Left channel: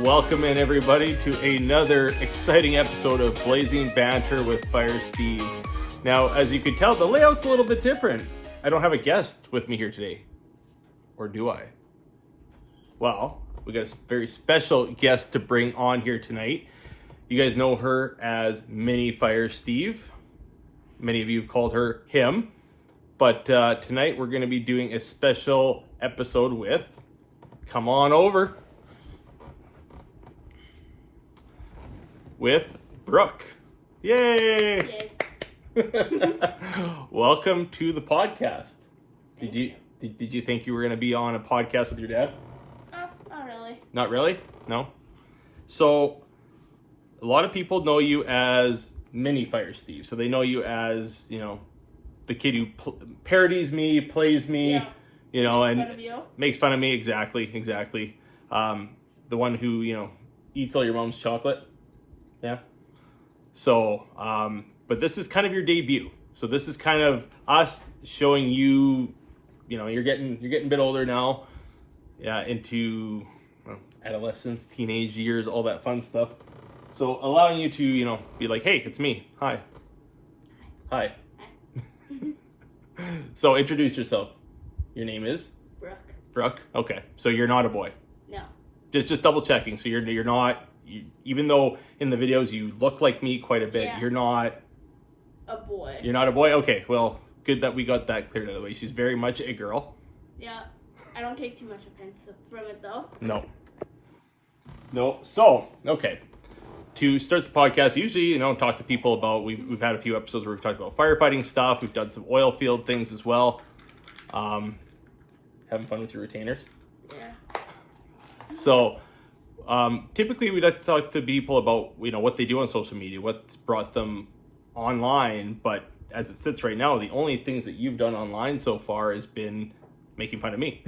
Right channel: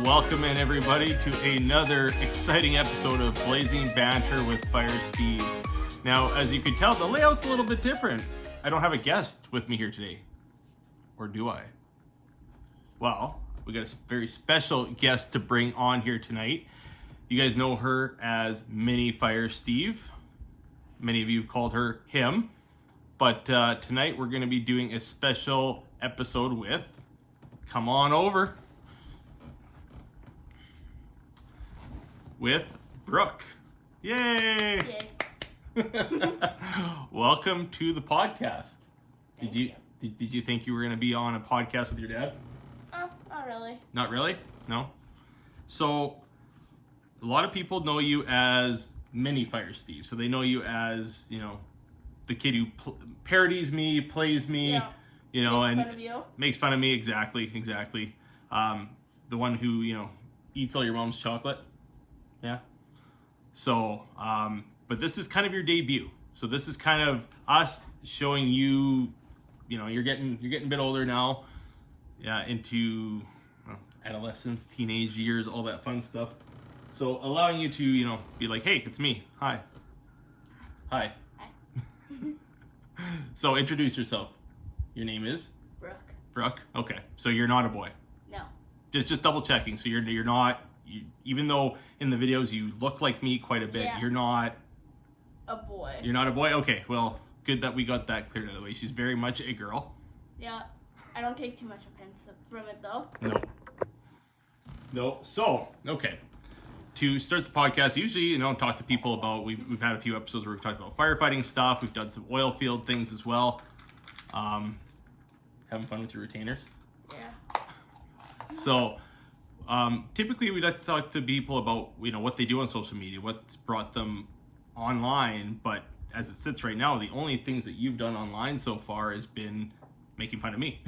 Welcome in everybody to another exciting episode of Blazing Banter with Fire Steve. Now, as you can tell, the layout's a little bit different. I don't have a guest with me here today. Or do I? Well, we got a very special guest to bring on here tonight. You guys know her as Mini Fire Steve. Many of you have called her him. But tonight we're going to be doing a special episode with, come on over, with Brooke. Yay! Yay. Welcome to the podcast. Did you think you were going to be on a podcast with your dad? Oh, not really. Not really? No? So, a lot of people know you as Mini Fire Steve. So they know you as, you know, the kid who parodies me, plays me, Yeah. you know, Makes and fun of you. makes fun of me. Exactly. The one who, you know, eats all your mom's chocolate. Yeah. So, but this is kind of your debut. So this is kind of us showing you, you know, you're getting a bit older now, yeah, into adolescence, teenage years, all that fun stuff. So allowing you to, you know, be like, hey, it's me. Hi. So introduce yourself. Your name is? Brooke. Okay. So you're not a boy. No. Just double checking. So you're not, even though in the videos you look like me quite a bit, Yeah. you're not A boy. You're not a boy? Okay, well, good that we got that cleared out of the way. She's very much a girl. Yeah. I don't take too much offense from it though. No. So, okay. To start the podcast, usually, you know, talk to people about, we've had a few episodes where we've talked about firefighting stuff. We've done some oil field things as well. Having fun with your retainers. Yeah. So, typically we like to talk to people about, you know, what they do on social media, what's brought them online. But as it sits right now, the only things that you've done online so far has been making fun of me.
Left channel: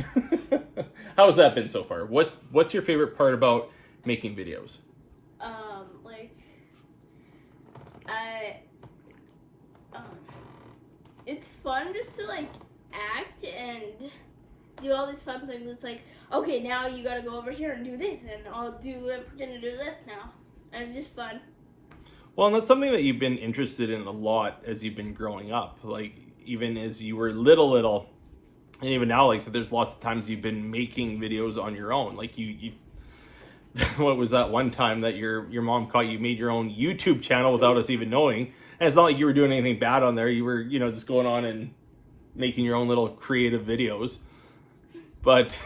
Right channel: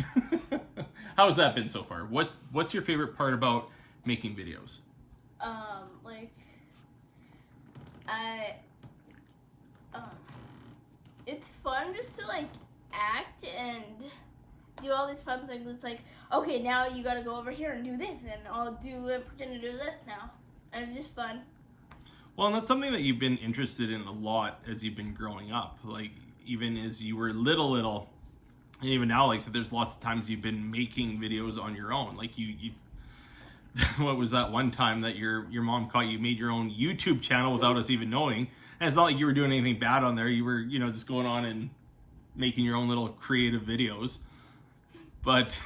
How has that been so far? What's your favorite part about making videos? It's fun just to like act and do all these fun things. It's like, okay, now you gotta go over here and do this, and I'll do and pretend to do this now. And it's just fun. Well, and that's something that you've been interested in a lot as you've been growing up. Like, even as you were little, and even now, like, so there's lots of times you've been making videos on your own. Like, you what was that one time that your mom caught you made your own YouTube channel without us even knowing? And it's not like you were doing anything bad on there. You were, you know, just going on and making your own little creative videos. But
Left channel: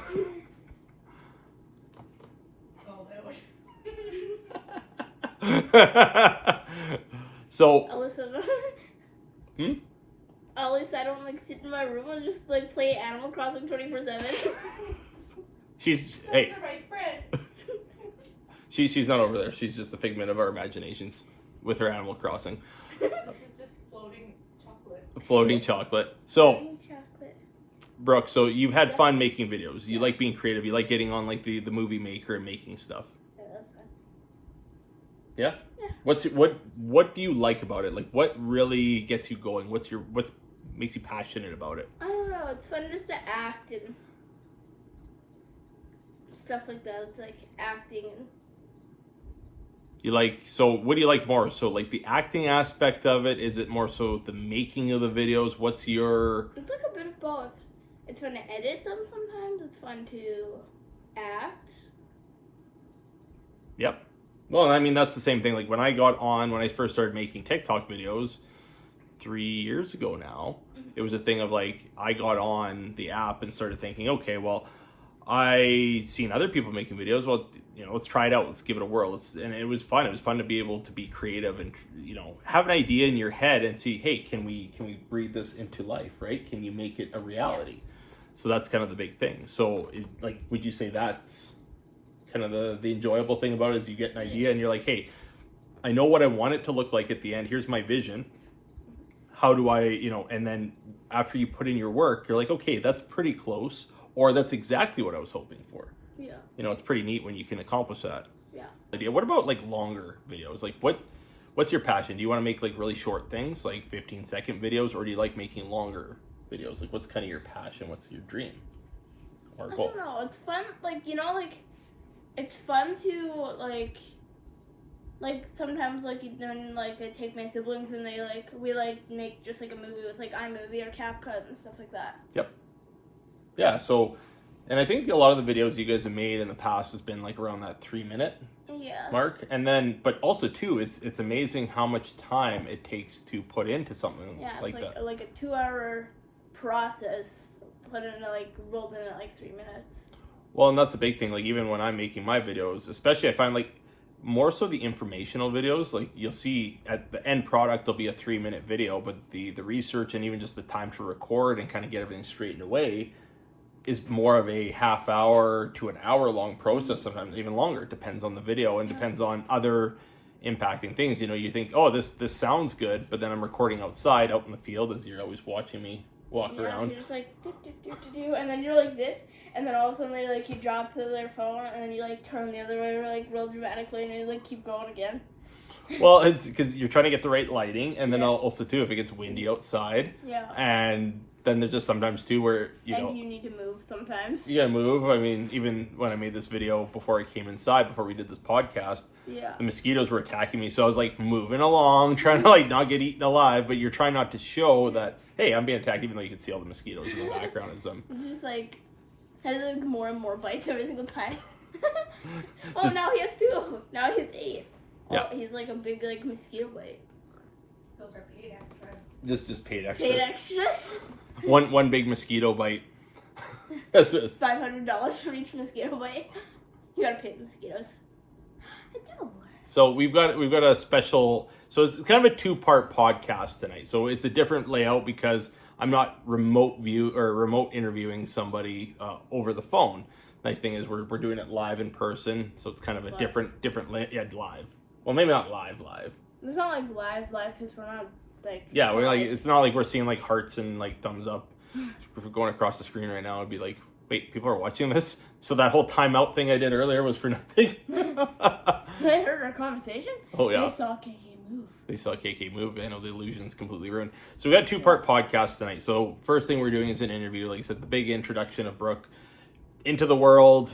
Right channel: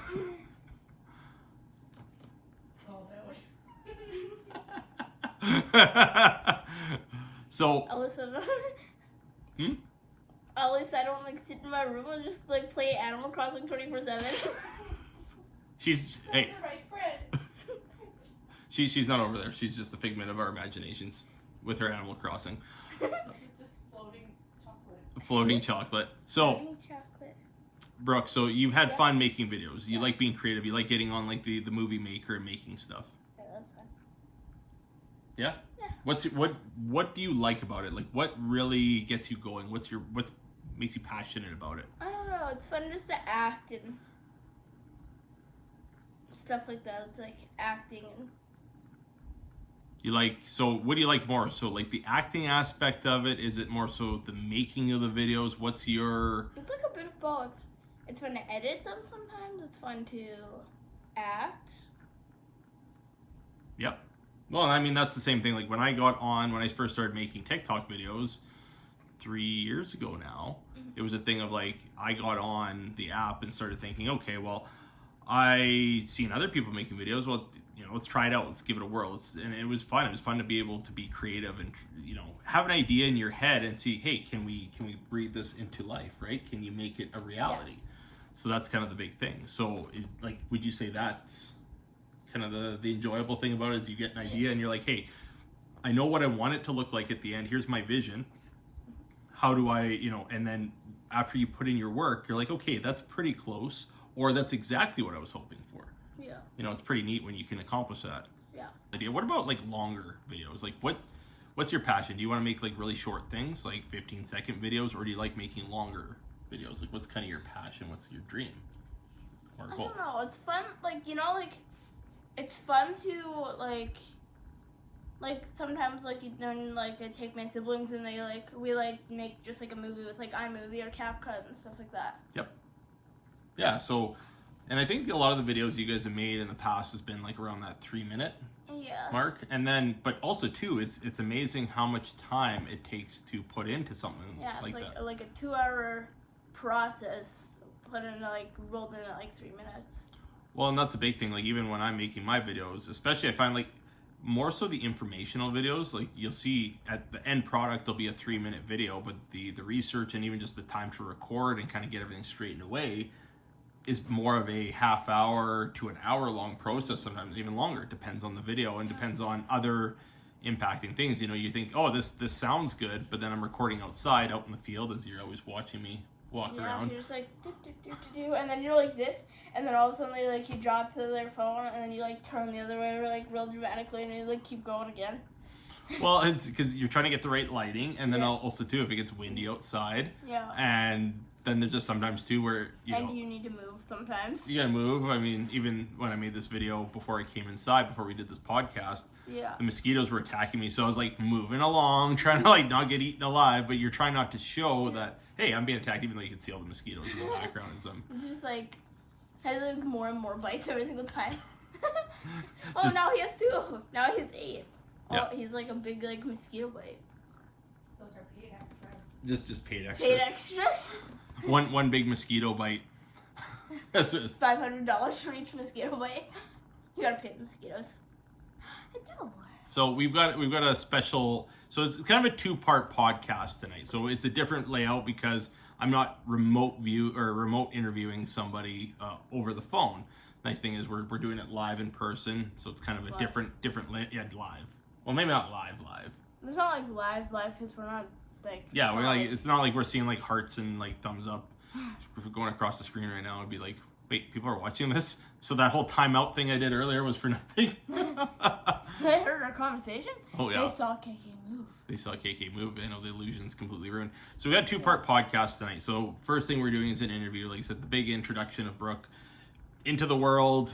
so Alyssa, Hmm? at least I don't like sit in my room and just like play Animal Crossing 24/7. Hey, Those are my friends. she's not over there. She's just a figment of our imaginations with her Animal Crossing. This is just floating chocolate. Floating chocolate. So, Eating chocolate. Brooke, so you've had Yeah. fun making videos. You like being creative. You like getting on like the movie maker and making stuff. Yeah, that's fun. Yeah? Yeah. What do you like about it? Like, what really gets you going? What makes you passionate about it? I don't know. It's fun just to act and stuff like that. It's like acting and So what do you like more? So like the acting aspect of it? Is it more so the making of the videos? What's your... it's like a bit of both. It's fun to edit them sometimes. It's fun to act. Yep. Well, I mean, that's the same thing. Like when I first started making TikTok videos 3 years ago now, it was a thing of like, I got on the app and started thinking, okay, well, I seen other people making videos. Well, you know, let's try it out. Let's give it a whirl. And it was fun. It was fun to be able to be creative and, you know, have an idea in your head and see, hey, can we breathe this into life, right? Can you make it a reality? So that's kind of the big thing. So like, would you say that's kind of the enjoyable thing about it is you get an idea and you're like, hey, I know what I want it to look like at the end. Here's my vision. How do I, you know, and then after you put in your work, you're like, okay, that's pretty close, or that's exactly what I was hoping for. Yeah. You know, it's pretty neat when you can accomplish that. Yeah. Idea. What about like longer videos? Like what's your passion? Do you want to make like really short things, like 15-second videos, or do you like making longer videos? Like what's kind of your passion? What's your dream or I goal? don't know. It's fun. Like, you know, like it's fun to like sometimes like then like I take my siblings and we make just like a movie with like iMovie or CapCut and stuff like that. Yeah, so, and I think a lot of the videos you guys have made in the past has been like around that 3-minute mark. And then, but also too, it's amazing how much time it takes to put into something like that. Like a 2-hour process put in rolled in at like 3 minutes. Well, and that's the big thing. Like even when I'm making my videos, especially I find like more so the informational videos, like you'll see at the end product, there'll be a 3-minute video, but the research and even just the time to record and kind of get everything straightened away is more of a half hour to an hour long process, sometimes even longer. It depends on the video and depends on other impacting things. You know, you think, oh, this sounds good, but then I'm recording outside, out in the field, as you're always watching me walk around. You're just like, do, and then you're like this, and then all of a sudden you drop their phone, and then you turn the other way real dramatically, and you keep going again. Well, it's because you're trying to get the right lighting, and then also too, if it gets windy outside, and then there's just sometimes too where you need to move sometimes. You gotta move. I mean, even when I made this video before I came inside, before we did this podcast, the mosquitoes were attacking me, so I was like moving along, trying to not get eaten alive, but you're trying not to show that, hey, I'm being attacked, even though you can see all the mosquitoes in the background as I'm. It's just has more and more bites every single time. Now he has 2. Now he has 8. Yeah. He's like a big mosquito bite. Those are paid extras. Just paid extras. Paid extras. One big mosquito bite. That's $500 for each mosquito bite. You gotta pay the mosquitoes. I do. So we've got a special. So it's kind of a 2-part podcast tonight. So it's a different layout because I'm not remote interviewing somebody over the phone. Nice thing is we're doing it live in person, so it's kind of a different live. Well, maybe not live. It's not live because we're not we're it's not like we're seeing hearts and thumbs up. If we're going across the screen right now, it'd be like, wait, people are watching this? So that whole timeout thing I did earlier was for nothing. They heard our conversation? Oh yeah. They saw KK move. I know the illusion's completely ruined. So we got a 2-part podcast tonight. So first thing we're doing is an interview. Like I said, the big introduction of Brooke into the world.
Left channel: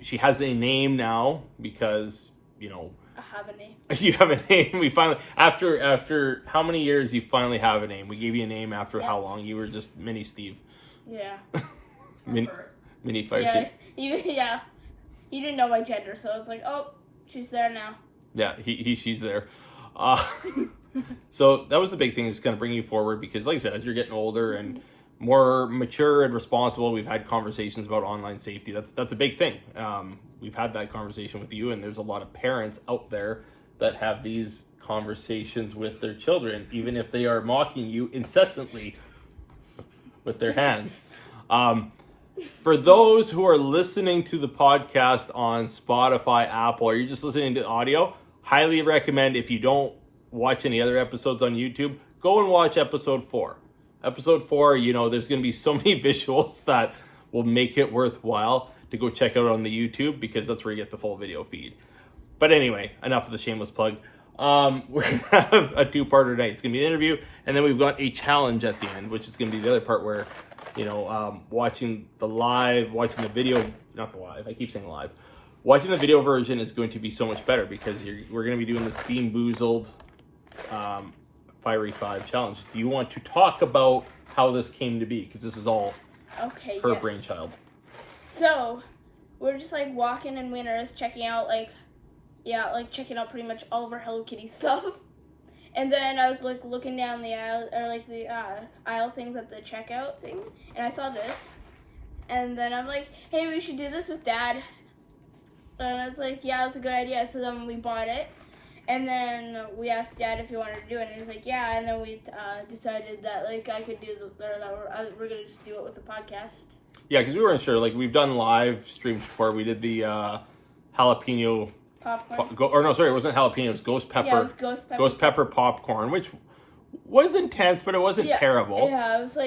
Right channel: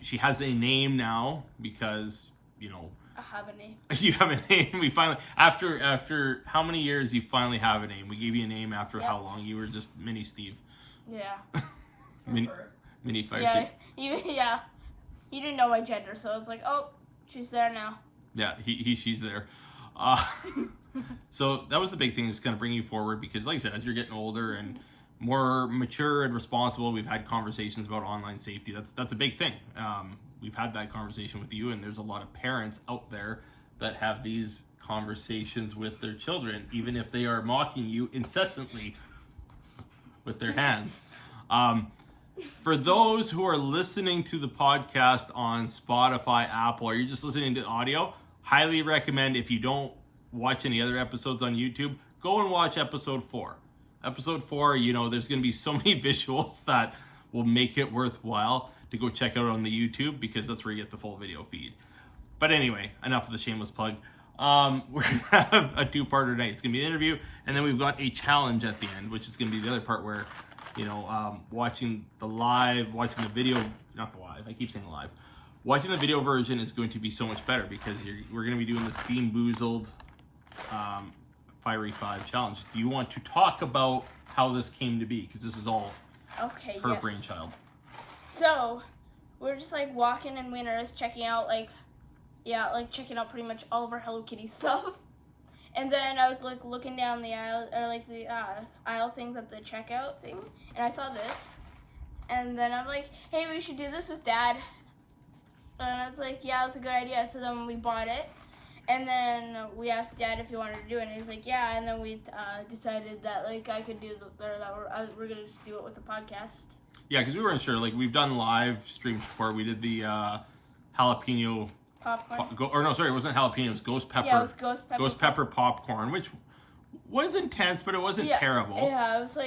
She has a name now because, I have a name. You have a name. We finally, after how many years, you finally have a name. We gave you a name after how long? You were just Mini Steve. Yeah. Mini Fire Steve. Yeah. You didn't know my gender, so I was like, oh, she's there now. Yeah, she's there. So that was the big thing, is going to bring you forward because, like I said, as you're getting older and more mature and responsible, we've had conversations about online safety. That's a big thing. We've had that conversation with you, and there's a lot of parents out there that have these conversations with their children, even if they are mocking you incessantly with their hands. For those who are listening to the podcast on Spotify, Apple, or you're just listening to audio, highly recommend, if you don't watch any other episodes on YouTube, go and watch episode 4. Episode 4, there's going to be so many visuals that will make it worthwhile to go check out on the YouTube, because that's where you get the full video feed. But anyway, enough of the shameless plug. We're going to have a 2-parter tonight. It's going to be an interview, and then we've got a challenge at the end, which is going to be the other part where, watching the video, not the live, I keep saying live. Watching the video version is going to be so much better because we're going to be doing this Bean Boozled Fiery 5 challenge. Do you want to talk about how this came to be? Because this is all her brainchild. So, we're just walking in Winners, checking out checking out pretty much all of our Hello Kitty stuff. And then I was looking down the aisle, or the aisle things at the checkout thing, and I saw this. And then I'm like, hey, we should do this with Dad. And I was like, yeah, that's a good idea. So then we bought it. And then we asked Dad if he wanted to do it, and he's like, yeah. And then we decided that I could do we're gonna just do it with the podcast. Yeah, because we weren't sure. We've done live streams before. We did the jalapeno popcorn. It wasn't jalapeno. It was ghost pepper. Yeah, it was ghost pepper. Ghost pepper popcorn, which was intense, but it wasn't terrible. Yeah, it was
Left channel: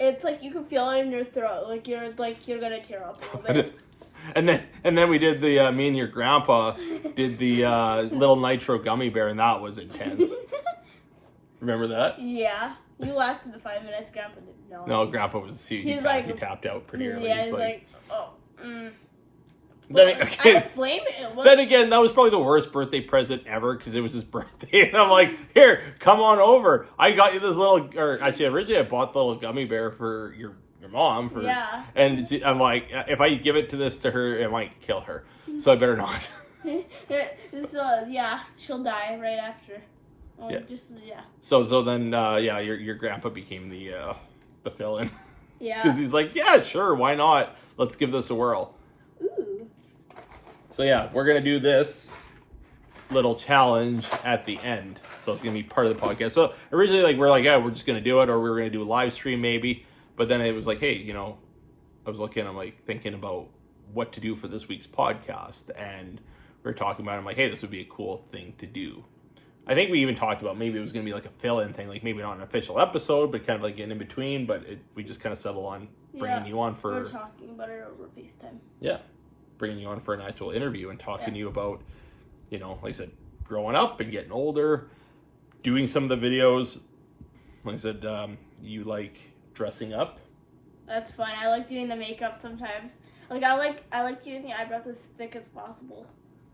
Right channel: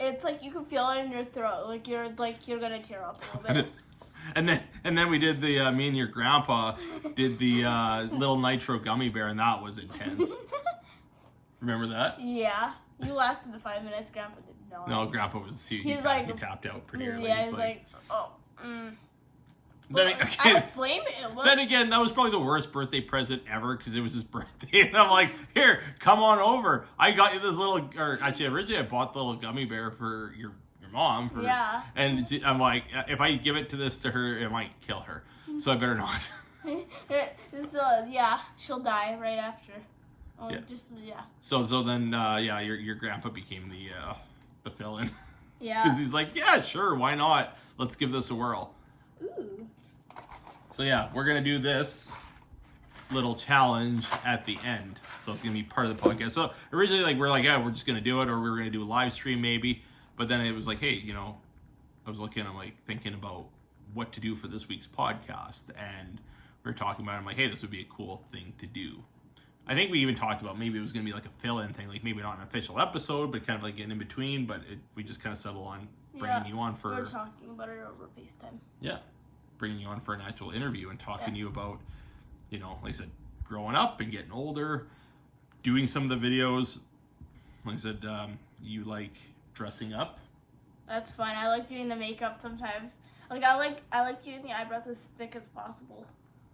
it's you can feel it in your throat. You're gonna tear up a little bit. And then we did the me and your grandpa did the little nitro gummy bear, and that was intense. Remember that? Yeah, you lasted the 5 minutes. Grandpa didn't know. No, Grandpa was he tapped out pretty early. Yeah, he's like, oh. Then, I okay, don't blame him. then again, that was probably the worst birthday present ever because it was his birthday. And I'm like, here, come on over. I got you this little, or actually, originally I bought the little gummy bear for your mom. Yeah. And I'm like, if I give it to her, it might kill her. So I better not. So, yeah, she'll die right after. Yeah. Yeah. So then, your grandpa became the fill-in. Yeah. Because he's like, yeah, sure, why not? Let's give this a whirl. Ooh. So yeah, we're gonna do this little challenge at the end. So it's gonna be part of the podcast. So originally, we're like, yeah, we're just gonna do it, or we were gonna do a live stream maybe. But then it was like, hey, I was I'm like thinking about what to do for this week's podcast, and we were talking about it. I'm like, hey, this would be a cool thing to do. I think we even talked about maybe it was going to be like a fill-in thing, like maybe not an official episode, but kind of like an in-between, but we just kind of settle on bringing you on for... We're talking about it over FaceTime. Yeah, bringing you on for an actual interview and talking to you about, like I said, growing up and getting older, doing some of the videos. Like I said, you like dressing up. That's fun. I like doing the makeup sometimes. Like I like doing the eyebrows as thick as possible.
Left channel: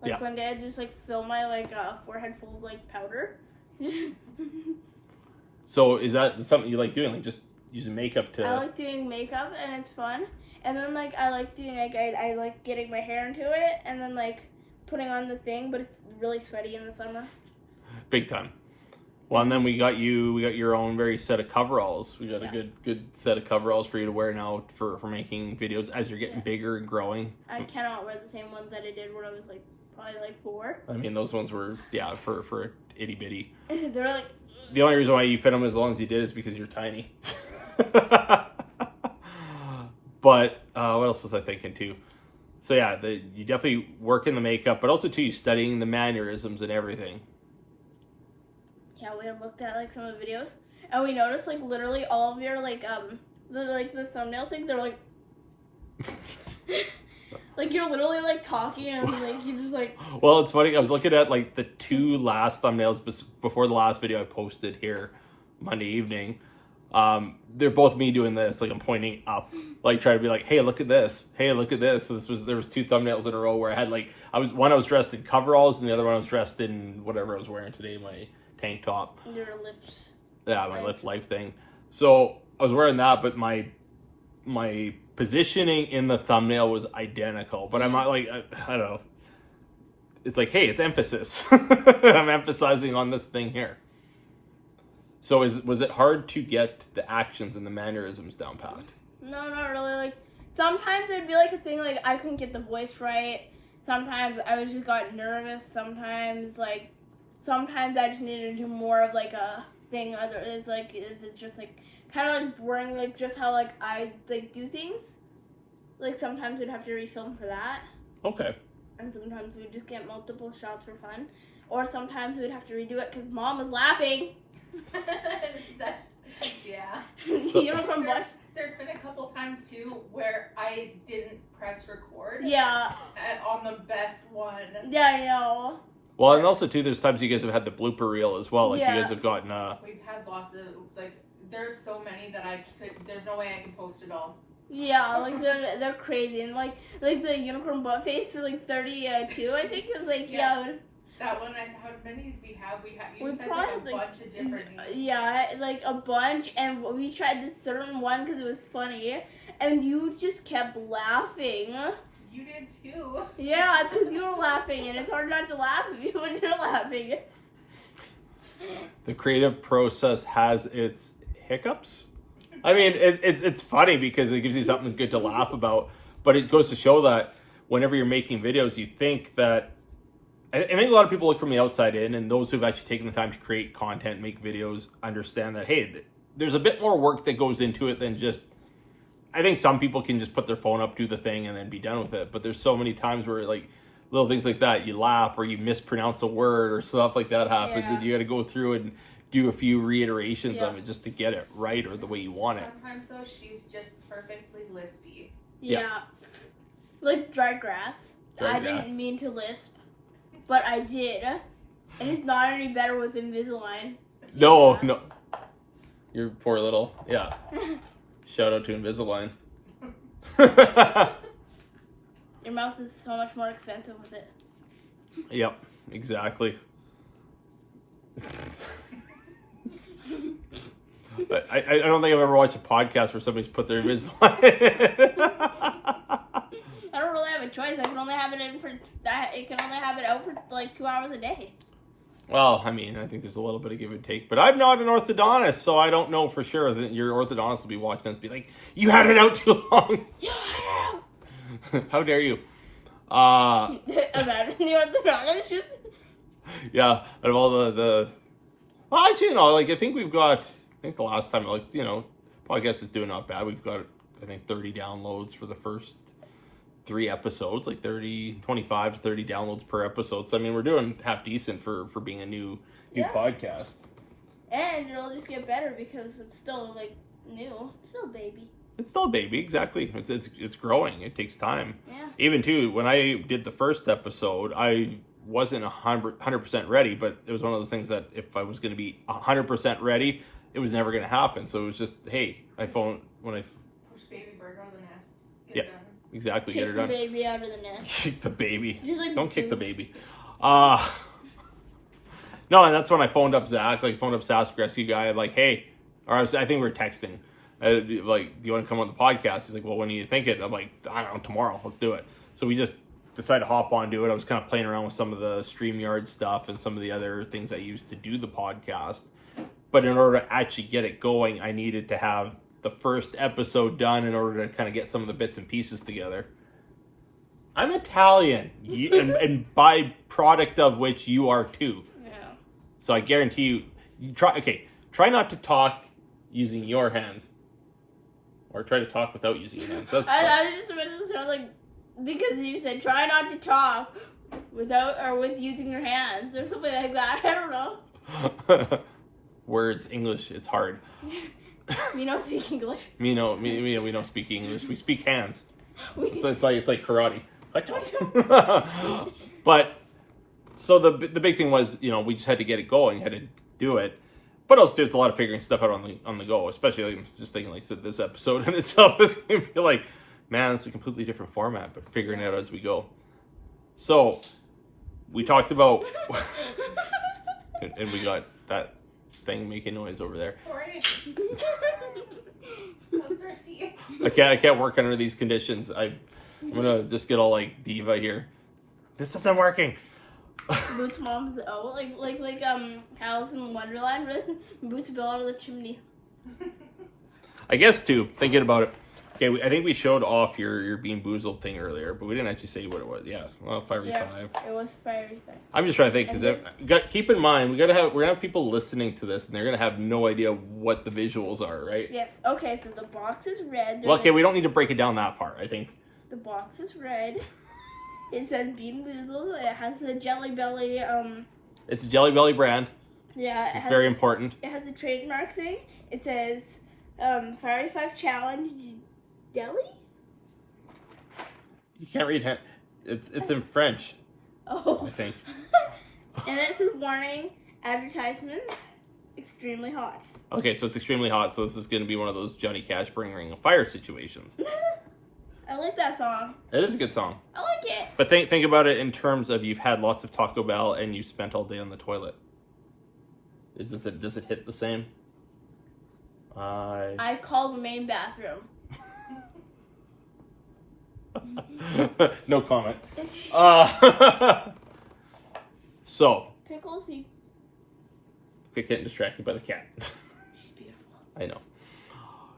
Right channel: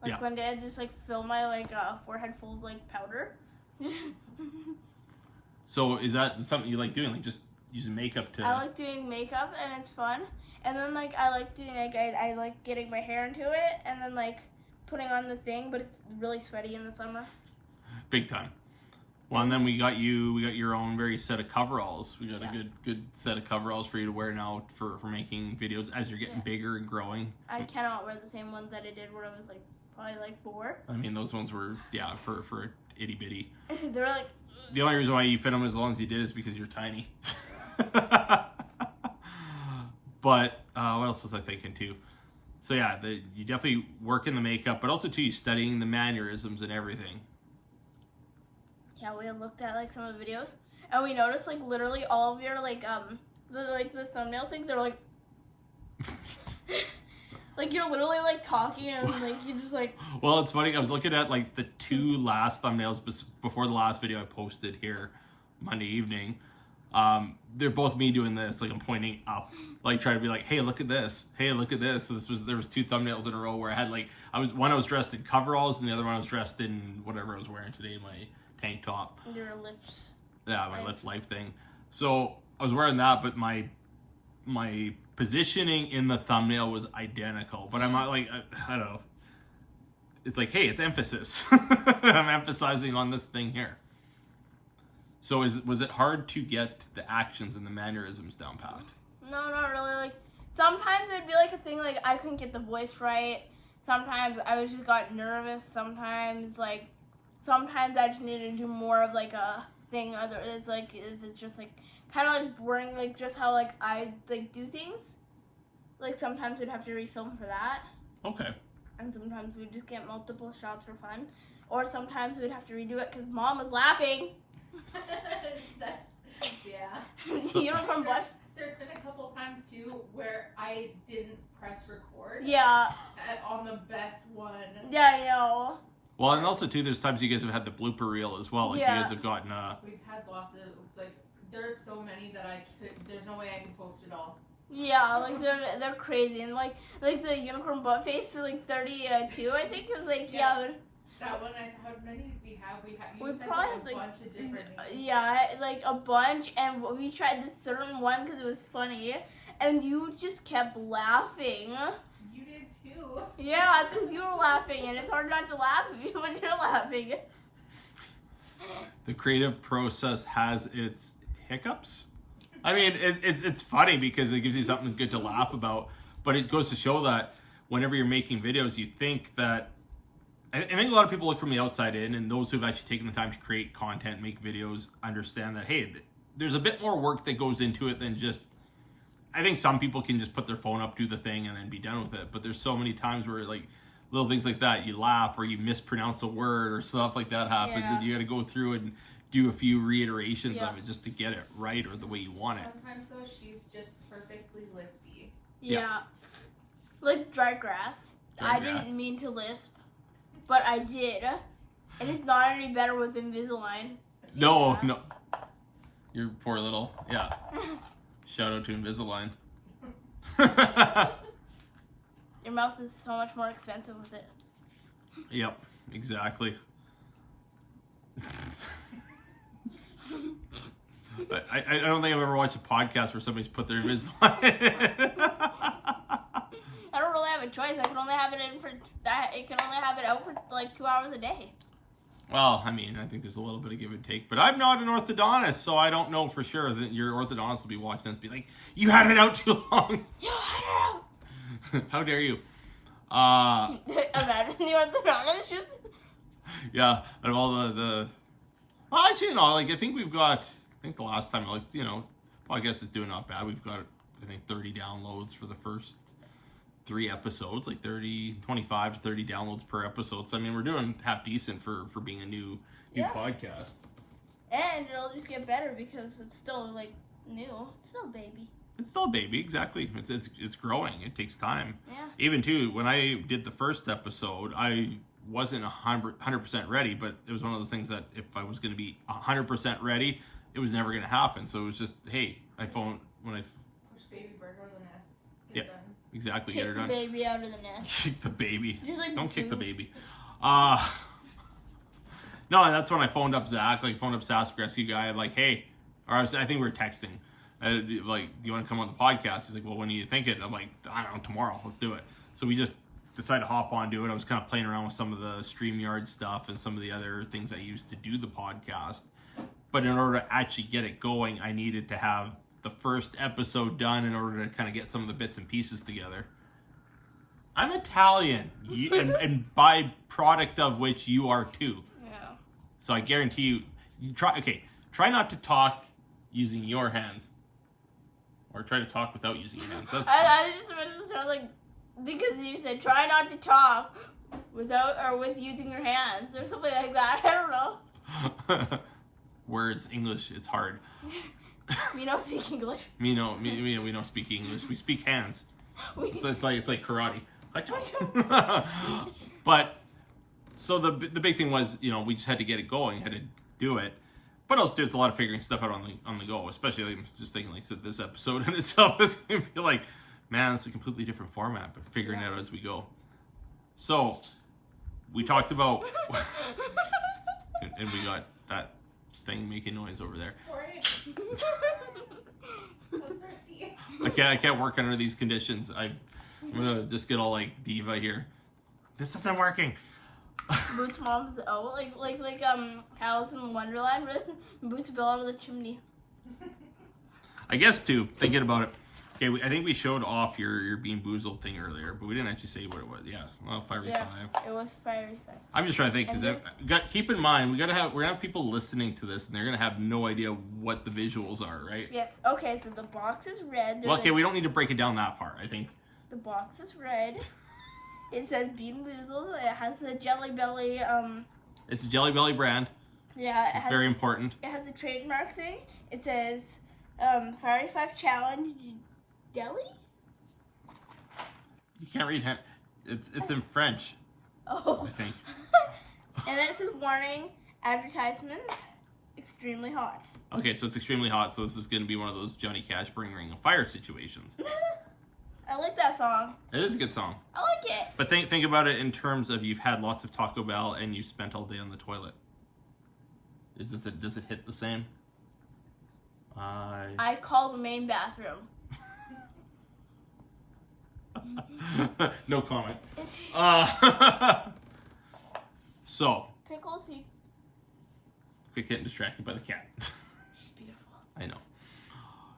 Like one day I just fill my forehead full of powder. So is that something you like doing? Like just using makeup to... I like doing makeup and it's fun. And then I like doing I like getting my hair into it and then putting on the thing, but it's really sweaty in the summer. Big time. Well, and then we got your own very set of coveralls. We got a good set of coveralls for you to wear now for making videos as you're getting bigger and growing. I cannot wear the same ones that I did when I was probably 4. I mean, those ones were for itty bitty. They're the only reason why you fit them as long as you did is because you're tiny. But what else was I thinking too? So yeah, you definitely work in the makeup, but also too you studying the mannerisms and everything. Yeah, we had looked at some of the videos, and we noticed literally all of your the thumbnail things. They're you're literally talking and you just Well, it's funny. I was looking at the 2 last thumbnails before the last video I posted here Monday evening. They're both me doing this. I'm pointing up, trying to be hey, look at this. Hey, look at this. So there was 2 thumbnails in a row where I had I was dressed in coveralls and the other one I was dressed in whatever I was wearing today, my tank top. your lips. Yeah, my lift life thing. So I was wearing that, but my positioning in the thumbnail was identical. But I'm not I don't know. It's hey, it's emphasis. I'm emphasizing on this thing here. So was it hard to get the actions and the mannerisms down pat? No, not really. Sometimes it'd be a thing I couldn't get the voice right. Sometimes I just got nervous. Sometimes sometimes I just needed to do more of a thing. Other it's just kind of boring. Just how I do things. Sometimes we'd have to refilm for that. Okay. And sometimes we'd just get multiple shots for fun, or sometimes we'd have to redo it because Mom was laughing. Yeah. Unicorn blush. There's been a couple times too where I didn't press record. Yeah. On the best one. Yeah, I know. Well, and also too, there's times you guys have had the blooper reel as well. You guys have gotten. We've had lots of there's so many that there's no way I can post it all. Yeah, they're crazy, and the unicorn butt face is 32. I think it was yeah. That one, how many we have? You said probably a bunch of different names. Yeah, a bunch, and we tried this certain one because it was funny, and you just kept laughing. You did too. Yeah, it's because you were laughing, and it's hard not to laugh when you're laughing. The creative process has its hiccups. I mean, it's funny because it gives you something good to laugh about, but it goes to show that whenever you're making videos, you think that I think a lot of people look from the outside in, and those who've actually taken the time to create content, make videos, understand that, hey, there's a bit more work that goes into it than just, I think some people can just put their phone up, do the thing, and then be done with it. But there's so many times where little things like that, you laugh or you mispronounce a word or stuff like that happens, and you got to go through and do a few reiterations of it just to get it right or the way you want it. Sometimes though, she's just perfectly lispy. Yeah. Dry grass. I didn't mean to lisp. But I did. And it's not any better with Invisalign. No. Your poor little, Shout out to Invisalign. Your mouth is so much more expensive with it. Yep, exactly. I don't think I've ever watched a podcast where somebody's put their Invisalign in. I don't really have a choice. I can only have it in for that. It can only have it out for like 2 hours a day. Well, I mean, I think there's a little bit of give and take, but I'm not an orthodontist, so I don't know for sure that your orthodontist will be watching this and be like, "You had it out too long." How dare you? Imagine the orthodontist just. Yeah, out of all the well, actually, like I think the last time, like, podcast is doing not bad. We've got, I think, 30 downloads for the first 3 episodes, like 25 to 30 downloads per episode. So I mean, we're doing half decent for being a new podcast. And it'll just get better because it's still like new. It's still a baby. It's still a baby, exactly. It's growing. It takes time. Yeah. Even too, when I did the first episode, I wasn't 100% ready, but it was one of those things that if I was going to be 100% ready, it was never going to happen. So it was just, hey, push baby bird out of the nest. Get it done. Exactly. Kick Get her the done. baby out of the nest. Kick the baby. Just like Don't kick the baby. No, and that's when I phoned up Zach, Sask Rescue guy. I'm like, hey, I think we were texting. Like, do you want to come on the podcast? He's like, well, when do you think it? I'm like, I don't know, tomorrow. Let's do it. So we just decided to hop on, do it. I was kind of playing around with some of the StreamYard stuff and some of the other things I used to do the podcast. But in order to actually get it going, I needed to have the first episode done in order to kind of get some of the bits and pieces together. I'm Italian, and by product of which you are too. Yeah. So I guarantee you try not to talk using your hands. Or try to talk without using your hands. I just imagined it sound like, because you said try not to talk without or with using your hands or something like that. I don't know. Words, English, it's hard. We don't speak English. We don't speak English. We speak hands. It's like karate. But so the big thing was, we just had to get it going, had to do it. But also, it's a lot of figuring stuff out on the go. Especially, I'm just thinking, like, this episode in itself is going to be like, man, it's a completely different format, but figuring it out as we go. So, we talked about, and we got that thing making noise over there. Sorry. I was thirsty. I can't work under these conditions. I'm gonna just get all like diva here. This isn't working. Boots' mom's like Alice in Wonderland. Boots fell out of the chimney. I guess too. Thinking about it. Okay, I think we showed off your Bean Boozled thing earlier, but we didn't actually say what it was. Yeah, well, Firefighter. Yeah, it was Firefighter. I'm just trying to think because keep in mind we're gonna have people listening to this and they're gonna have no idea what the visuals are, right? Yes. Okay, so the box is red. Well, okay, we don't need to break it down that far. I think the box is red. It says Bean Boozled. It has a Jelly Belly. It's a Jelly Belly brand. Yeah. It's very important. It has a trademark thing. It says Fiery 5 Challenge Deli. You can't read. It's in French. Oh. I think. And it says warning, advertisement, extremely hot. Okay, so it's extremely hot. So this is going to be one of those Johnny Cash Bring Ring of Fire situations. I like that song. It is a good song. I like it. But think about it in terms of you've had lots of Taco Bell and you spent all day on the toilet. Does it hit the same? I call the main bathroom. No comment. So. Pickles, he... Quit getting distracted by the cat. She's beautiful. I know.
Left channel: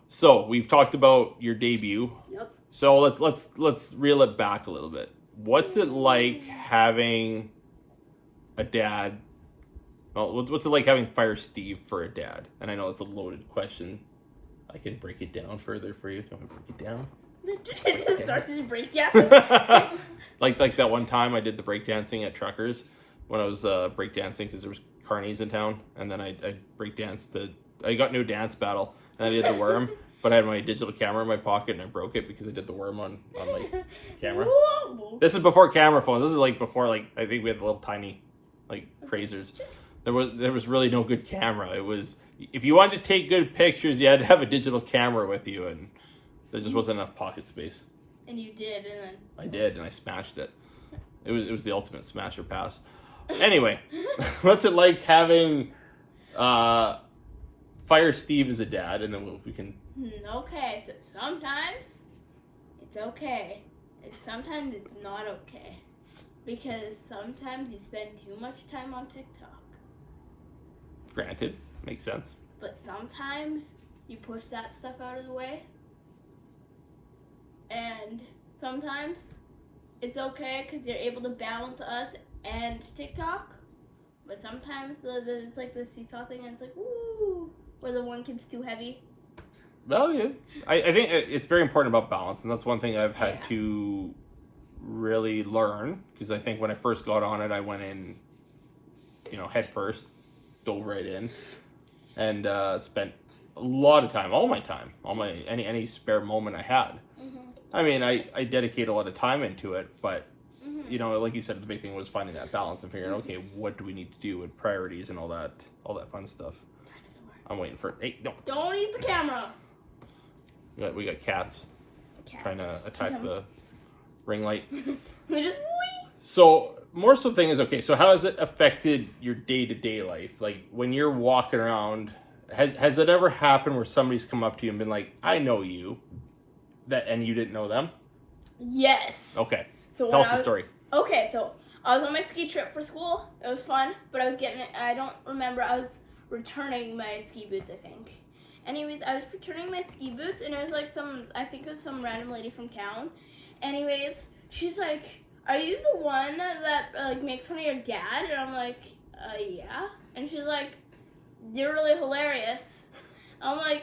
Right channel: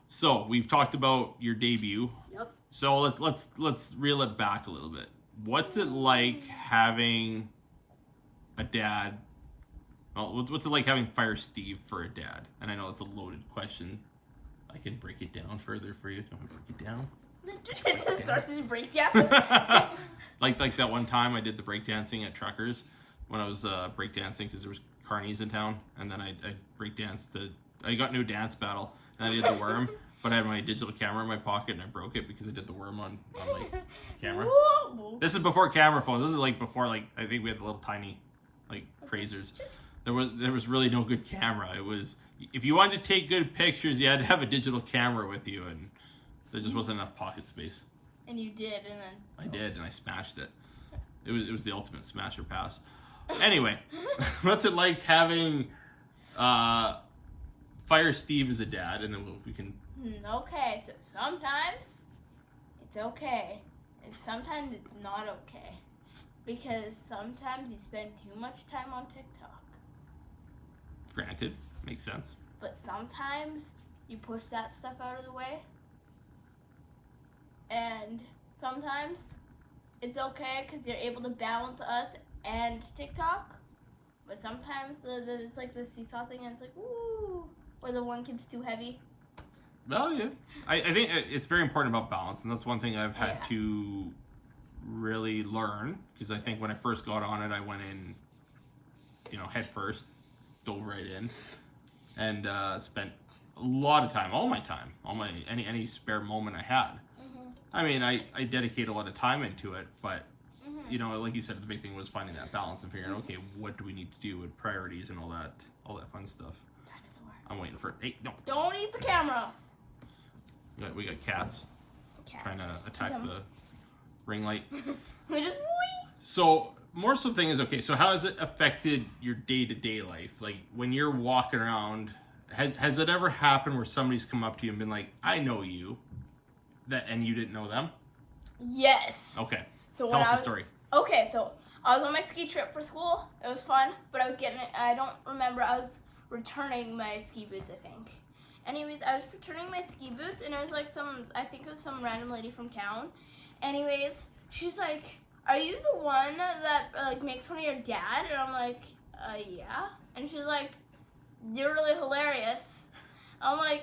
So we've talked about your debut. Yep. So let's reel it back a little bit. What's it like having a dad? Well, what's it like having Fire Steve for a dad? And I know it's a loaded question. I can break it down further for you. Do you want me to break it down? It just starts his breakdown. like that one time I did the breakdancing at Truckers when I was breakdancing because there was carnies in town, and then I breakdanced I got new dance battle and I did the worm. But I had my digital camera in my pocket and I broke it because I did the worm on my camera. This is before camera phones. This is like before I think we had the little tiny Prazers. There was really no good camera. It was if you wanted to take good pictures, you had to have a digital camera with you, and there just wasn't enough pocket space. And you did, and then... I did, and I smashed it. It was the ultimate smasher pass. Anyway, what's it like having Fire Steve as a dad? And then we can... Okay, so sometimes it's okay. And sometimes it's not okay. Because sometimes you spend too much time on TikTok. Granted, makes sense. But sometimes you push that stuff out of the way. And sometimes it's okay because you're able to balance us and TikTok. But sometimes it's like the seesaw thing, and it's like, woo, where the one kid's too heavy. Well, yeah. I think it's very important about balance, and that's one thing I've had to really learn, because I think when I first got on it, I went in, head first, dove right in, and spent a lot of time, all my any spare moment I had. I mean, I dedicate a lot of time into it, but, like you said, the big thing was finding that balance and figuring, okay, what do we need to do with priorities and all that fun stuff. Dinosaur. I'm waiting for it. Hey, no. Don't eat the camera. We got cats trying to attack the ring light. They just wee. So, more so thing is, okay, so how has it affected your day-to-day life? Like, when you're walking around, has it ever happened where somebody's come up to you and been like, I know you, and you didn't know them? Yes. Okay. So Tell us the story. Okay, so I was on my ski trip for school. It was fun, but I don't remember, I was returning my ski boots, I think. Anyways, I was returning my ski boots, and it was like I think it was some random lady from town. Anyways, she's like, are you the one that makes fun of your dad? And I'm like, yeah. And she's like, you're really hilarious. I'm like,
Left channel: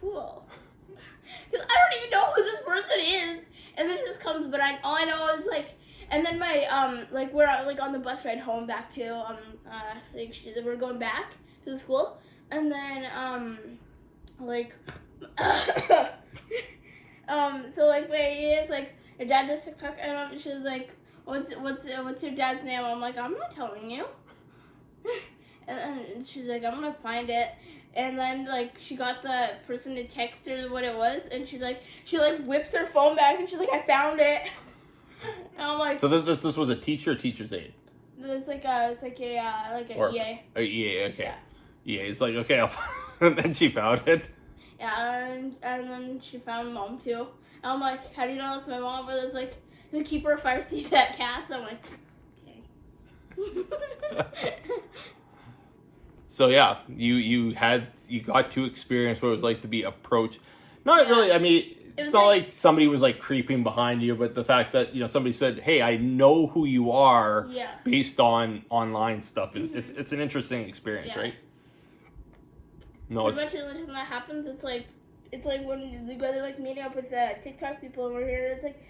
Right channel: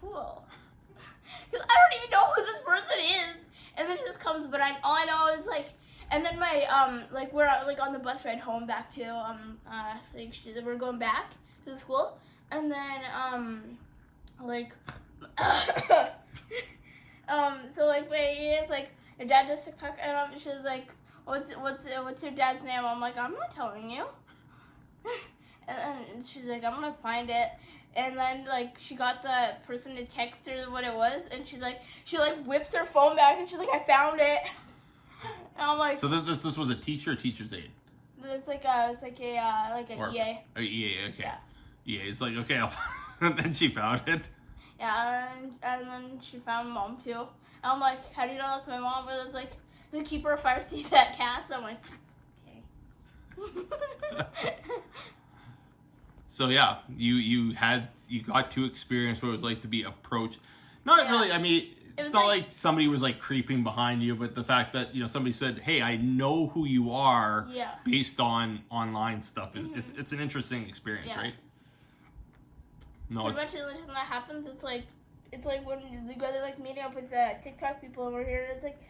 cool. Because I don't even know who this person is. And then it just comes, but all I know is like, and then my, we're on the bus ride home back to, we're going back to the school. And then, so it's like, your dad does TikTok, and she's like, what's your dad's name? I'm like, I'm not telling you. And she's like, I'm gonna find it. And then, she got the person to text her what it was, and she whips her phone back, and she's like, I found it. And I'm like... So this was a teacher or teacher's aide? It's like an EA. A EA, okay. Yeah. EA is like, okay, and then she found it. Yeah, and then she found mom, too. And I'm like, how do you know that's my mom? But it's like, the keeper of Fire Steve's at cats. I'm like, okay. So yeah, you got to experience what it was like to be approached. Not really. I mean, it's not like somebody was creeping behind you, but the fact that somebody said, "Hey, I know who you are," based on online stuff is it's an interesting experience, right? No, especially when that happens, it's like when you guys are meeting up with TikTok people over here. It's like,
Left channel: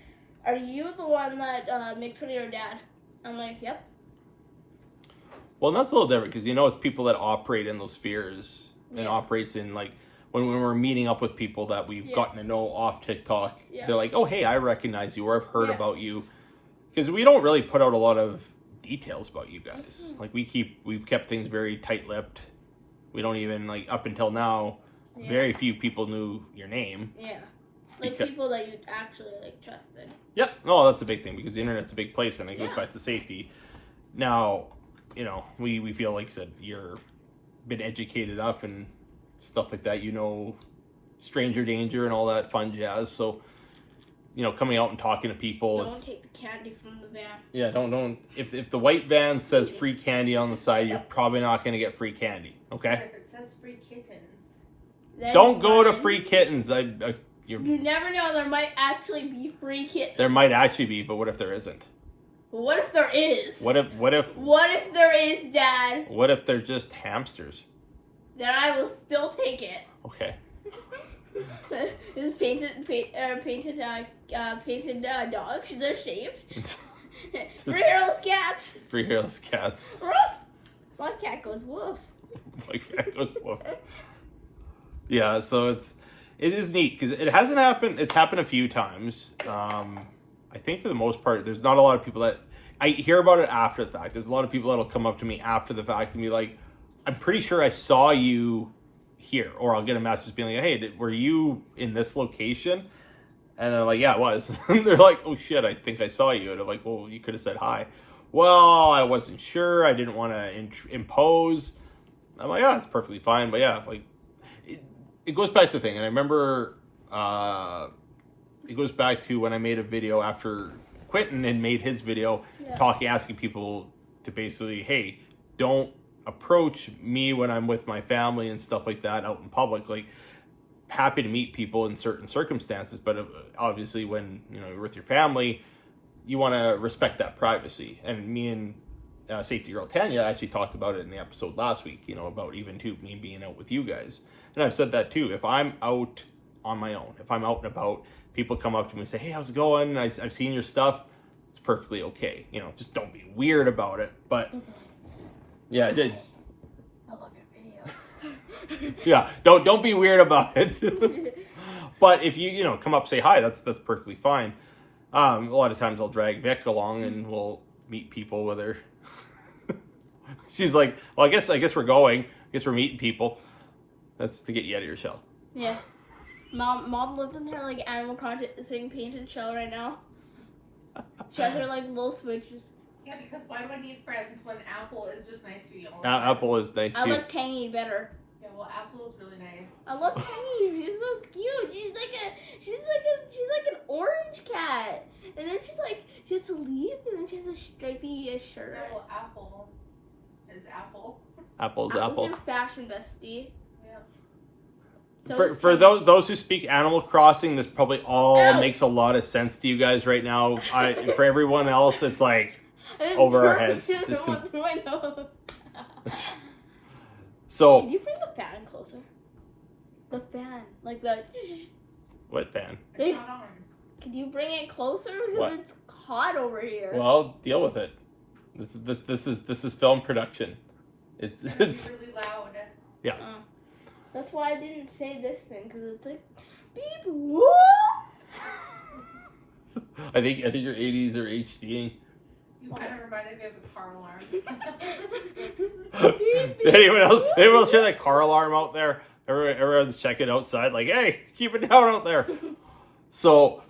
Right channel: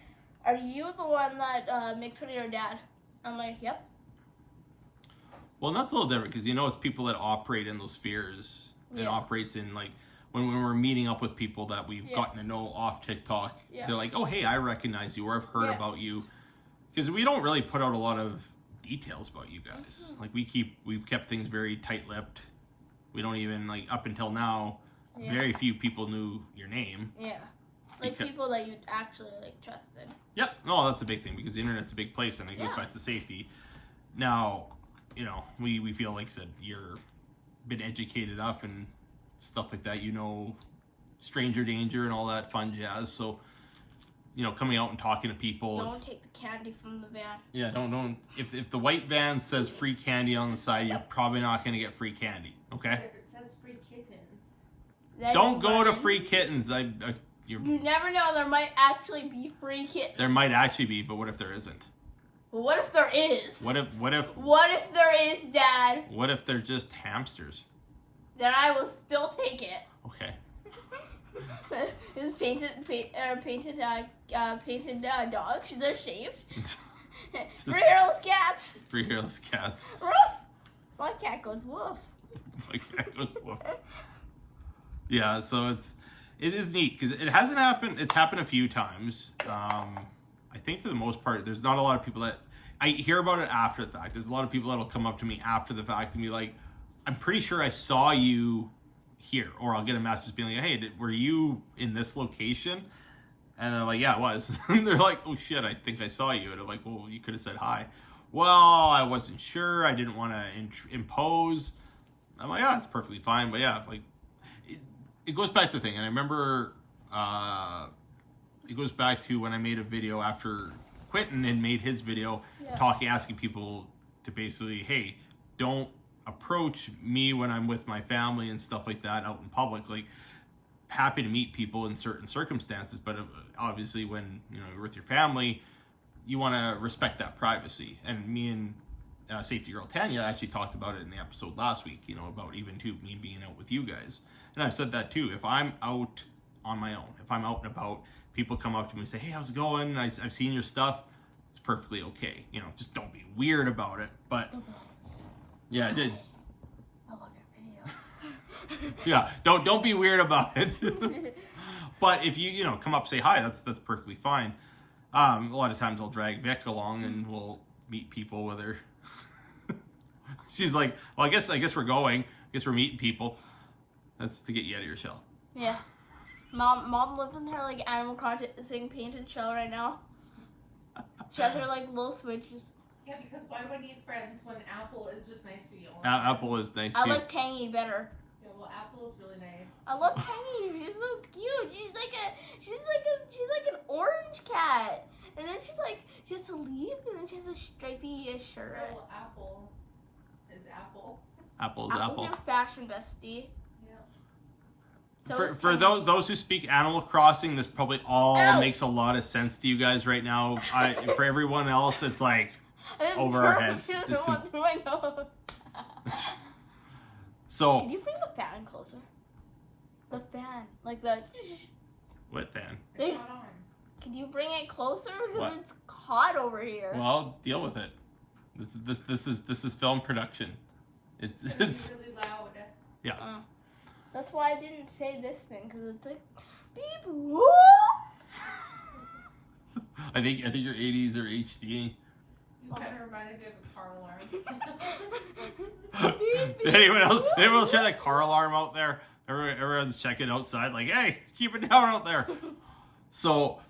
are you the one that makes fun of your dad? I'm like, yep. Well, that's a little different because it's people that operate in those spheres and operates in when we're meeting up with people that we've gotten to know off TikTok. They're like, oh, hey, I recognize you, or I've heard about you, because we don't really put out a lot of details about you guys. We've kept things very tight-lipped. We don't even up until now. Very few people knew your name. Yeah, people that you actually trusted. Yep. No, that's a big thing because the internet's a big place, and it goes back to safety. Now, we feel like I said you're been educated enough and stuff like that. Stranger danger and all that fun jazz. So, coming out and talking to people. Don't take the candy from the van. Yeah, don't. If the white van says free candy on the side, you're probably not going to get free candy. Okay. It says free kittens. Don't go to free kittens. You never know. There might actually be free kittens. There might actually be, but what if there isn't? What if there is? What if there is, Dad? What if they're just hamsters? Then I will still take it. Okay. This painted dogs. They're shaved. Free hairless cats. Free hairless cats. Woof. My cat goes woof. My cat goes woof. Yeah, so it is neat because it hasn't happened. It's happened a few times. I think for the most part, there's not a lot of people that I hear about it after the fact. There's a lot of people that'll come up to me after the fact and be like, I'm pretty sure I saw you here. Or I'll get a message being like, hey, were you in this location? And they're like, yeah, it was. And they're like, oh shit, I think I saw you. And I'm like, well, you could have said hi. Well, I wasn't sure. I didn't want to impose. I'm like, yeah, it's perfectly fine. But yeah, like, it goes back to the thing. And I remember, it goes back to when I made a video after Quentin had made his video asking people to basically, hey, don't approach me when I'm with my family and stuff like that out in public. Like, happy to meet people in certain circumstances, but obviously when you're with your family, you want to respect that privacy. And me and Safety Girl Tanya actually talked about it in the episode last week, about even too me being out with you guys. And I've said that too. If I'm out on my own, if I'm out and about, people come up to me and say, hey, how's it going? I've seen your stuff. It's perfectly okay. Just don't be weird about it. But yeah, I did. I look at videos. Yeah, don't be weird about it. But if you come up, say hi, that's perfectly fine. A lot of times I'll drag Vic along and we'll meet people with her. She's like, well, I guess we're going. I guess we're meeting people. That's to get you out of your shell. Yeah. Mom lives in her like Animal Crossing painted shell right now. She has her like little switches. Yeah, because why would I need friends when Apple is just nice to you? Apple is nice I too. like Tangy better. Yeah, well, Apple is really nice. I love Tangy. She's so cute. She's like an orange cat. And then she has a leaf, and then she has a stripy shirt. Yeah, well, Apple is Apple. Apple's Apple's your fashion bestie. So for those who speak Animal Crossing, this probably all makes a lot of sense to you guys right now. For everyone else, it's like over our heads. What do I know? So. Can you bring the fan closer? The fan, like the. What fan? It's not on. Can you bring it closer? Because what? It's hot over here. Well, deal with it. This is film production. It's really loud. Yeah. That's why I didn't say this thing, because it's like beep whoop. I think your 80s are HDing. You kind of reminded me of a car alarm. Anyone else hear that car alarm out there? Everyone's checking outside, like, hey, keep it down out there. So,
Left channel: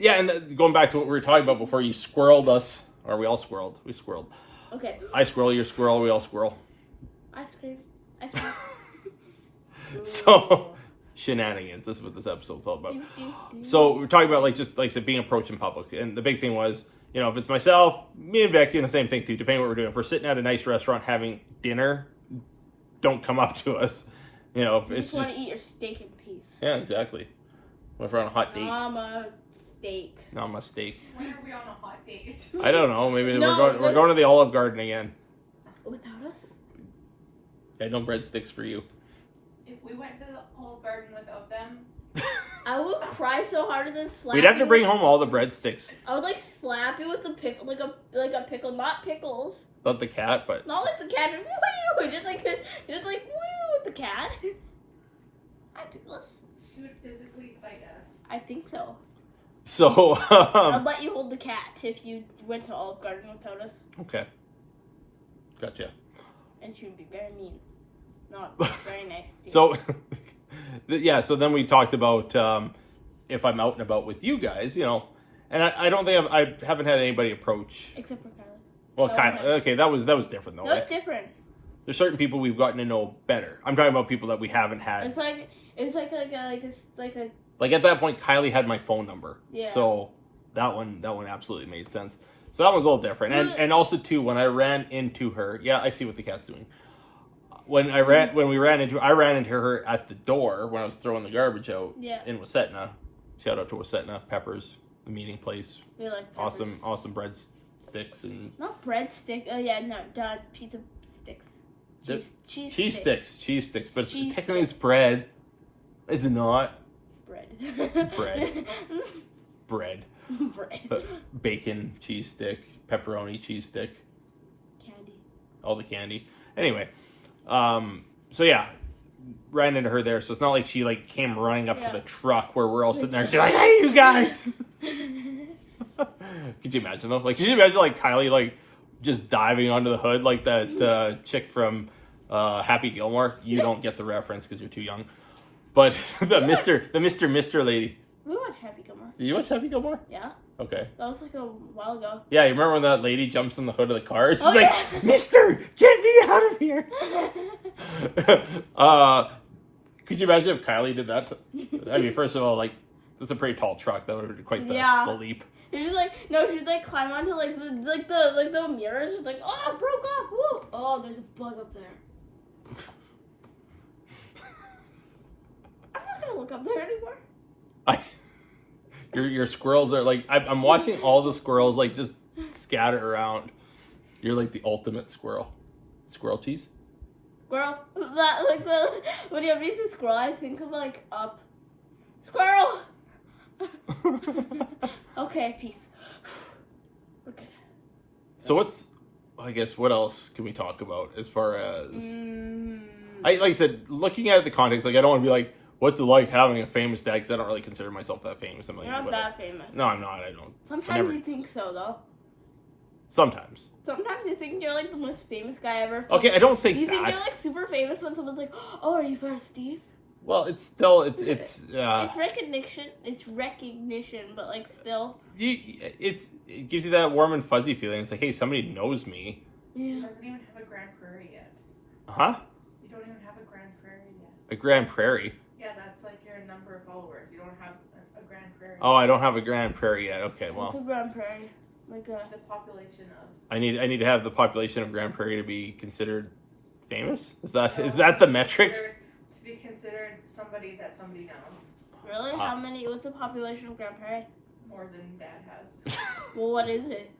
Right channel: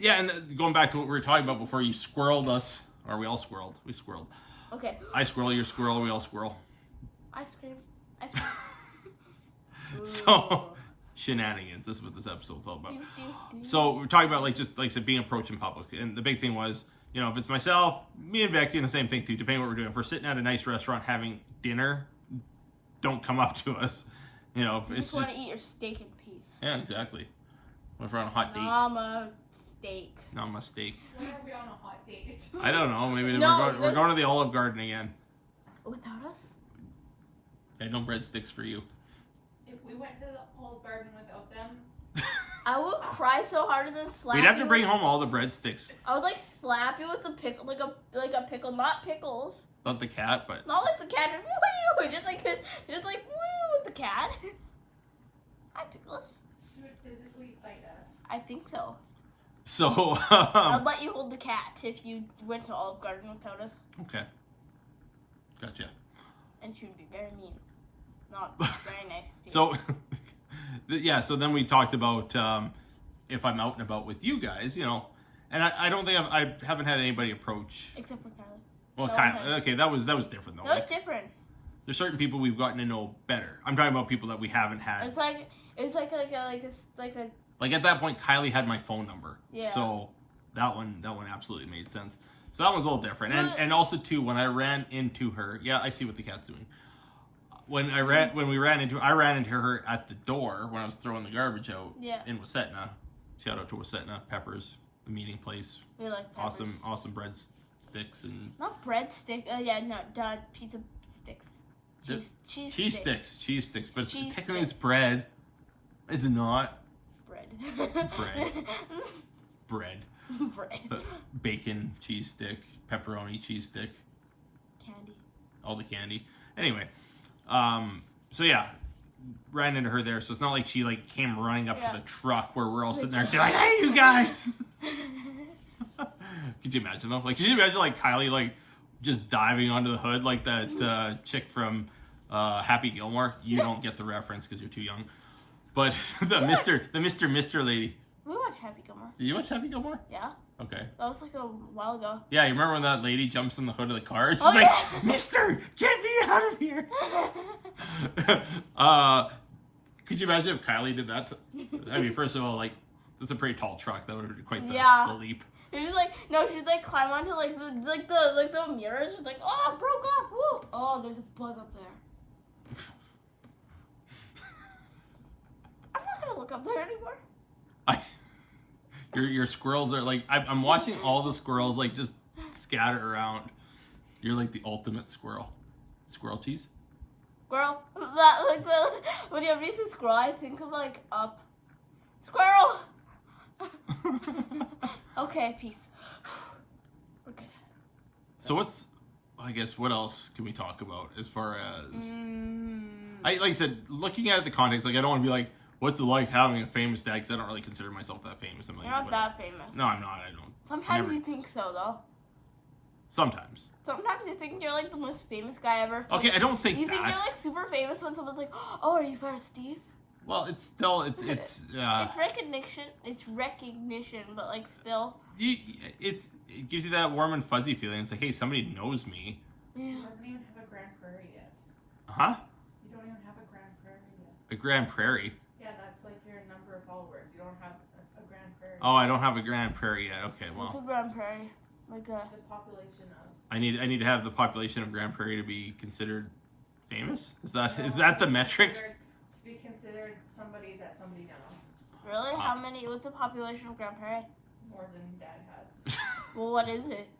yeah, and going back to what we were talking about before, you squirreled us, or we all squirreled. We squirreled. Okay. I squirrel, you squirrel, we all squirrel. I screamed. So, shenanigans. This is what this episode's all about. So, we're talking about, like, just, like I said, being approached in public. And the big thing was, if it's myself, me and Vic, the same thing too, depending on what we're doing. If we're sitting at a nice restaurant having dinner, don't come up to us. If You it's just want to eat your steak in peace. Yeah, exactly. What if we're on a hot date? Nama steak. Nama steak. When are we on a hot date? I don't know. Maybe No, we're going to the Olive Garden again. Without us? Yeah, no breadsticks for you. If we went to the Olive Garden without them, I would cry so hard and then slap We'd have to you bring home all the breadsticks. I would slap you with a pickle, like a pickle, not pickles. Not the cat, but Not like the cat. Just like woo with the cat. Hi, pickles. she would physically fight us. I think so. so I'd let you hold the cat if you went to Olive Garden without us, okay. Gotcha. and she would be very mean, not very nice. To you. So yeah, so then we talked about if I'm out and about with you guys, and I don't think I haven't had anybody approach. Except for Kylie. Well, That Kylie. was Okay, that was different though. That was Like, different. there's certain people we've gotten to know better. I'm talking about people that we haven't had. It's like a Like at that point, Kylie had my phone number. Yeah. So that one absolutely made sense. So that was a little different. And also too, when I ran into her, yeah, I see what the cat's doing. I ran into her at the door when I was throwing the garbage out in Wasetna. Shout out to Wasetna Peppers, the meeting place. They like peppers. Awesome breadsticks and Not breadstick. Oh yeah, no, pizza sticks. cheese sticks. But Cheese technically it's bread, is it not? Bread. Bread. Bread. Bacon cheese stick, pepperoni cheese stick, Candy. all the candy. Anyway, so yeah, ran into her there. So it's not like she came running up to the truck where we're all sitting there. She's like, "Hey, you guys!" Could you imagine though? Could you imagine Kylie just diving onto the hood like that chick from Happy Gilmore? You don't get the reference because you're too young. But the Mr. lady. We were watch Happy Gilmore. Did you watch Happy Gilmore? Yeah. Okay. That was like a while ago. Yeah, you remember when that lady jumps in the hood of the car? It's Oh, like, yeah. Mister, get me out of here. Could you imagine if Kylie did that? I mean, first of all, like, that's a pretty tall truck. That would have been quite the leap. You're just like, no, she'd like climb onto like the mirrors. She's like, oh, it broke off. Whoa. Oh, there's a bug up there. I'm not gonna look up there anymore. Your squirrels are like, I'm watching all the squirrels like just scatter around. You're like the ultimate squirrel. Squirrel cheese? Squirrel. That like the when you see squirrel, I think of like up. Squirrel. Okay, peace. We're good. So what else can we talk about as far as like I said, looking at the context, like I don't want to be like, what's it like having a famous dad? Because I don't really consider myself that famous. I'm like, You're not that famous. No, I'm not. I don't. Sometimes you think so, though. Sometimes. Sometimes you think you're like the most famous guy ever. Okay, I don't think you that. You think you're like super famous when someone's like, "Oh, are you part of Steve?" Well, it's still it's recognition. It's recognition, but like still. It gives you that warm and fuzzy feeling. It's like, hey, somebody knows me. Yeah. He doesn't even have a Grand Prairie yet. Huh? You don't even have a Grand Prairie yet. A Grand Prairie. Yeah, that's like your number of followers. You don't have a Grand Prairie. Oh, I don't have a Grand Prairie yet. Okay, well. What's a Grand Prairie? Like the population of. I need to have the population of Grand Prairie to be considered famous. Is that the metric? To be considered somebody that somebody knows. Really? How many? What's the population of Grand Prairie? More than Dad has. Well, what is it?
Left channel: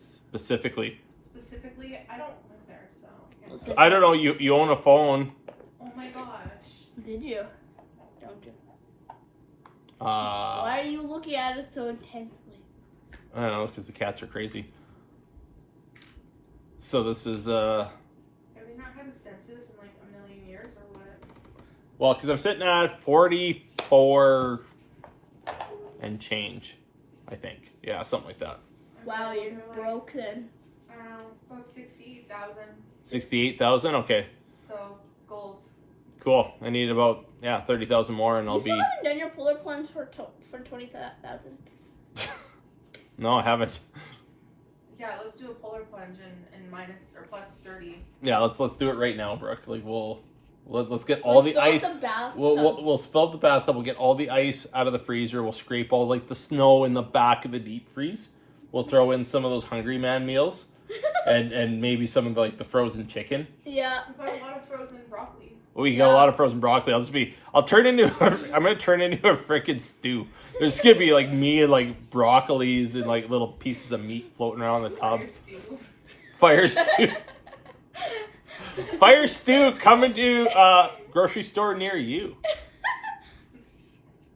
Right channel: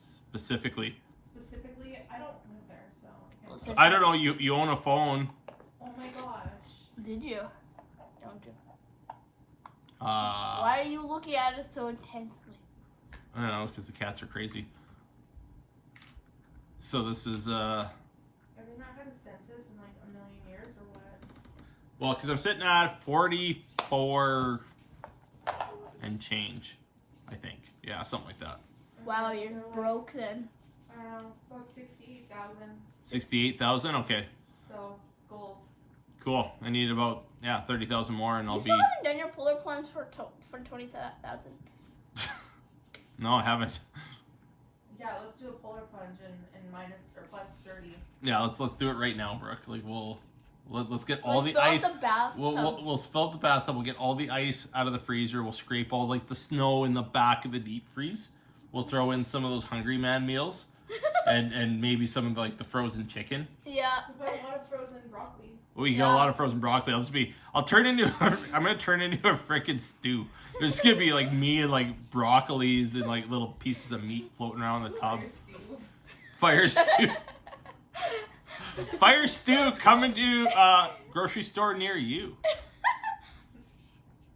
Specifically, I don't live there, so. I don't know. You own a phone. Oh my gosh. Did you? Don't you? Why Why are you looking at us so intensely? I don't know, because the cats are crazy. So this is Have we not had a census in like a million years or what? well, because I'm sitting at 44 and change, I think. Yeah, something like that. Wow, you're broken. About 68,000. 68,000. Okay, So goals. cool. I need about 30,000 more, and I'll You still be. haven't done your polar plunge for 20,000. No, I haven't. Yeah, let's do a polar plunge and minus or plus 30. Yeah, let's do it right now, Brooke. Like let's get all the ice. We'll fill up the bathtub. We'll get all the ice out of the freezer. We'll scrape all like the snow in the back of the deep freeze. We'll throw in some of those Hungry Man meals, and maybe some of the frozen chicken. Yeah. But a lot of frozen broccoli. We got a lot of frozen broccoli. I'm gonna turn into a freaking stew. There's gonna be like me and like broccolis and like little pieces of meat floating around the tub. Fire stew. Fire stew coming to grocery store near you.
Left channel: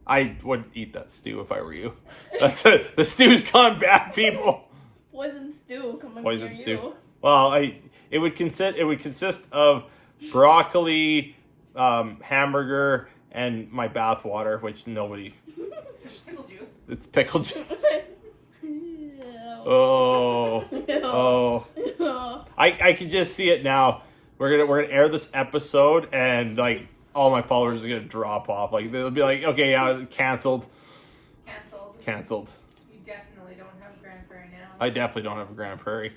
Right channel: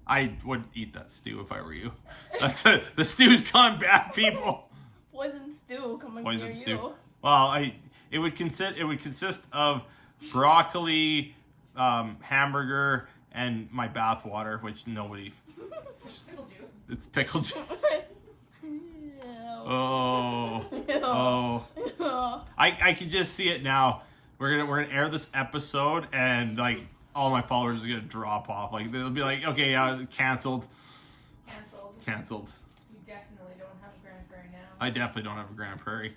I wouldn't eat that stew if I were you. The stew's gone bad, people. Poison stew coming. Poison near stew. you. Well, it would consist of broccoli, hamburger, and my bath water, which nobody. Pickle juice. It's pickle juice. No. Oh, No. oh! I can just see it now. We're gonna air this episode, and like all my followers are gonna drop off. Like they'll be like, okay, yeah, canceled. Canceled. You definitely don't have a Grand Prairie now. I definitely don't have a Grand Prairie.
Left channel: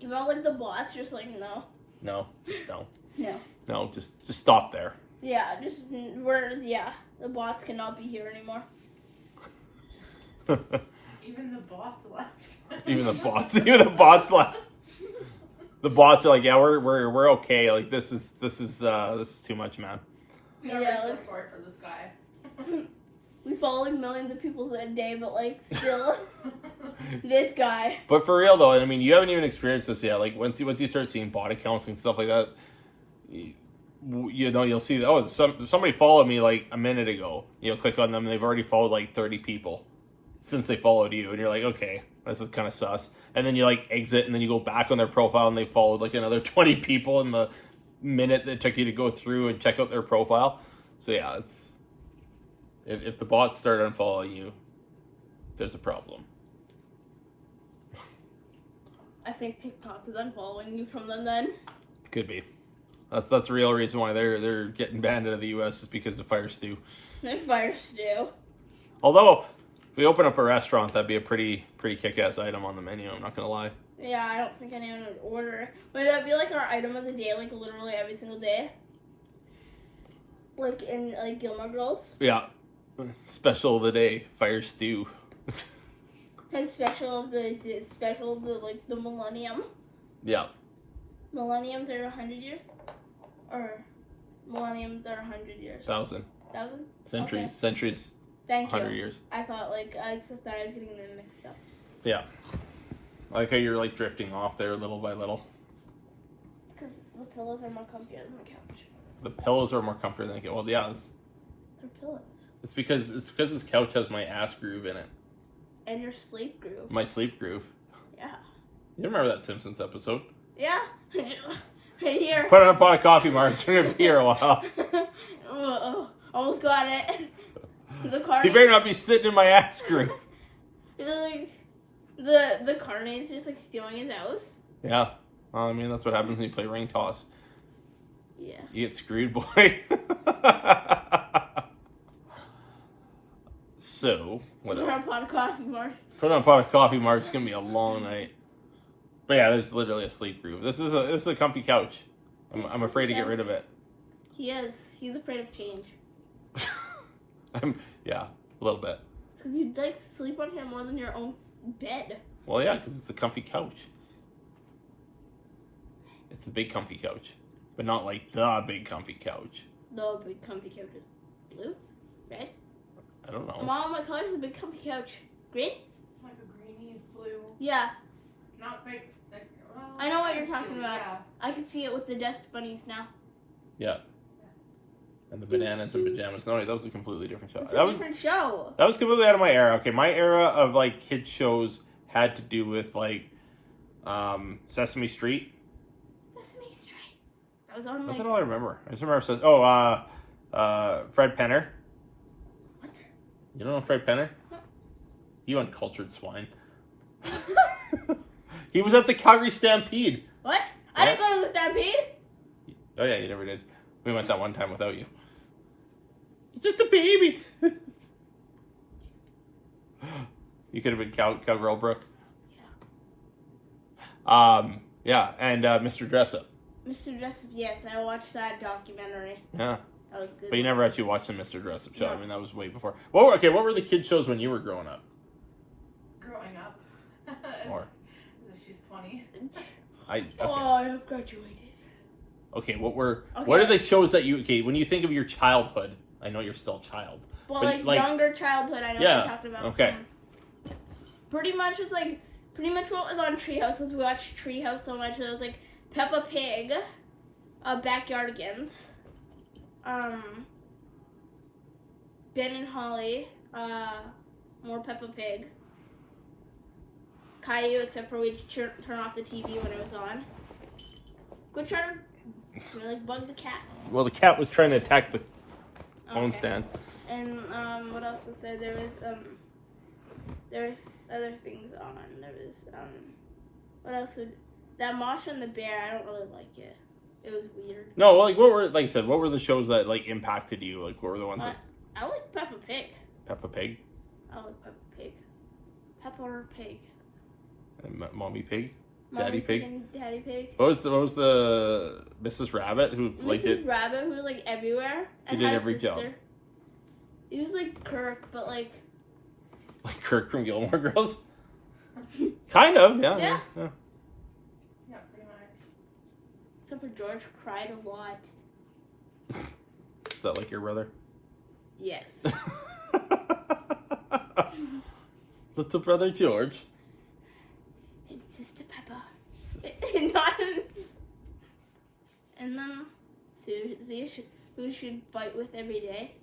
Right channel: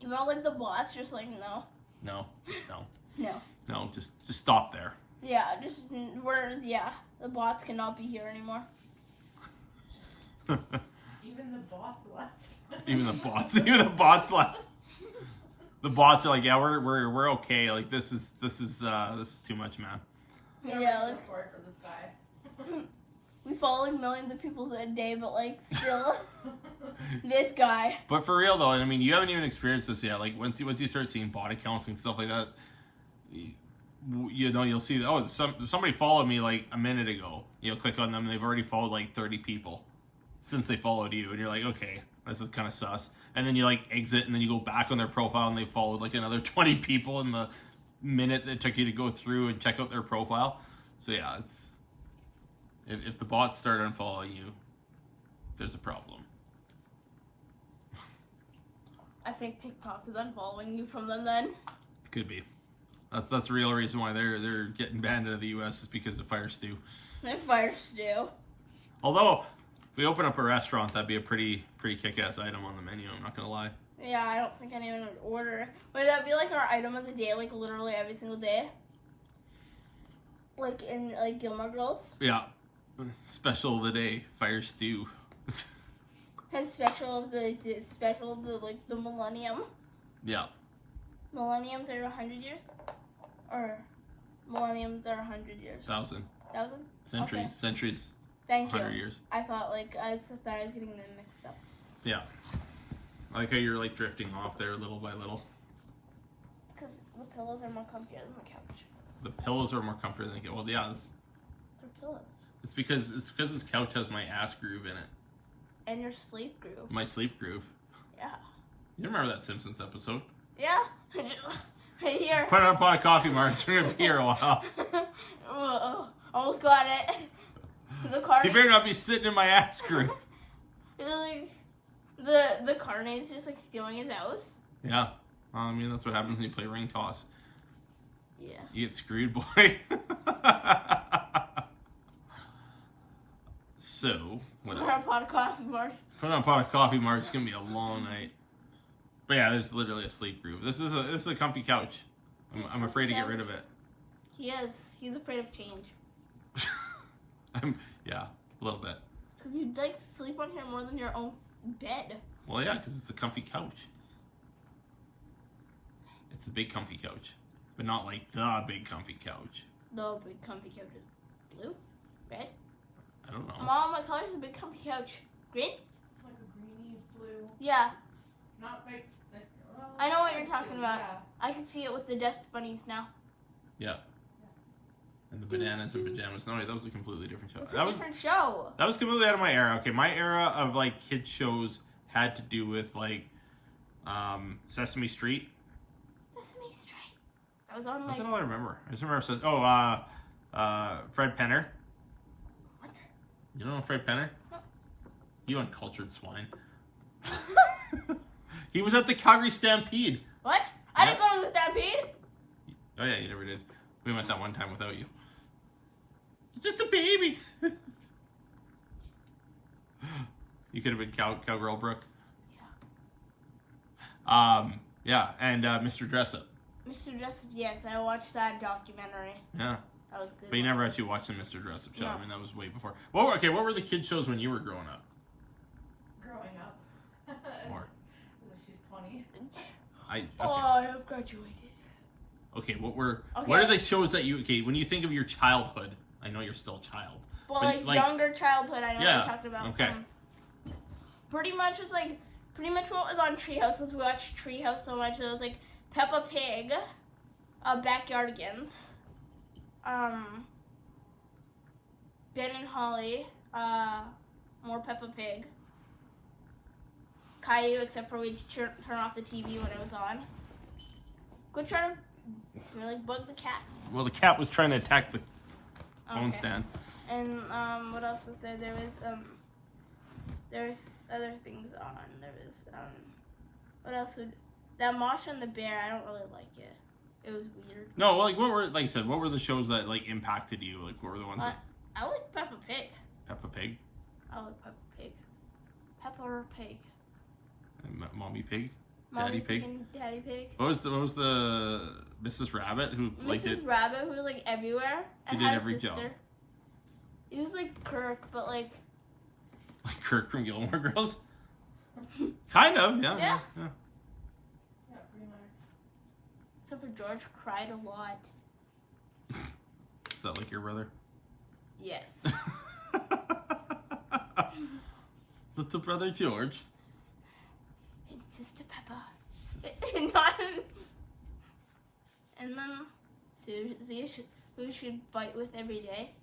You're all like the boss, just like no. No, just no. No. No, just stop there. Yeah, the bots cannot be here anymore. Even the bots left. Even the bots left. The bots are like, yeah, we're okay. Like this is too much, man. I really feel sorry for this guy. We follow like millions of people a day, but like still, this guy. But for real though, I mean, you haven't even experienced this yet. Like once you start seeing body counts and stuff like that, you'll see. Oh, somebody followed me like a minute ago. Click on them, and they've already followed like 30 people since they followed you, and you're like, okay, this is kind of sus. And then you like exit, and then you go back on their profile, and they followed like another 20 people in the minute that it took you to go through and check out their profile. So yeah, it's if the bots start unfollowing you, there's a problem. I think TikTok is unfollowing you from them then. Could be. That's the real reason why they're getting banned out of the U.S. is because of fire stew. The fire stew. Although, if we open up a restaurant, that'd be a pretty kick-ass item on the menu. I'm not gonna lie. Yeah, I don't think anyone would order it. Would that be like our item of the day, like literally every single day? Like in like Gilmore Girls? Yeah. Special of the day, fire stew. And special of the like the millennium. Yeah. Millenniums are 100 years? Or millenniums are 100 years? 1,000. 1,000? Centuries. Okay. Centuries. Thank 100 you. years. I thought I was getting them mixed up. Yeah. I like how you're like drifting off there little by little. Because the pillows are more comfier than the couch. The pillows are more comfortable than well, yeah. They're pillows. It's because this couch has my ass groove in it. And your sleep groove. My sleep groove. Yeah. You remember that Simpsons episode? Yeah. Here. Put on a pot of coffee, Mark. It's gonna be here a while. Almost got it. The carny. You better not be sitting in my ass groove. Like, the carny's just like stealing his house. Yeah. Well, I mean, that's what happens when you play ring toss. Yeah. You get screwed, boy. So, what Put on a else? pot of coffee, Mark. Put on a pot of coffee, Mark. It's gonna be a long night. But yeah, there's literally a sleep groove. This is a comfy couch. I'm afraid to get rid of it. He is. He's afraid of change. Yeah, a little bit. It's because you'd like to sleep on here more than your own bed. Well, yeah, because it's a comfy couch. It's a big comfy couch, but not like the big comfy couch. No, big comfy couch is blue, red. I don't know. Mom, what color is a big comfy couch? Green? Like a greeny blue. Yeah, Not big. Like, well, I know what you're talking about. Yeah. I can see it with the death bunnies now. Yeah. And the bananas and pajamas. No, wait, that was a completely different show. It's a That was different show. completely out of my era. Okay, my era of like kids shows had to do with like Sesame Street. Sesame Street. That was on That's like. all I remember. I just remember Fred Penner. What? You don't know Fred Penner? You uncultured swine. He was at the Calgary Stampede. What? I Yeah. didn't go to the Stampede. Oh yeah, you never did. We went that one time without you. It's just a baby. You could have been Cowgirl Brooke. Yeah, and Mr. Dressup. Mr. Dressup, yes, I watched that documentary. Yeah, That was good. but you never actually watched the Mr. Dressup show. No. I mean, that was way before. What were the kid shows when you were growing up? Growing up. Or She's 20. Oh, I have graduated. Okay, what are Okay. the shows that when you think of your childhood? I know you're still a child. Well, But, like younger childhood, I know Yeah, what you're talking about. okay. Pretty much what was on Treehouse, because we watched Treehouse so much. It was like Peppa Pig, Backyardigans, Ben and Holly, more Peppa Pig, Caillou, except for we'd turn off the TV when it was on. Go try to like bug the cat. Well, the cat was trying to attack the phone Okay. stand. And what else was there? There was other things on. There was what else would that Masha and the Bear? I don't really like it. It was weird. No, like what were the shows that like impacted you? Like what were the ones that I like Peppa Pig. Peppa Pig I like Peppa Pig. Peppa or Pig. and Mommy Pig, Mommy Daddy Pig? and Daddy Pig. What was the Mrs. Rabbit who like Mrs. did Rabbit, who was like everywhere. She and did had a every sister. job. It was like Kirk, but like like Kirk from Gilmore Girls? Kind of, yeah. Yeah. Yeah, pretty much. except for George cried a lot. Is that like your brother? Yes. Little brother George. And Sister Peppa. Sister- And then Susie, who should fight with every day.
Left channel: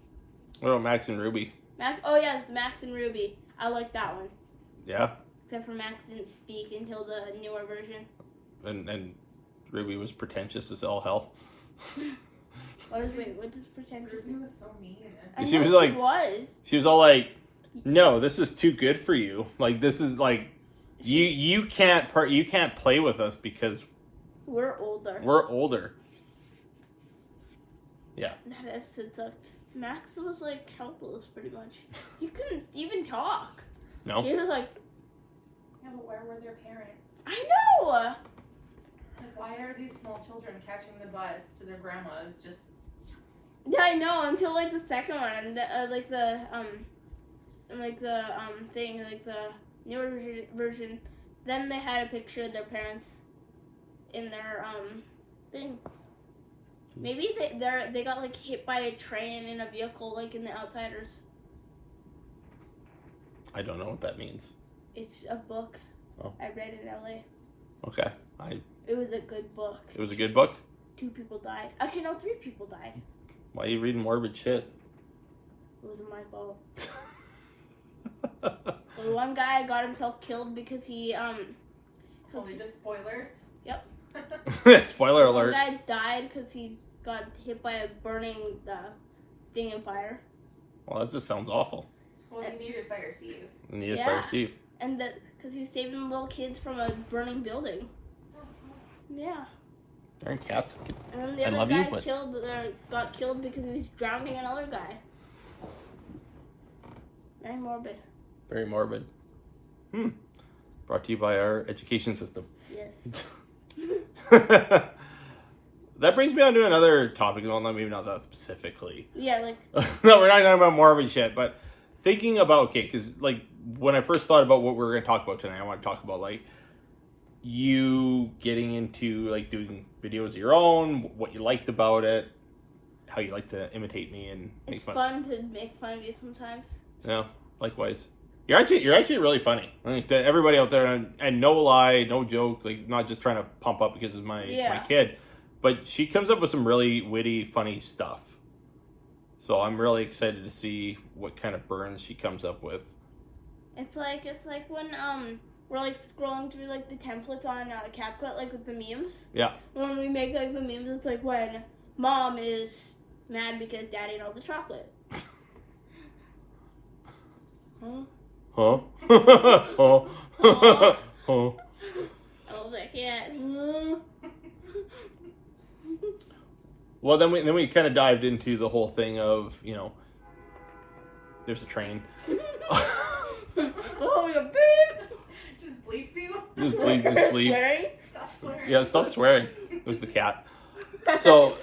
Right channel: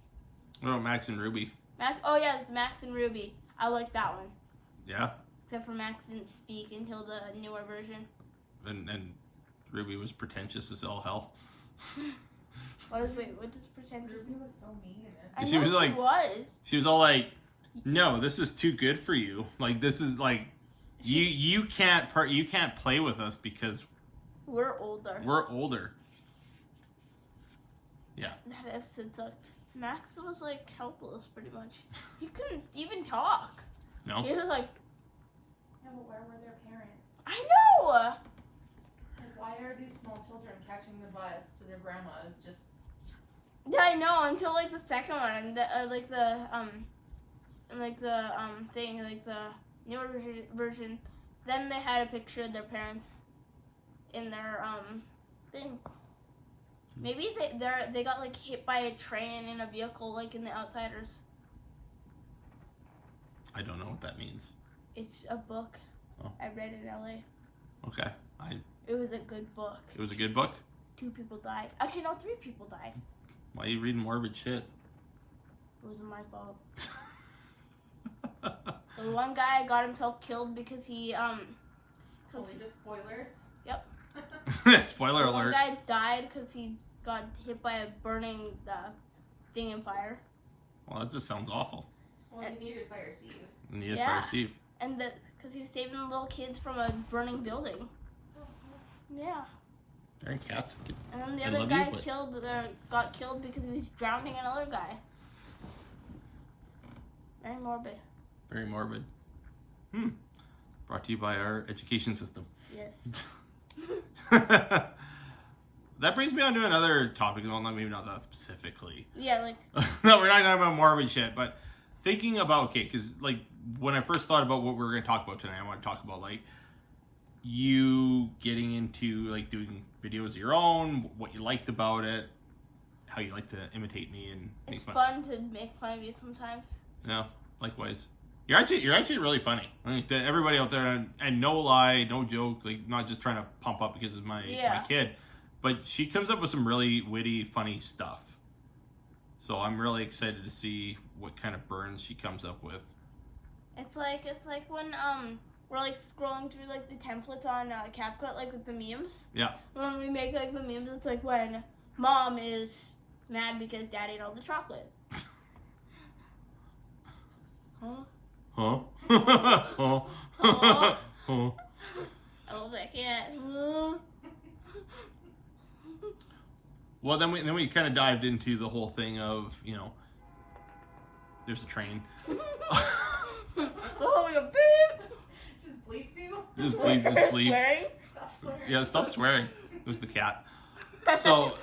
What about Max and Ruby? Max. Oh yes, Max and Ruby. I like that one. Yeah, Except for Max didn't speak until the newer version. and Ruby was pretentious as all hell. What does pretentious Ruby mean? was so mean. I She know was like- was. She was all like, "No, this is too good for you. Like this is like you can't play with us because We're older. we're older." Yeah. That episode sucked. Max was like helpless, pretty much. He couldn't even talk. No? He was like, Yeah, but where were their parents? I know! Like, why are these small children catching the bus to their grandmas? Just Yeah, I know, until like the second one, and like the thing, like the newer version, then they had a picture of their parents in their thing. Maybe they got like hit by a train in a vehicle, like in The Outsiders. I don't know what that means. It's a book. Oh. I read it in LA. Okay. It was a good book. It was a good book? 2 people died. Actually, no, 3 people died. Why are you reading morbid shit? It wasn't my fault. The one guy got himself killed because he only just spoilers. Yep. Spoiler One alert. guy died because he got hit by a burning thing in fire. Well, that just sounds awful. Well, he needed Fire Steve. Needed Yeah. Fire Steve. And that because he was saving little kids from a burning building. Yeah. Darn cats. And then the I other love you, guy but- got killed because he was drowning another guy. Very morbid. Very morbid. Brought to you by our education system. Yes. That brings me on to another topic. Well, maybe not that specifically. Yeah, like No, we're not talking about morbid shit, but thinking about, okay, because like when I first thought about what we were going to talk about tonight, I want to talk about like you getting into like doing videos of your own, what you liked about it, how you like to imitate me and make it's fun. fun to make fun of you sometimes. Yeah, likewise. You're actually really funny. I think that everybody out there, and no lie, no joke, like not just trying to pump up because of my kid, but she comes up with some really witty, funny stuff. So I'm really excited to see what kind of burns she comes up with. It's like when we're like scrolling through like the templates on CapCut, like with the memes. Yeah. When we make like the memes, it's like when mom is mad because dad ate all the chocolate. Huh? Huh? Huh? Huh? Oh, I can't. Well, then we kind of dived into the whole thing of, you know, there's a train. Oh, you beep. Just bleeps you. Just bleep, just bleep. Swearing? Stop swearing. Yeah, stop swearing. It was the cat. So,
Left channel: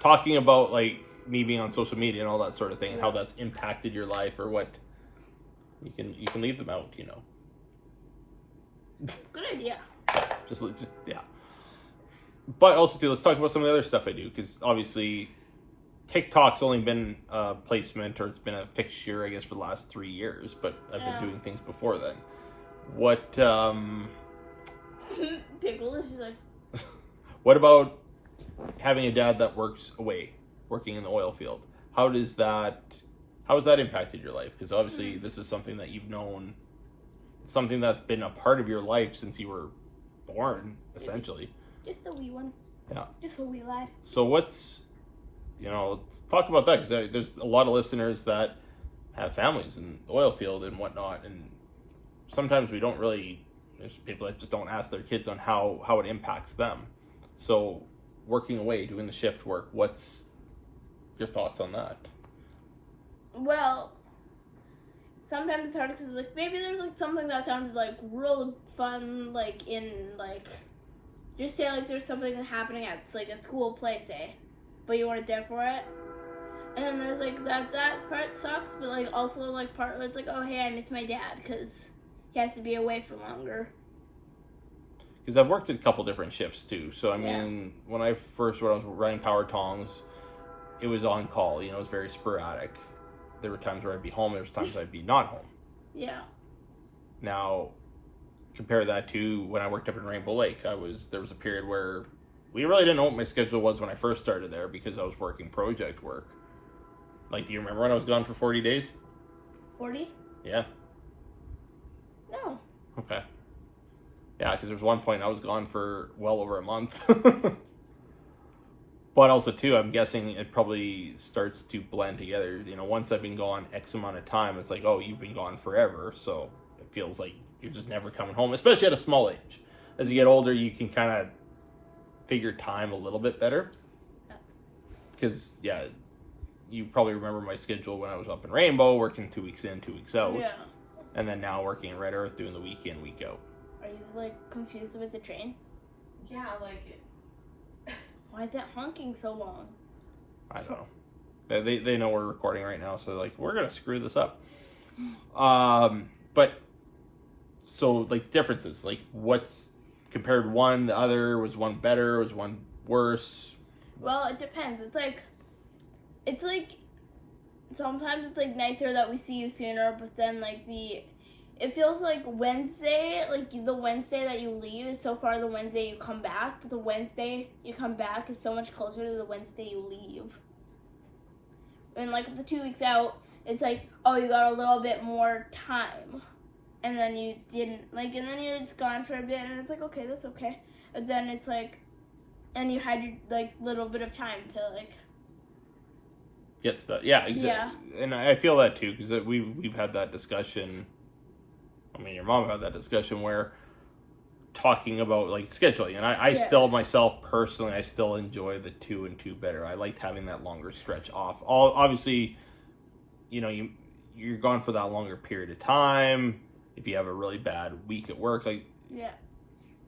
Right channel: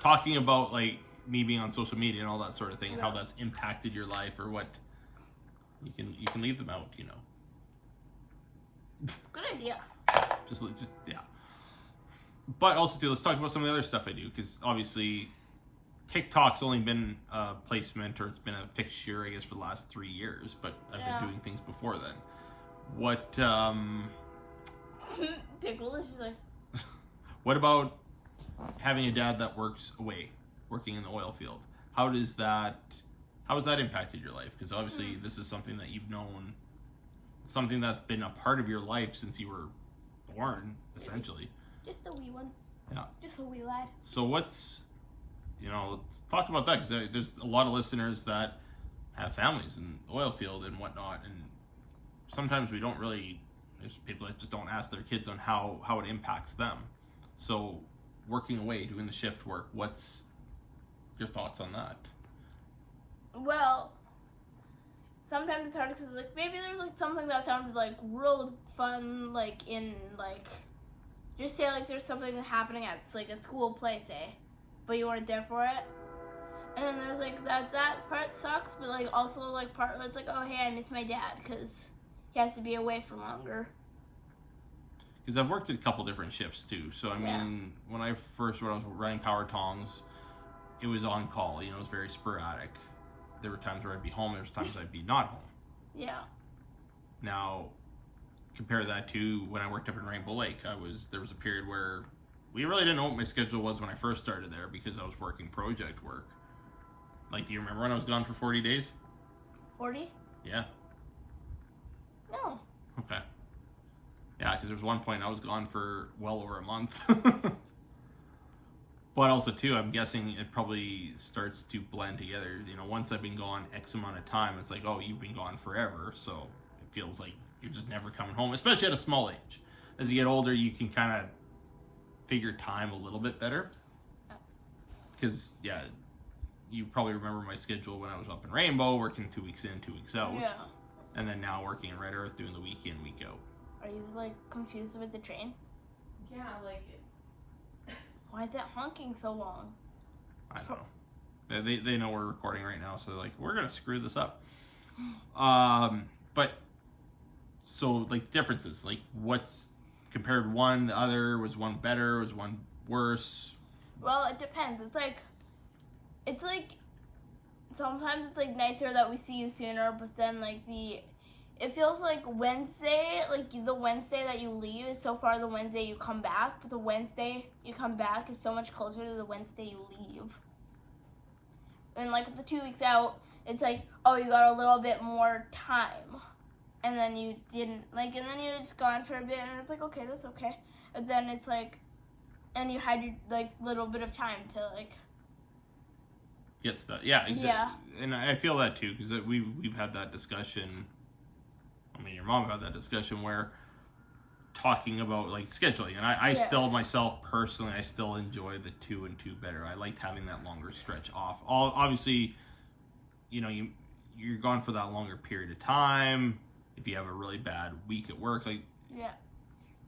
talking about like me being on social media and all that sort of thing, and how that's impacted your life, or what you can leave them out, you know. Good idea. Just yeah. But also too, let's talk about some of the other stuff I do, because obviously TikTok's only been a placement, or it's been a fixture, I guess, for the last 3 years. But I've been doing things before then. What Pickle is just like, what about having a dad that works away, working in the oil field? How has that impacted your life? Because obviously this is something that you've known, something that's been a part of your life since you were born, essentially. just a wee one. Yeah. Just a wee lad. So let's talk about that, because there's a lot of listeners that have families in the oil field and whatnot, and sometimes there's people that just don't ask their kids on how it impacts them. So working away, doing the shift work, what's your thoughts on that? Well, sometimes it's hard because like maybe there's like something that sounds like real fun, like in like just say like there's something happening at like a school play, say, but you weren't there for it. And then there's like that part sucks, but like also like part where it's like, oh hey, I miss my dad because he has to be away for longer. Because I've worked at a couple different shifts too. So I mean, when I was running power tongs, it was on call. You know, it was very sporadic. There were times where I'd be home. There was times I'd be not home. Yeah. Now, compare that to when I worked up in Rainbow Lake. There was a period where we really didn't know what my schedule was when I first started there, because I was working project work. Like, do you remember when I was gone for 40 days? 40? Yeah. No. Okay. Yeah, because there was one point I was gone for well over a month. But also, too, I'm guessing it probably starts to blend together. You know, once I've been gone X amount of time, it's like, oh, you've been gone forever. So it feels like you're just never coming home, especially at a small age. as you get older, you can kind of figure time a little bit better. Because, yeah, you probably remember my schedule when I was up in Rainbow, working 2 weeks in, 2 weeks out. Yeah. And then now working in Red Earth, doing the week in, week out. Are you, like, confused with the train? Yeah, like... Why is it honking so long? I don't know. They know we're recording right now, so they're like, we're going to screw this up. But, so, like, differences. Like, what's compared one, the other? Was one better? Was one worse? Well, it depends. It's like, sometimes it's, like, nicer that we see you sooner, but then, like, it feels like Wednesday, like, the Wednesday that you leave is so far the Wednesday you come back, but the Wednesday you come back is so much closer to the Wednesday you leave. And, like, with the 2 weeks out, it's like, oh, you got a little bit more time. And then you didn't, like, and then you're just gone for a bit, and it's like, okay, that's okay. But then it's like, and you had your, like, little bit of time to, like... Get stuff. Yeah, exactly. Yeah. And I feel that, too, because we've had that discussion. I mean, your mom had that discussion where talking about, like, scheduling. And I still, myself, personally, I still enjoy the 2 and 2 better. I liked having that longer stretch off. Obviously, you know, you're gone for that longer period of time. If you have a really bad week at work, like,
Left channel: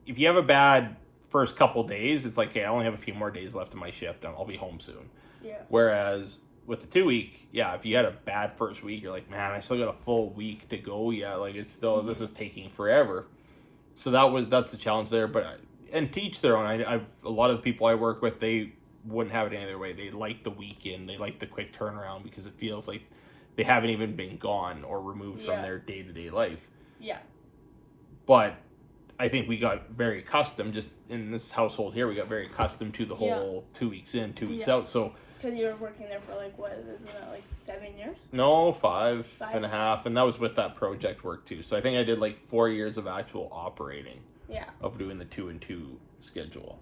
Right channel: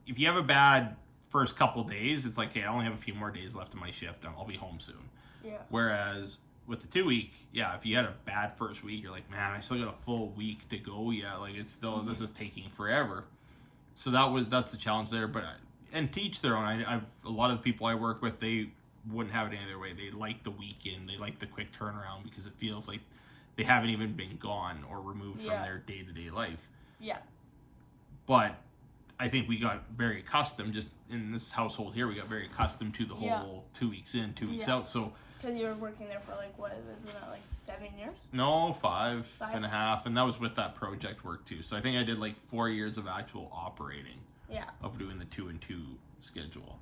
if you have a bad first couple days, it's like, okay, I only have a few more days left in my shift, and I'll be home soon. Yeah. Whereas with the 2 week, if you had a bad first week, you're like, man, I still got a full week to go. Yeah, like, it's still, this is taking forever. So that's the challenge there. But and to each their own. I've a lot of the people I work with, they wouldn't have it any other way. They like the weekend. They like the quick turnaround because it feels like they haven't even been gone or removed from their day-to-day life. Yeah. But I think we got very accustomed, just in this household here, we got very accustomed to the whole 2 weeks in, 2 weeks out. So because you were working there for, like, what, isn't that, like, 7 years? No, five and a half. And that was with that project work, too. So I think I did, like, 4 years of actual operating. Yeah. Of doing the 2 and 2 schedule.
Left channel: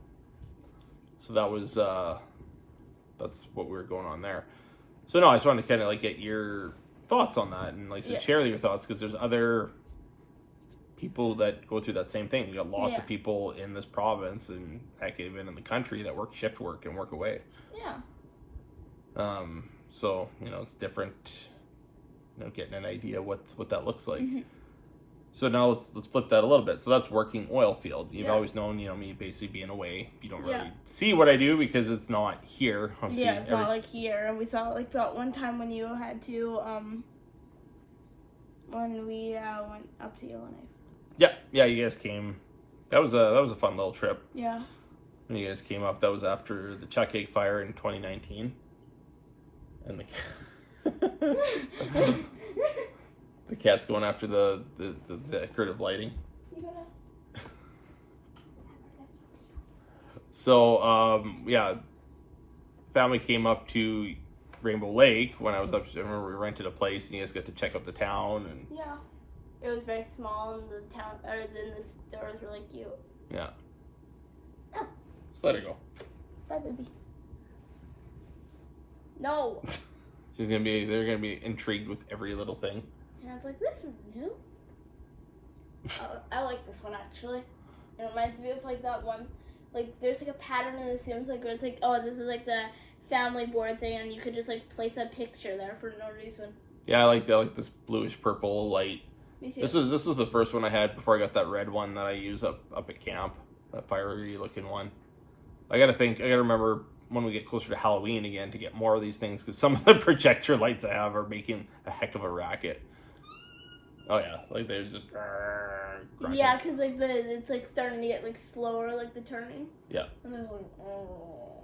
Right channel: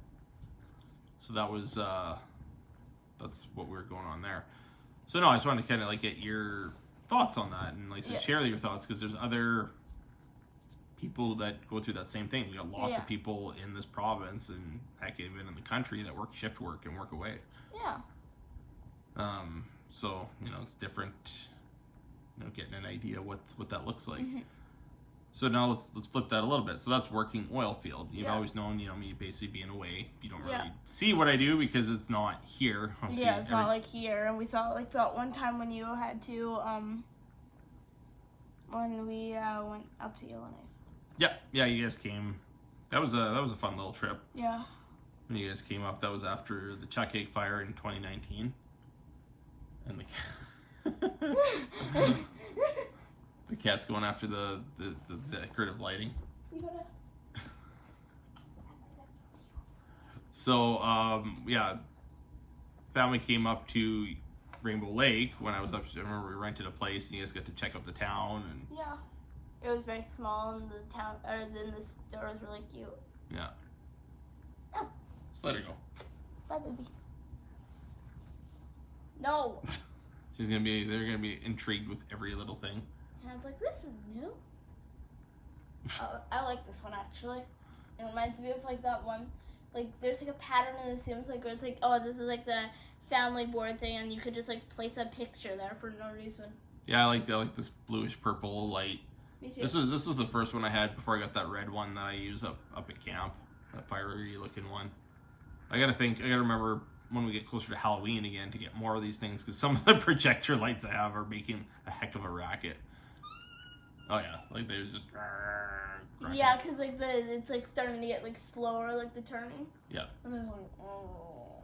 So that was, that's what we were going on there. So, no, I just wanted to kind of, like, get your thoughts on that. And, like, share your thoughts, because there's other people that go through that same thing. We got lots of people in this province, and heck, even in the country, that work shift work and work away. Yeah. So, you know, it's different, you know, getting an idea what that looks like. Mm-hmm. So now let's flip that a little bit. So that's working oil field. You've always known, you know, me basically being away. You don't really see what I do because it's not here. It's not like here. And we saw it like that one time when you had to, when we went up to Yellowknife. Yeah, you guys came. That was a fun little trip. Yeah. When you guys came up, that was after the Chuckake fire in 2019. And the cat's going after the decorative lighting. So, family came up to Rainbow Lake when I was up. I remember we rented a place and you guys got to check out the town. And yeah. It was very small and the town, or then the stores were really cute. Yeah. Oh. Just let her go. Bye, baby. No. They're gonna be intrigued with every little thing. And I was like, this is new. I like this one actually. It reminds me of like that one, like there's like a pattern in the Sims like where it's like, oh, this is like the family board thing, and you could just like place a picture there for no reason. Yeah, I like this bluish purple light. Me too. This is the first one I had before I got that red one that I use up at camp, that fiery looking one. I gotta remember when we get closer to Halloween again to get more of these things, because some of the projector lights I have are making a heck of a racket. Oh yeah, like they're just. Yeah, because like it's like starting to get like slower, like the turning. Yeah. And then like, oh.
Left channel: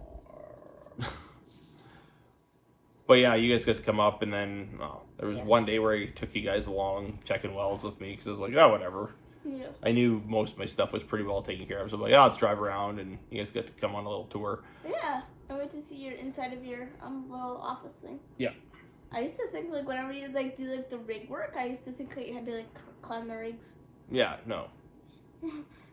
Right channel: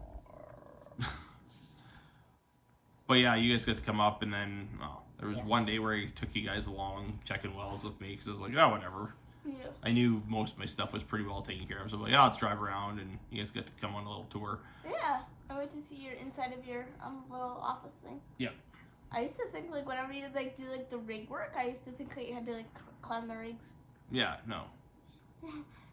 But yeah, you guys got to come up, and then there was one day where I took you guys along checking wells with me because I was like, oh, whatever. Yeah. I knew most of my stuff was pretty well taken care of, so I'm like, let's drive around, and you guys got to come on a little tour. Yeah, I went to see your inside of your little office thing. Yeah. I used to think like whenever you like do like the rig work, I used to think that you had to like climb the rigs. Yeah, no.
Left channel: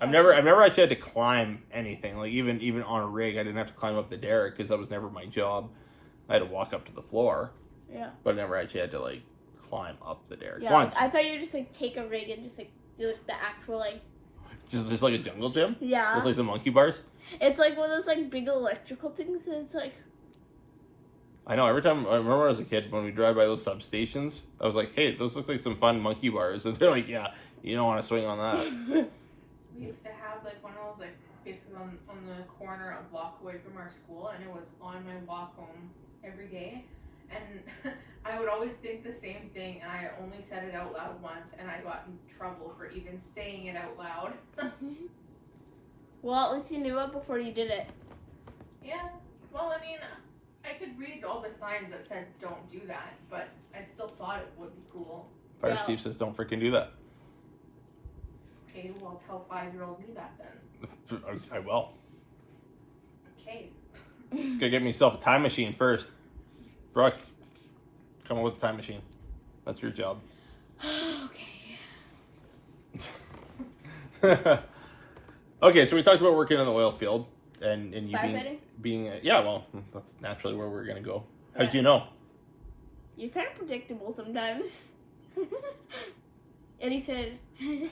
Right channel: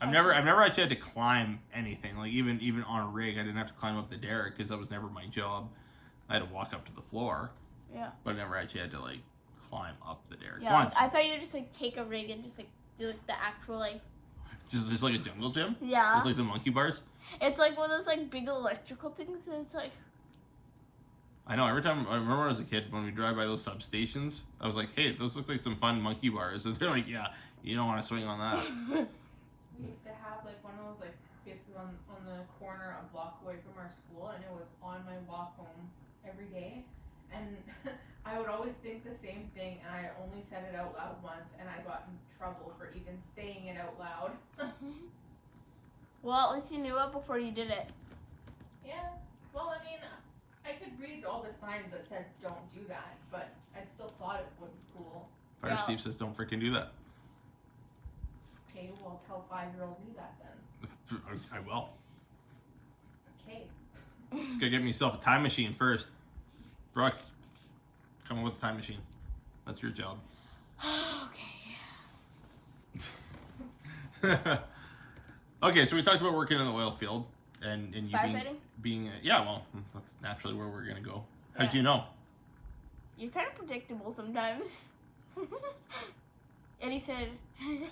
I've never actually had to climb anything. Like even on a rig, I didn't have to climb up the derrick because that was never my job. I had to walk up to the floor. Yeah. But I never actually had to like climb up the derrick. Yeah, once. I thought you would just like take a rig and just like do like the actual like. Just like a jungle gym? Yeah. Just like the monkey bars? It's like one of those like big electrical things. And it's like. I know. Every time I remember when I was a kid, when we drive by those substations, I was like, "Hey, those look like some fun monkey bars." And they're like, "Yeah, you don't want to swing on that." We used to have like one of those like basically on the corner a block away from our school, and it was on my walk home every day. And I would always think the same thing, and I only said it out loud once, and I got in trouble for even saying it out loud. Well, at least you knew it before you did it. Yeah. Well, I mean, I could read all the signs that said "Don't do that," but I still thought it would be cool. Fire Wow. Steve says, "Don't freaking do that." Okay, well, tell 5-year-old me that then. I will. Okay. Just gotta get myself a time machine first. Brooke, come up with a time machine. That's your job. Okay. Okay, so we talked about working in the oil field and you Firefighting? being yeah, well, that's naturally where we're gonna go. How'd Yeah. you know? You're kind of predictable sometimes. And he said,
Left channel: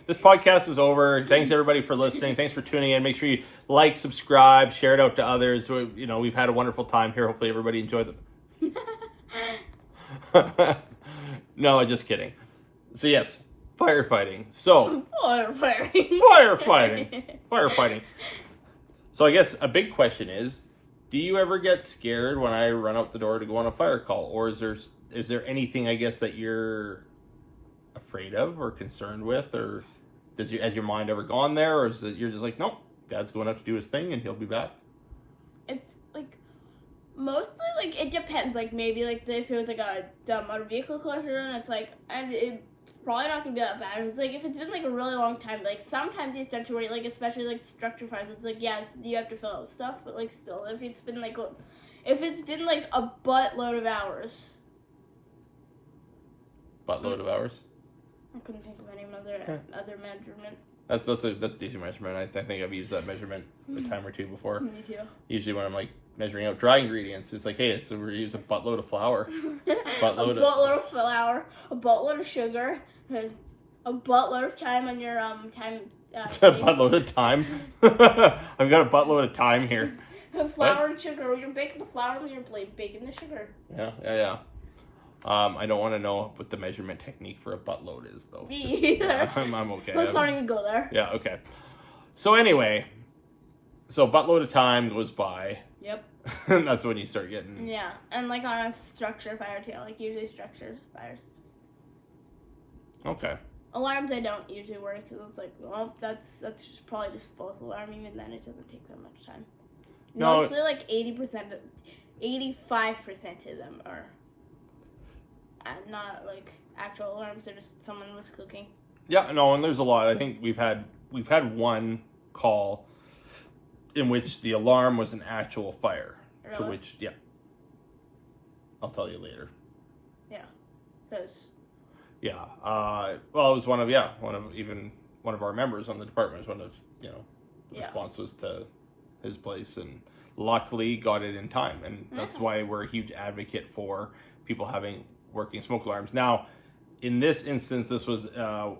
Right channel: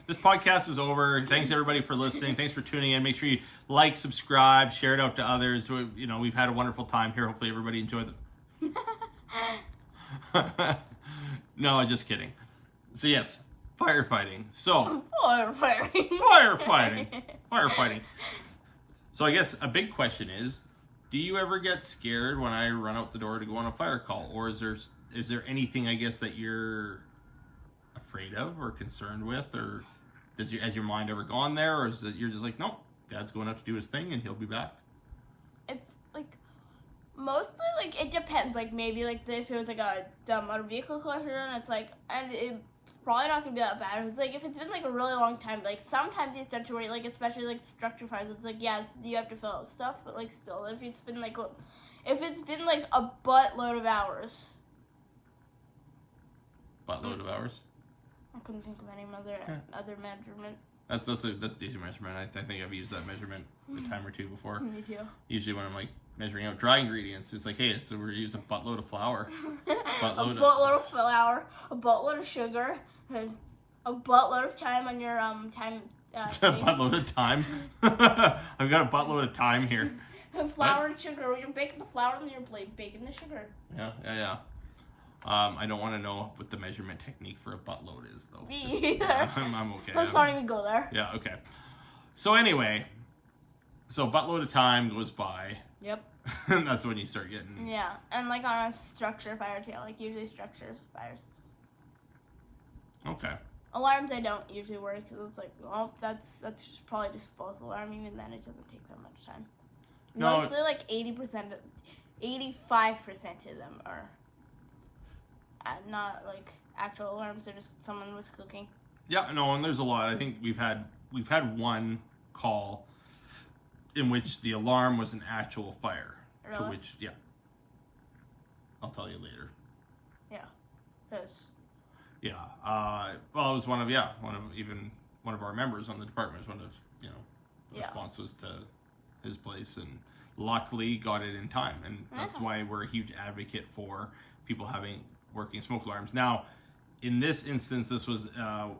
This podcast is over. Thanks everybody for listening. Thanks for tuning in. Make sure you like, subscribe, share it out to others. We've had a wonderful time here. Hopefully everybody enjoyed them. No, just kidding. So yes, firefighting. So firefighting. So I guess a big question is, do you ever get scared when I run out the door to go on a fire call, or is there anything I guess that you're afraid of or concerned with, or has your mind ever gone there, or is it you're just like, nope, Dad's going out to do his thing and he'll be back? It's like mostly like it depends. Like maybe like if it was like a dumb motor vehicle collision, it's like it's probably not gonna be that bad. It's like if it's been like a really long time, like sometimes you start to worry, like especially like structure fires. It's like yes, you have to fill out stuff, but like still, if it's been like a buttload of hours. Buttload of hours. I couldn't think of any other measurement. That's a decent measurement. I think I've used that measurement a time or two before. Me too. Usually when I'm like measuring out dry ingredients, it's like, hey, we use a buttload of flour, buttload of flour, a buttload of sugar, a buttload of time on your time. A buttload of time. I've got a buttload of time here. Flour and sugar. You're baking the flour and you're baking the sugar. Yeah. I don't want to know what the measurement technique for a buttload is, though. Me either. I'm okay. Let's not even go there. Yeah, okay. So anyway, buttload of time goes by. Yep. And that's when you start getting... Yeah, and like on a structure fire too, like usually structure fires. Okay. Alarms I don't usually work because it's like, well, that's probably just false alarm. Even then, it doesn't take that much time. No. Mostly like 85% of them are not like actual alarms. They're just someone was cooking. Yeah, no, and there's a lot. I think we've had one call in which the alarm was an actual fire. Really? To which, yeah, I'll tell you later. Yeah, because. Yeah. Well, it was one of our members on the department. Was one of the response was to his place, and luckily got it in time, and that's why we're a huge advocate for people having working smoke alarms. Now, in this instance, this was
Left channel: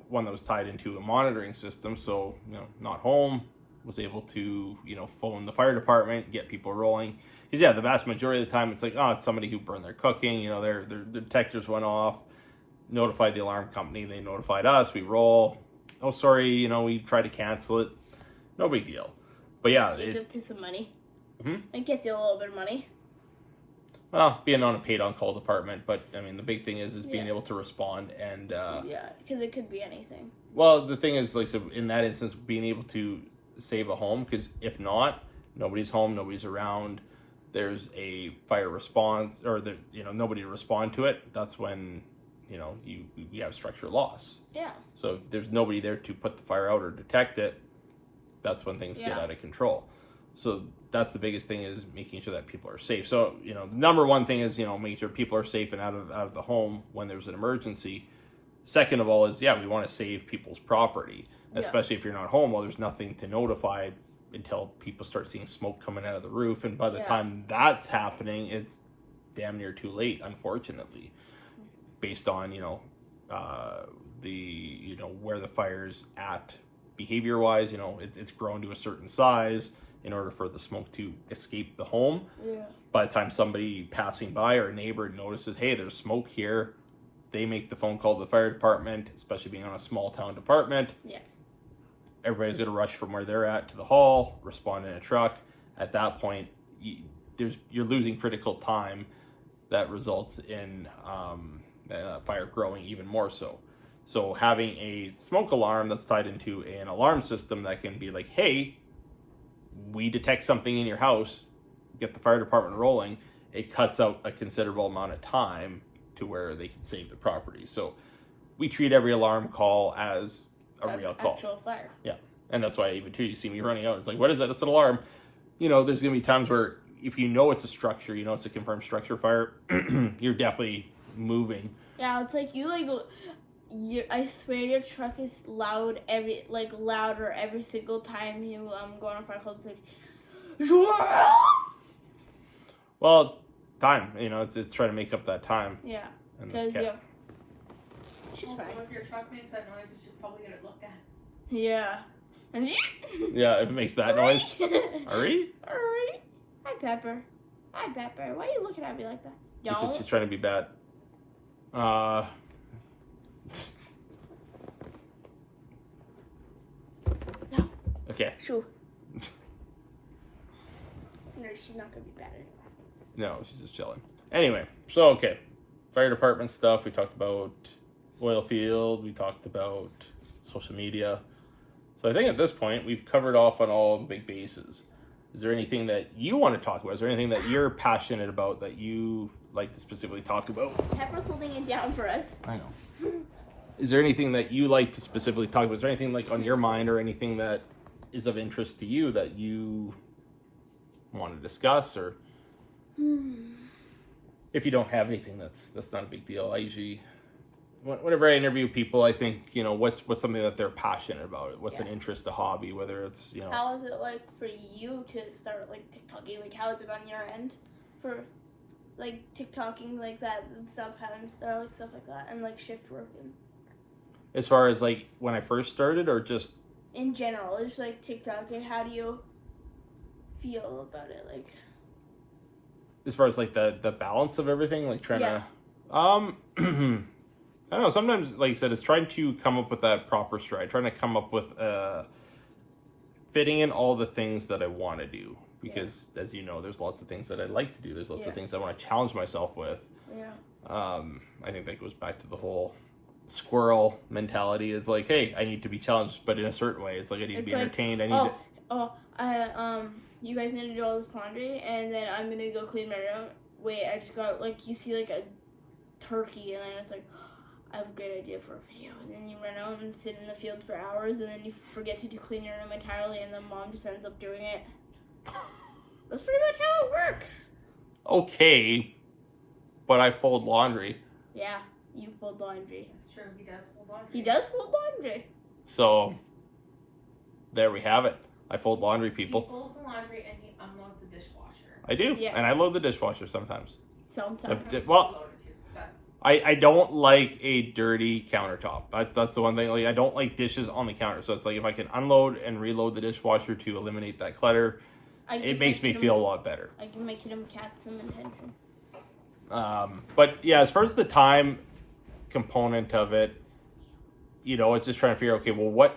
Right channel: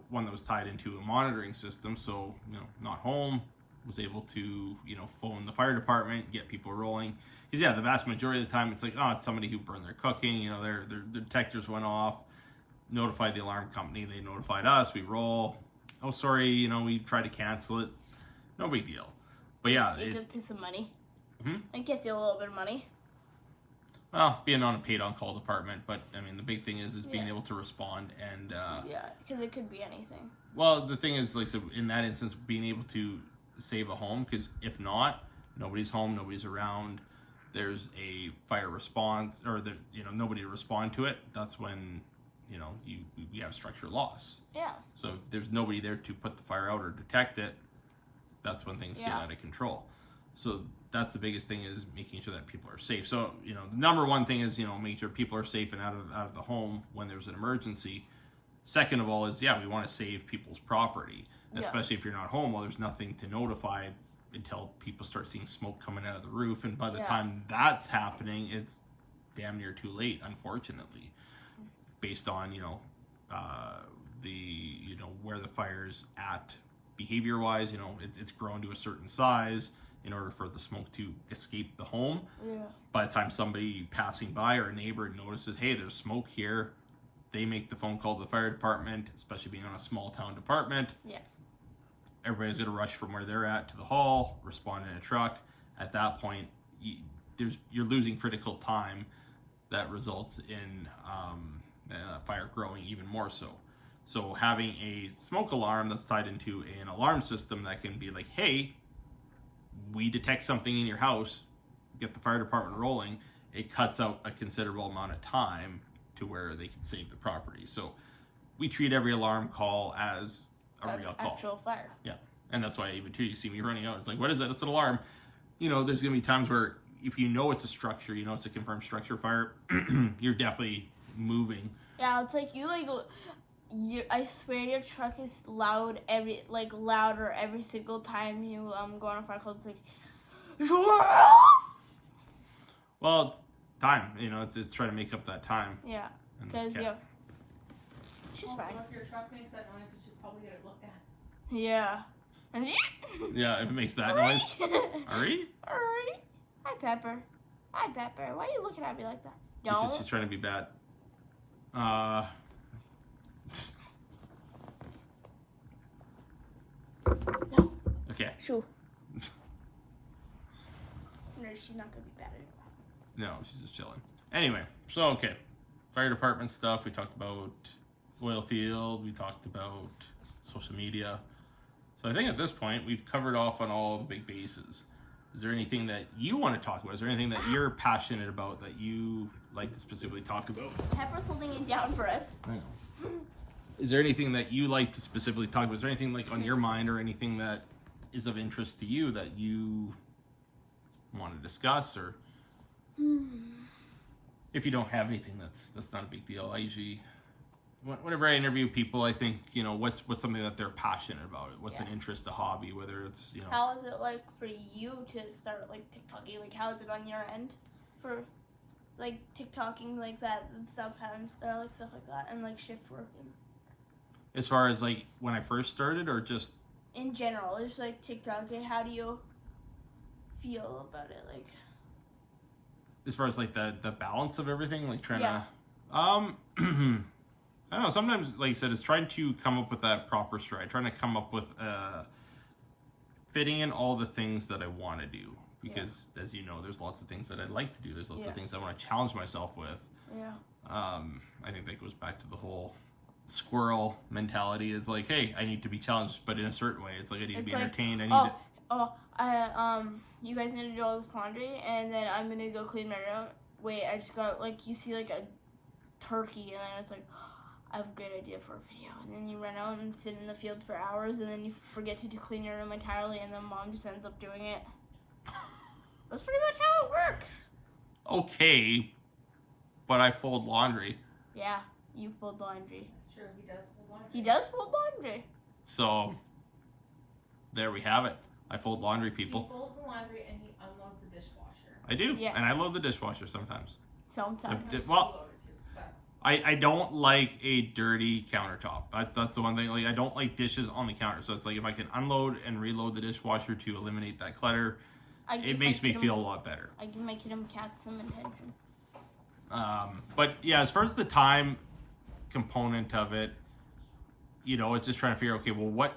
one that was tied into a monitoring system, so not home, was able to phone the fire department, get people rolling. Because the vast majority of the time it's like, oh, it's somebody who burned their cooking, their detectors went off, notified the alarm company, they notified us, we roll. Oh, sorry, we tried to cancel it. No big deal. But yeah, It gets you some money. Hmm? It gets you a little bit of money. Well, being on a paid-on-call department, but I mean, the big thing is being able to respond and. Yeah, because it could be anything. Well, the thing is, like, so in that instance, being able to save a home, because if not, nobody's home, nobody's around. There's a fire response, or nobody to respond to it. That's when you have structure loss. Yeah. So if there's nobody there to put the fire out or detect it, that's when things get out of control. So that's the biggest thing, is making sure that people are safe. So, the number one thing is, making sure people are safe and out of the home when there's an emergency. Second of all is, we want to save people's property, especially if you're not home. Well, there's nothing to notify until people start seeing smoke coming out of the roof. And by the time that's happening, it's damn near too late, unfortunately, based on, where the fire's at behavior-wise, you know, it's grown to a certain size in order for the smoke to escape the home. Yeah. By the time somebody passing by or a neighbor notices, hey, there's smoke here, they make the phone call to the fire department, especially being on a small town department. Yeah. Everybody's going to rush from where they're at to the hall, respond in a truck. At that point, you're losing critical time that results in fire growing even more so. So having a smoke alarm that's tied into an alarm system that can be like, hey, we detect something in your house, get the fire department rolling, it cuts out a considerable amount of time to where they can save the property. So we treat every alarm call as a real call. Actual fire. Yeah. And that's why even too, you see me running out. It's like, what is that? It's an alarm. You know, there's going to be times where if you know it's a structure, you know it's a confirmed structure fire, you're definitely moving. Yeah, it's like I swear your truck is louder every single time you go on a fire call. It's like, well, time. You know, it's trying to make up that time. yeah. And Because this cat. she's Also, fine. if your truck makes that noise, you should probably get it looked at. Yeah. And Yeah, if it makes that noise. Alright? Alright. Hi, Pepper. Hi, Pepper. Why are you looking at me like that? Because Don't. she's trying to be bad. No. Okay. Shoo. No, she's not gonna be bad. No, she's just chilling. Anyway, so okay. Fire department stuff. We talked about oil field. We talked about social media. So I think at this point we've covered off on all the big bases. Is there anything that you want to talk about? Is there anything that you're passionate about that you like to specifically talk about? Pepper's holding it down for us. I know. Is there anything that you like to specifically talk about? Is there anything like on your mind or anything that is of interest to you that you want to discuss? Or if you don't have anything, that's not a big deal. I usually, whenever I interview people, I think, you know, what's something that they're passionate about. What's an interest, a hobby, whether it's, you know. How is it like for you to start like TikToking? Like, how is it on your end for like TikToking like that and stuff, having like stuff like that, and like shift working? As far as like when I first started, or just In general, it's like TikTok. And how do you feel about it? Like, as far as like the balance of everything, like trying to, I don't know. Sometimes, like I said, it's trying to come up with that proper stride, trying to come up with fitting in all the things that I want to do. Because as you know, there's lots of things that I like to do. There's lots of things I want to challenge myself with. Yeah. I think that goes back to the whole squirrel mentality. It's like, hey, I need to be challenged, but in a certain way. It's like I need to be entertained. I need to. You guys need to do all this laundry, and then I'm gonna go clean my room. Wait, I just got like, you see like a turkey, and then it's like, I have a great idea for a video, and then you run out and sit in the field for hours, and then you forget to clean your room entirely, and then mom just ends up doing it. That's pretty much how it works. Okay, but I fold laundry. Yeah, you fold laundry. That's true. He does fold laundry. He does fold laundry. So there we have it. I fold laundry, He people. folds the laundry and he unloads the dishwasher. I do, Yes. and I load the dishwasher sometimes. Sometimes. Well, Loaded too. That's I don't like a dirty countertop. That's the one thing. Like, I don't like dishes on the counter. So it's like if I can unload and reload the dishwasher to eliminate that clutter, it makes me feel a lot better. I give my kid and cat some attention. But yeah, as far as the time component of it, you know, it's just trying to figure, okay, well, what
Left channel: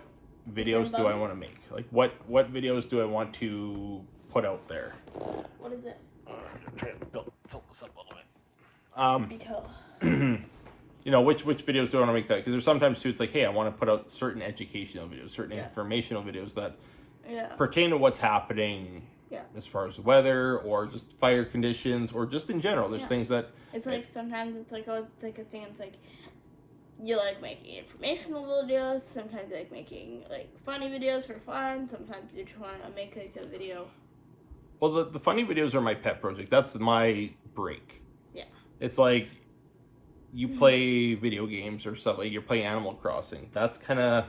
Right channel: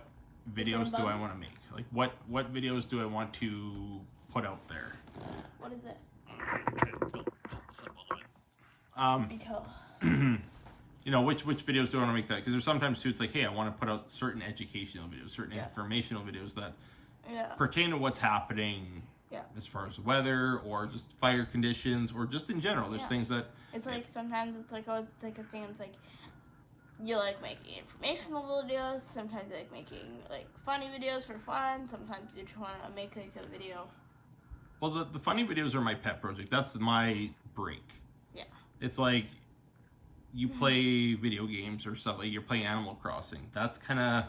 videos do I want to make? Like, what videos do I want to put out there? What is it? Try to fill this up a little bit. Detail. You know, which videos do I want to make that? Because there's sometimes too, it's like, hey, I want to put out certain educational videos, certain informational videos that pertain to what's happening as far as weather or just fire conditions or just in general. There's things that... It's like, sometimes it's like, oh, it's like a thing, it's like, you like making informational videos, sometimes you like making like funny videos for fun, sometimes you just want to make like a video. Well, the funny videos are my pet project. That's my break. Yeah. It's like you play video games or stuff, like you're playing Animal Crossing. That's kind of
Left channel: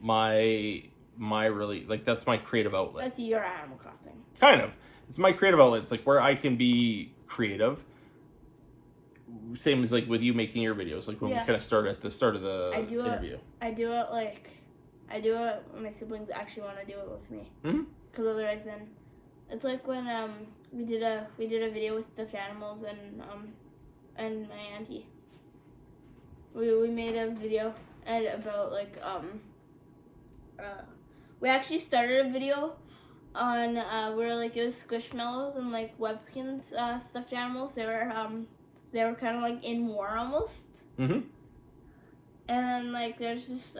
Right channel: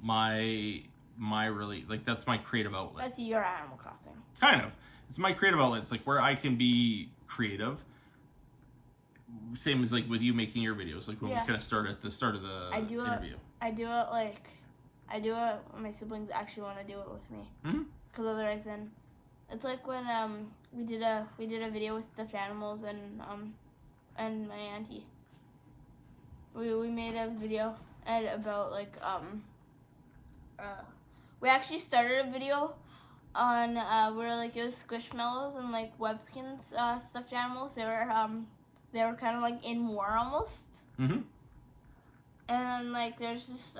my really, like, that's my creative outlet. That's your Animal Crossing. Kind of. It's my creative outlet. It's like where I can be creative. Same as like with you making your videos, like when we kind of start at the start of the interview. I do it like I do it when my siblings actually want to do it with me. Mhm. Because otherwise, then it's like when we did a video with stuffed animals and my auntie. We made a video and about like we actually started a video on where like it was Squishmallows and like Webkins stuffed animals. They were kind of like in war almost. Mhm. And then like there's just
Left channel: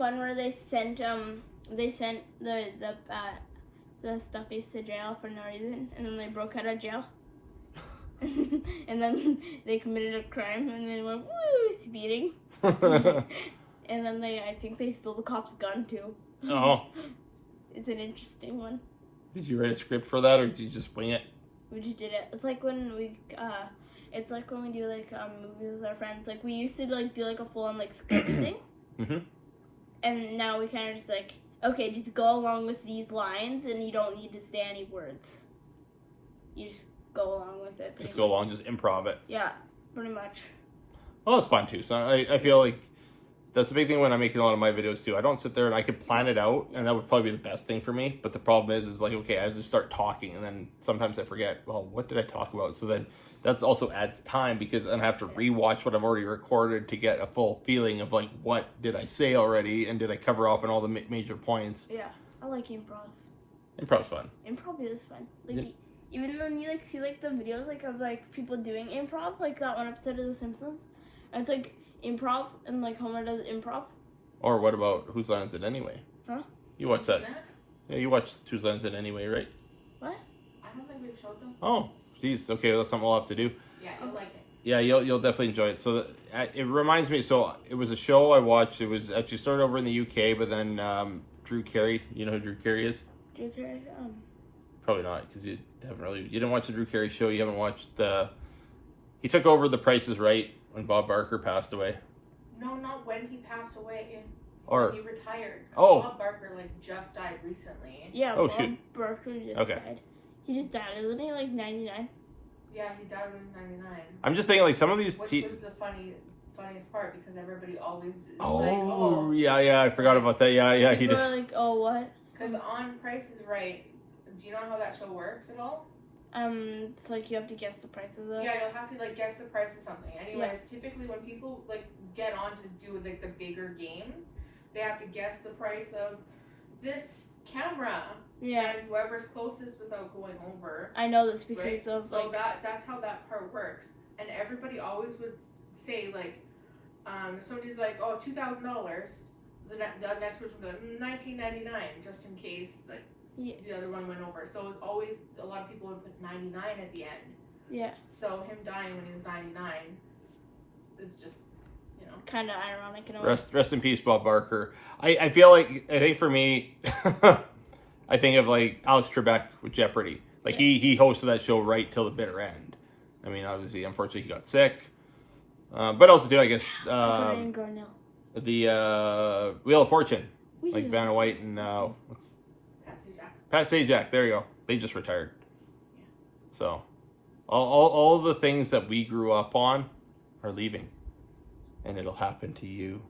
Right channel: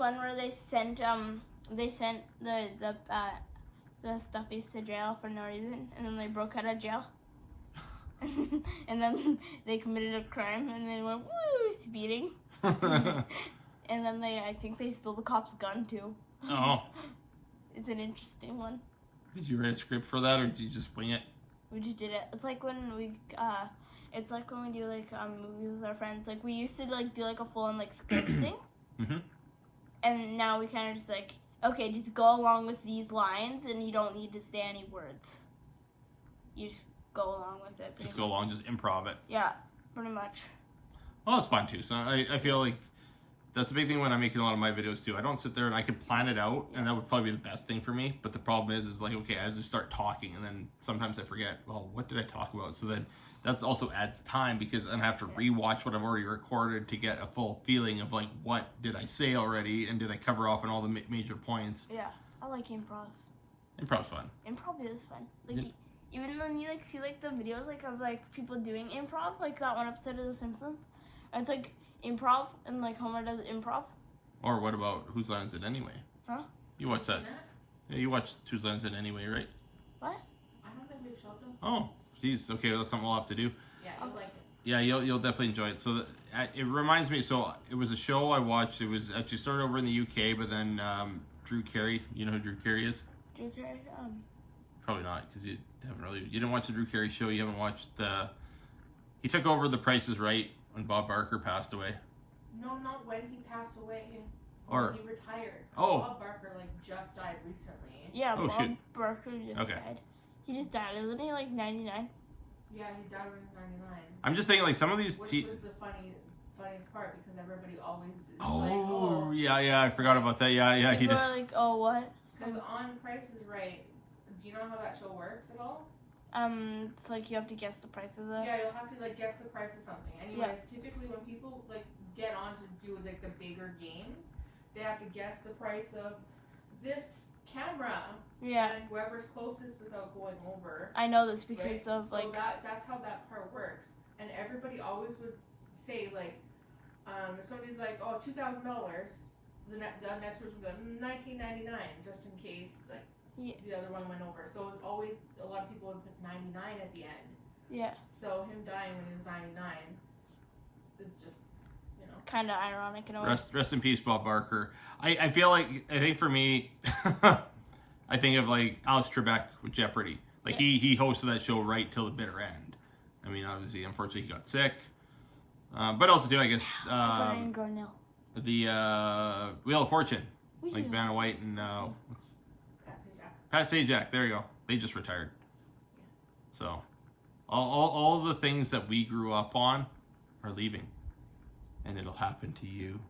one where they sent the stuffies to jail for no reason, and then they broke out of jail. And then they committed a crime, and they went woo speeding. And then I think they stole the cop's gun too. Oh. It's an interesting one. Did you write a script for that, or did you just wing it? We just did it. It's like when we do like movies with our friends. Like we used to like do like a full on like script thing. Mhm. And now we kind of just like, okay, just go along with these lines, and you don't need to say any words. You just go along with it. Just go along, just improv it. Yeah, pretty much. Well, it's fun too. So I feel like that's the big thing when I'm making a lot of my videos too. I don't sit there and I could plan it out, and that would probably be the best thing for me. But the problem is like, okay, I just start talking, and then sometimes I forget, well, what did I talk about? So then that's also adds time because I have to rewatch what I've already recorded to get a full feeling of like, what did I say already, and did I cover off on all the major points? Yeah, I like improv. Improv's fun. Improv is fun. Like Yeah. even when you like see like the videos like of like people doing improv, like that one episode of The Simpsons, and it's like improv and like Homer does improv. Or what about Whose Line Is It Anyway? Huh? You watch that? Yeah, you watched Whose Line Is It Anyway, right? What? I don't think we've showed them. Oh, geez. Okay, that's something we'll have to do. Yeah, you'll like it. Yeah, you'll definitely enjoy it. So it reminds me. So it was a show I watched. It was actually started over in the UK, but then Drew Carey. You know who Drew Carey is? Drew Carey. Probably not, because you didn't watch the Drew Carey show. You haven't watched. He took over The Price Is Right when Bob Barker passed away. No, not when he passed away. Or He retired. Oh. Bob Barker like just died recently. Yeah, Oh, Bob shoot. Barker just Okay. died. He just died, isn't he? Like 99. Yeah, he died when he was 99. I'm just thinking like some of these. Which was the funniest part because everybody always is like, Oh, yeah, I forgot about that. Yeah, he People just. are like, oh, what? Because on Price is Right, do you know how that show works at all? It's like you have to guess the price of the. Yeah, you'll have to like guess the price of something. Anyways, typically when people like get on to do like the bigger games, they have to guess the price of this camera. Yeah. And whoever's closest without going over. I know this because Right? of So like. that's how that part works. And everybody always would say like, if somebody's like, oh, $2,000, the next person would be like, $19.99, just in case like Yeah. the other one went over. So it's always a lot of people would put 99 at the end. Yeah. So him dying when he was 99 is just, you know. Kind of ironic in a way. Rest in peace, Bob Barker. I think for me, I think of like Alex Trebek with Jeopardy. Like he hosted that show right till the bitter end. I mean, obviously, unfortunately, he got sick. But also too, I guess, Garnell. the Wheel of Fortune, like Wheel. Vanna White and what's Patsy Jack. Pat Sajak. There you go. They just retired. So, all the things that we grew up on are leaving, and it'll happen to you.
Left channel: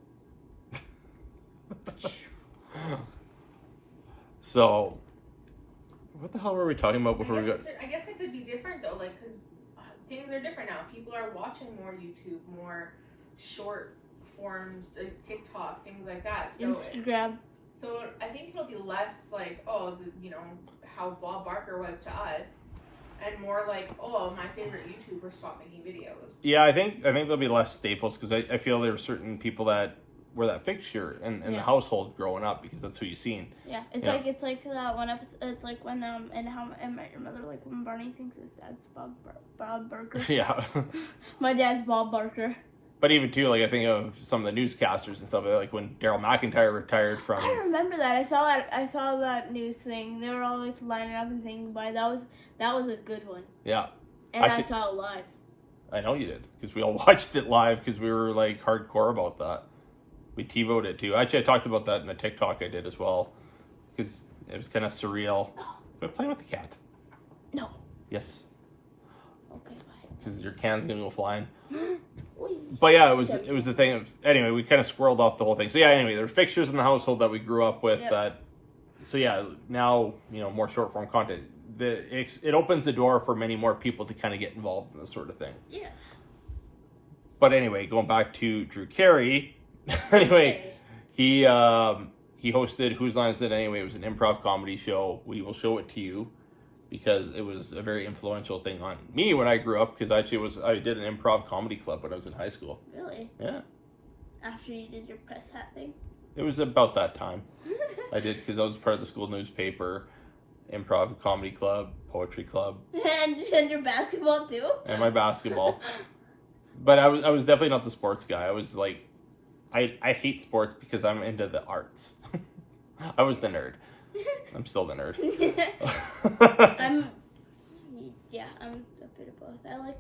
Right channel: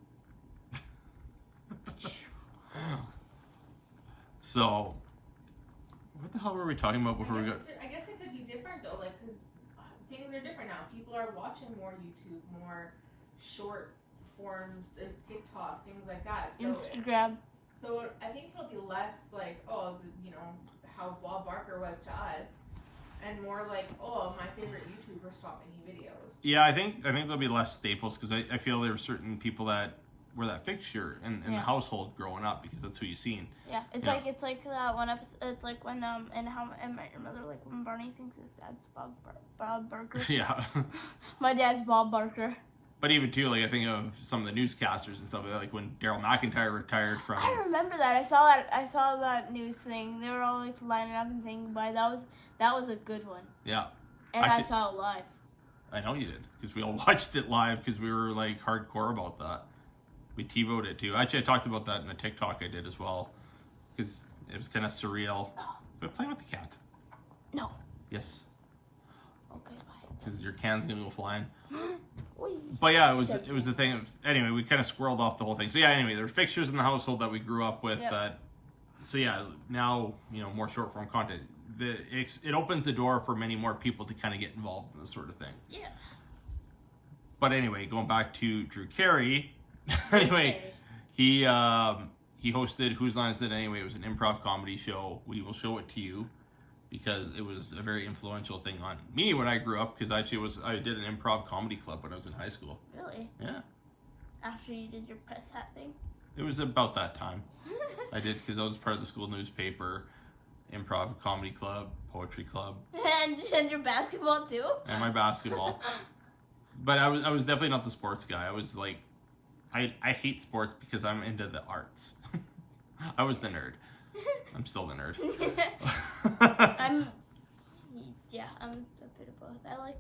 So, what the hell were we talking about before we got? I guess it could be different though, like because things are different now. People are watching more YouTube, more short forms, like TikTok, things like that. So Instagram. So I think it'll be less like, oh, you know, how Bob Barker was to us, and more like, oh, my favorite YouTuber stopped making videos. Yeah, I think there'll be less staples because I feel there were certain people that were that fixture in the household growing up because that's who you seen. Yeah, it's like that one episode. It's like when and How I Met Your Mother, like when Barney thinks his dad's Bob Barker. Yeah. My dad's Bob Barker. But even too, like I think of some of the newscasters and stuff like when Daryl McIntyre retired I from. remember that. I saw that news thing. They were all like lining up and saying goodbye. That was a good one. Yeah. And Actually, I saw it live. I know you did because we all watched it live because we were like hardcore about that. We TiVo'd it too. Actually, I talked about that in a TikTok I did as well because it was kind of surreal. But playing with the cat. No. Yes. Okay, bye. Because your can's gonna go flying. But yeah, it was the thing of, anyway, we kind of squirreled off the whole thing. So yeah, anyway, there are fixtures in the household that we grew up with that. So yeah, now, more short form content. It opens the door for many more people to kind of get involved in this sort of thing. Yeah. But anyway, going back to Drew Carey. Anyway, he hosted Whose Line Is It Anyway? It was an improv comedy show. We will show it to you because it was a very influential thing on me when I grew up. Because actually, I did an improv comedy club when I was in high school. Really? Yeah. After you did your press hat thing. It was about that time. I did because I was part of the school newspaper, improv comedy club, poetry club, and your basketball too. And my basketball. But I was definitely not the sports guy. I was like, I hate sports because I'm into the arts. I was the nerd. I'm still the nerd. I'm a bit of both. I like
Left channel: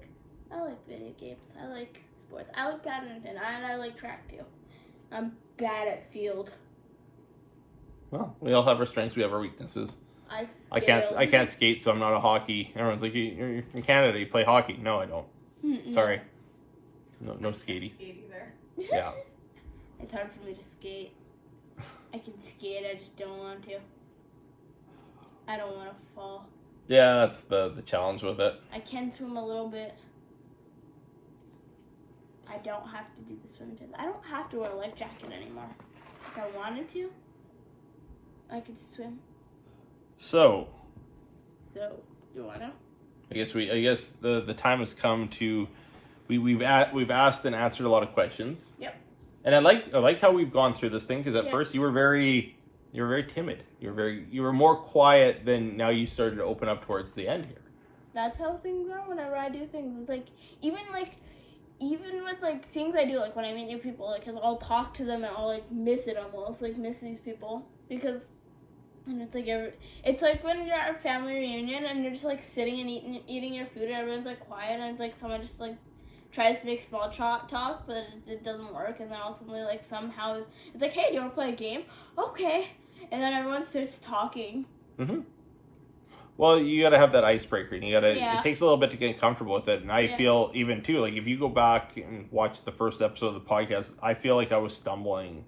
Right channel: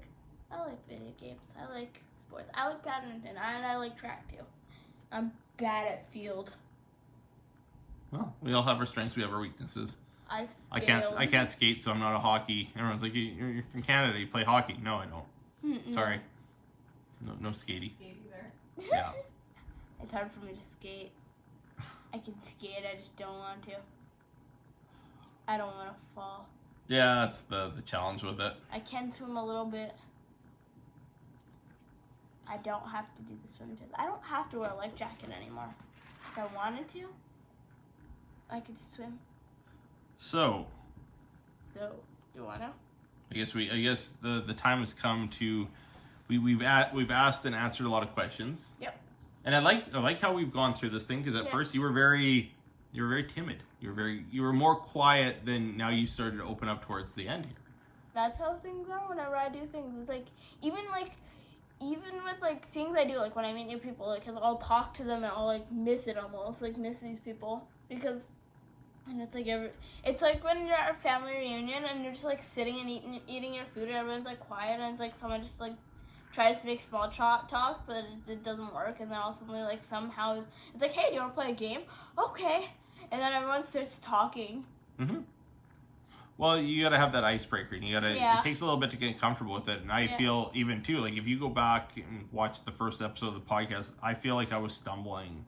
video games. I like sports. I like badminton, and I like track too. I'm bad at field. Well, we all have our strengths. We have our weaknesses. I can't skate, so I'm not a hockey. Everyone's like, you're from Canada. You play hockey? No, I don't. Sorry. No skatey. Yeah. It's hard for me to skate. I can skate, I just don't want to. I don't want to fall. Yeah, that's the challenge with it. I can swim a little bit. I don't have to do the swim test. I don't have to wear a life jacket anymore. If I wanted to, I could swim. So, you wanna? I guess the time has come to we've asked and answered a lot of questions. Yep. And I like how we've gone through this thing because at first you were very timid. You were more quiet than now you started to open up towards the end here. That's how things are whenever I do things. It's like even with like things I do, like when I meet new people, like 'cause I'll talk to them and I'll like miss it almost, like miss these people because. And it's like when you're at a family reunion and you're just like sitting and eating your food and everyone's like quiet and it's like someone just like tries to make small talk but it doesn't work and then all of a sudden like somehow it's like, hey, do you want to play a game? Okay. And then everyone starts talking. Mm-hmm. Well, you got to have that icebreaker. And it takes a little bit to get comfortable with it. And I feel even too, like if you go back and watch the first episode of the podcast, I feel like I was stumbling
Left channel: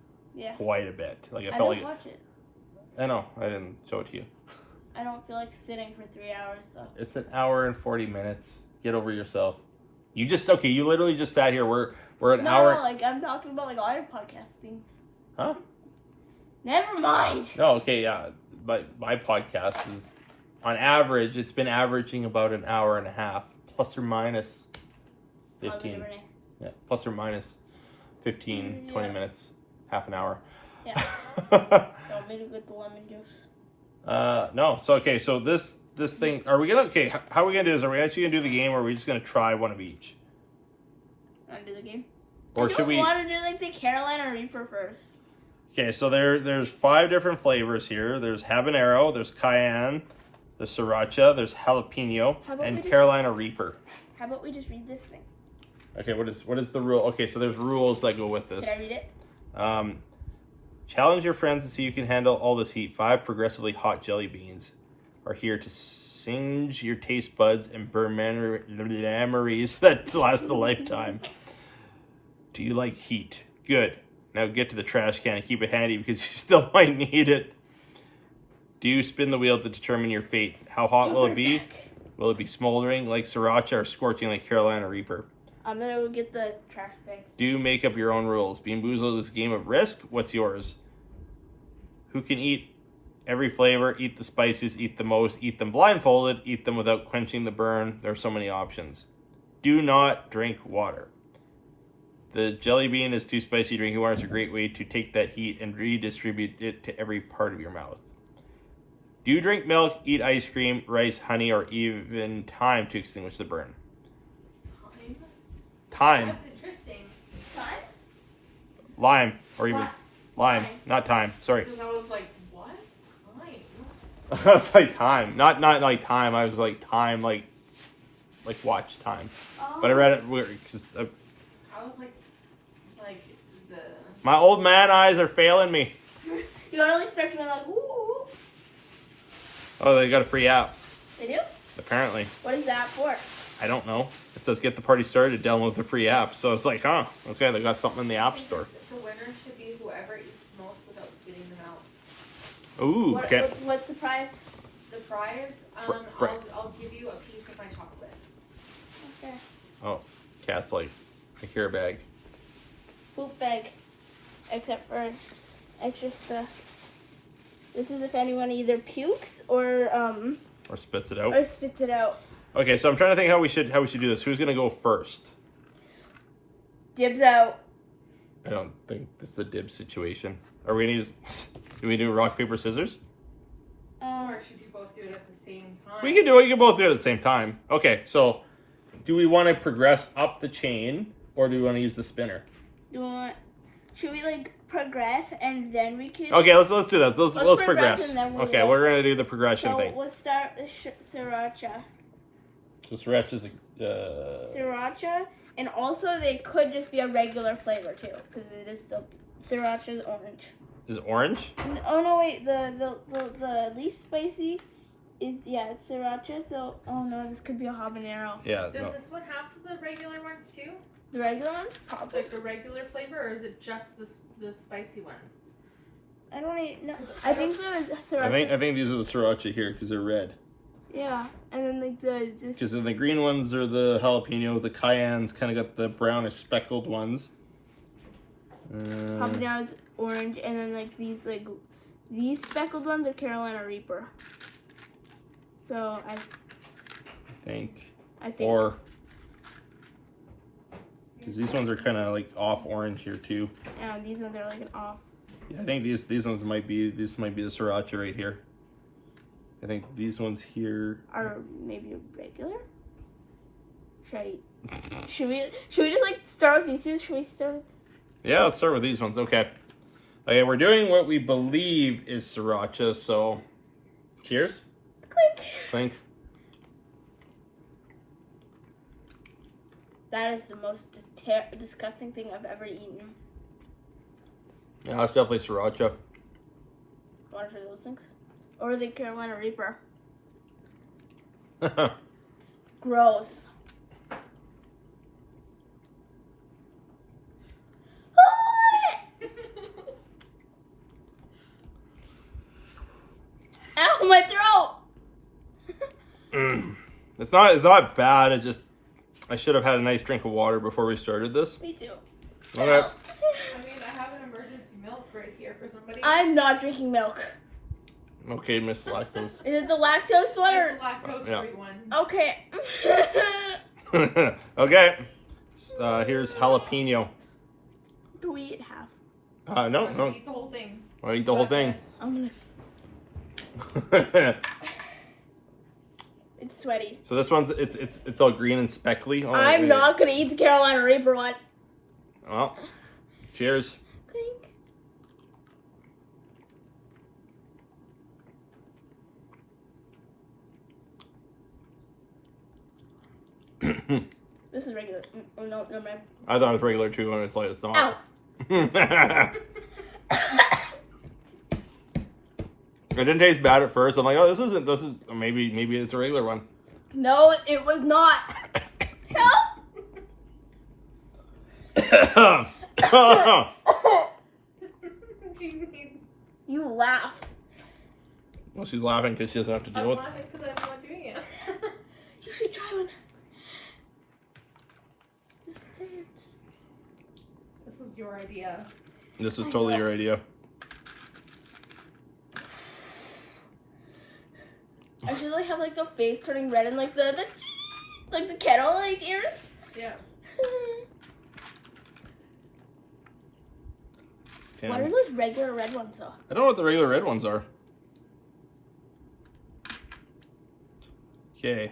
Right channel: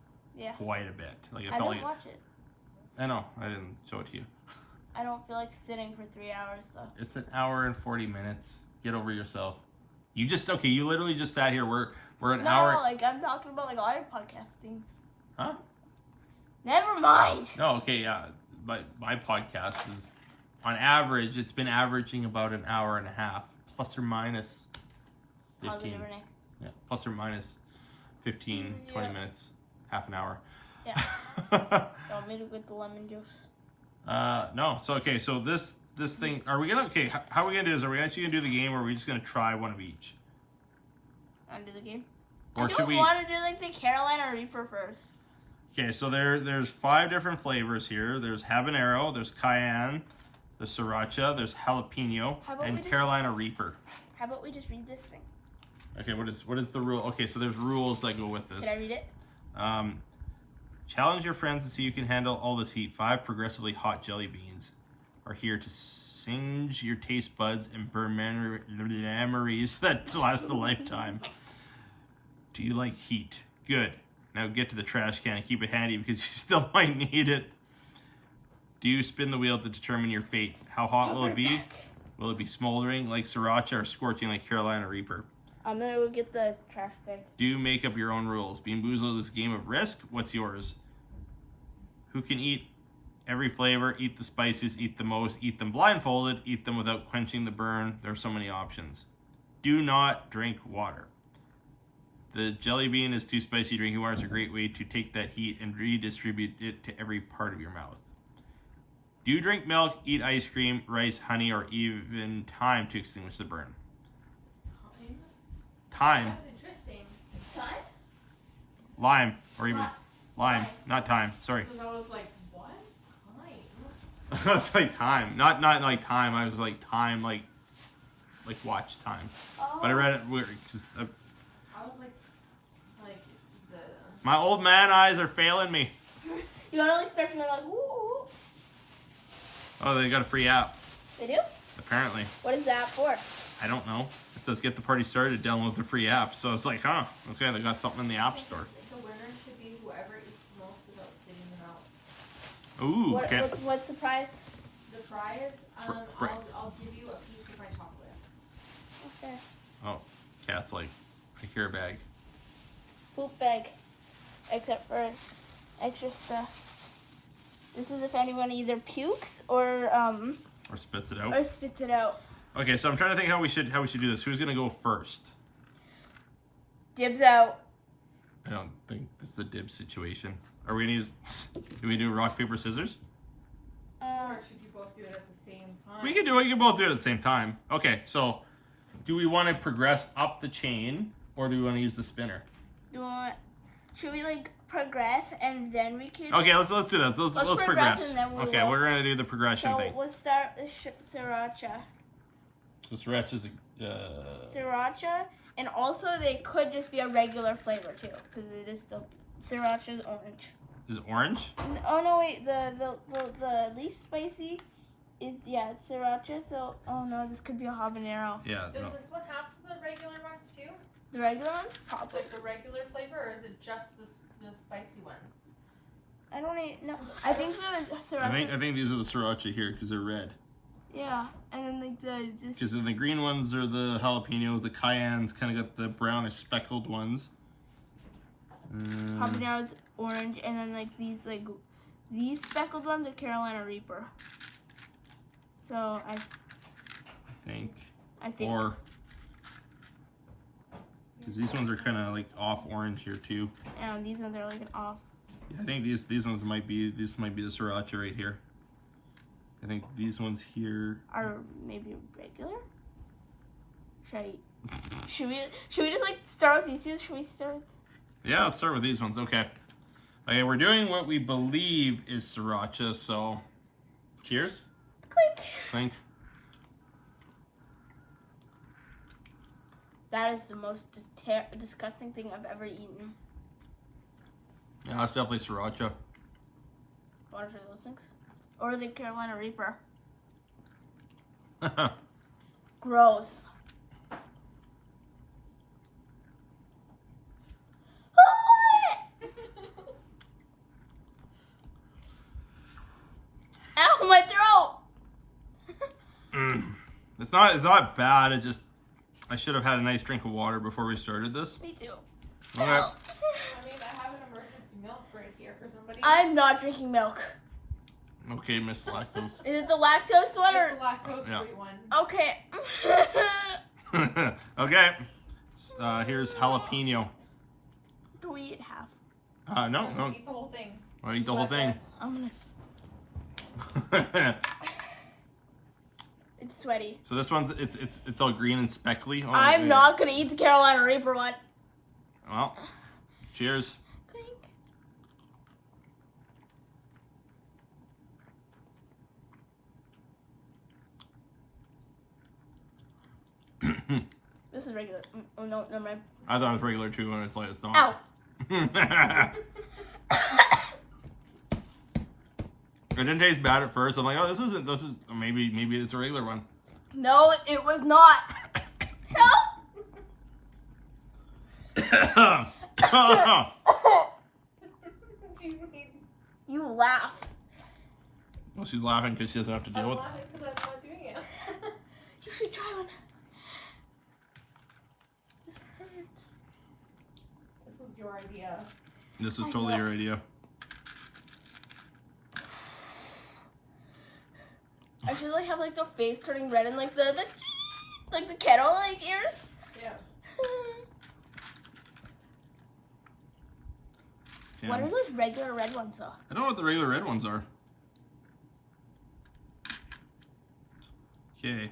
quite a bit. Like I felt like watch it. I know. I didn't show it to you. I don't feel like sitting for 3 hours, though. It's an hour and 40 minutes. Get over yourself. You literally just sat here. We're an hour. No, like, I'm talking about, like, all your podcast things. Huh? Never mind. No, okay, yeah. My podcast is, on average, it's been averaging about an hour and a half, plus or minus 15. Yeah, plus or minus 15, 20 minutes, half an hour. Yeah. Got me with the lemon juice. No. So okay. So this thing. Are we gonna? Okay. How are we gonna do this? Are we actually gonna do the game, or are we just gonna try one of each? Want to do the game? Or should we? I want to do like the Carolina Reaper first. Okay. So there's 5 different flavors here. There's habanero. There's cayenne. There's sriracha. There's jalapeno and Carolina Reaper. How about we just read this thing? Okay. What is the rule? Okay. So there's rules that go with this. Can I read it? Challenge your friends to see you can handle all this heat. 5 progressively hot jelly beans are here to singe your taste buds and burn memories that last a lifetime. Do you like heat? Good. Now get to the trash can and keep it handy because you still might need it. Do you spin the wheel to determine your fate? How hot will it be? Will it be smoldering like sriracha or scorching like Carolina Reaper? I'm gonna go get the trash bag. Do you make up your own rules? Bean Boozled is a game of risk. What's yours? Who can eat every flavor, eat the spices, eat the most, eat them blindfolded, eat them without quenching the burn? There are so many options. Do not drink water. The jelly bean is too spicy. Drinking water is a great way to take that heat and redistribute it to every part of your mouth. Do you drink milk, eat ice cream, rice, honey, or even thyme to extinguish the burn? Thyme. That's interesting. Time? Lime, or even lime, not thyme. Sorry. Because I was like, what? Lime? I was like time, not like time. I was like time, like watch time. Oh. But I read it weird because I was like the. my old man eyes are failing me. You want to like start going like, ooh. Oh, they got a free app. They do? Apparently. What is that for? I don't know. says get the party started, download the free app. So it's like, huh, okay, they got something in the app store. The winner should be whoever eats the most without spitting them out. Ooh, okay. What's the prize? The prize, Right. I'll give you a piece of my chocolate. Okay. Oh, Cat's like, I hear a bag. Poop bag. Except for it's just this is if anyone either pukes or spits it out. or spits it out. Okay, so I'm trying to think how we should do this. Who's gonna go first? Dibs out. I don't think this is a dib situation. Are we gonna use? Do we do rock paper scissors? Or should you both do it at the same time? We can do it. You can both do it at the same time. Okay, so do we want to progress up the chain or do we want to use the spinner? Should we like progress and then we can? Okay, let's do that. So let's progress. and then we'll Okay, we're gonna do the progression So thing. we'll start with sriracha. So sriracha is Sriracha, and also they could just be a regular flavor too, because it is still sriracha is orange. is orange. Oh no, wait, the least spicy is it's sriracha. So no, this could be a habanero. Yeah. Does No. this one have the regular ones too? The regular one, probably. Like the regular flavor, or is it just the spicy one? I don't even know. I think the sriracha. I think these are the sriracha here because they're red. Yeah, and then like this. Because the green ones are the jalapeno. The cayenne's kind of got the brownish speckled ones. Habanero's orange, and then like these speckled ones are Carolina Reaper. So I think. Or because these ones are kind of like off orange here too. these ones are like an off. Yeah, I think these ones might be the sriracha right here. I think these ones here Are maybe regular. Should we just like start with these two? Should we start with? Yeah, let's start with these ones. Okay. Okay, we're doing what we believe is sriracha, so cheers. Clink. Clink. That is the most disgusting thing I've ever eaten. Yeah, it's definitely sriracha. One of those things. Or the Carolina Reaper. Gross. Ow, my throat! It's not bad. It's just I should have had a nice drink of water before we started this. Me too. Okay. I mean, I have an emergency milk right here for somebody. I'm not drinking milk. Okay, Miss Lactose. Is it the lactose one or? It's the lactose-free Yeah. one. Okay. Okay. Here's jalapeno. Do we eat half? No. Eat the whole thing. I'll eat the whole thing. I'm It's sweaty. So this one's it's all green and speckly. Oh, I'm not gonna eat the Carolina Reaper one. Well, cheers. This is regular. Oh no, never mind. I thought it was regular too, and it's like it's not. Ow. It didn't taste bad at first. I'm like, oh, this is maybe it's a regular one. No, it was not. Help! You laugh. Well, she's laughing because she doesn't have to deal I'm with. laughing because I'm not doing it. You should try one. This was your idea. This was totally your idea. I should like have like the face turning red and like the like the kettle like ears. Yeah. Damn. What are those regular red ones though? I don't know what the regular red ones are. Okay.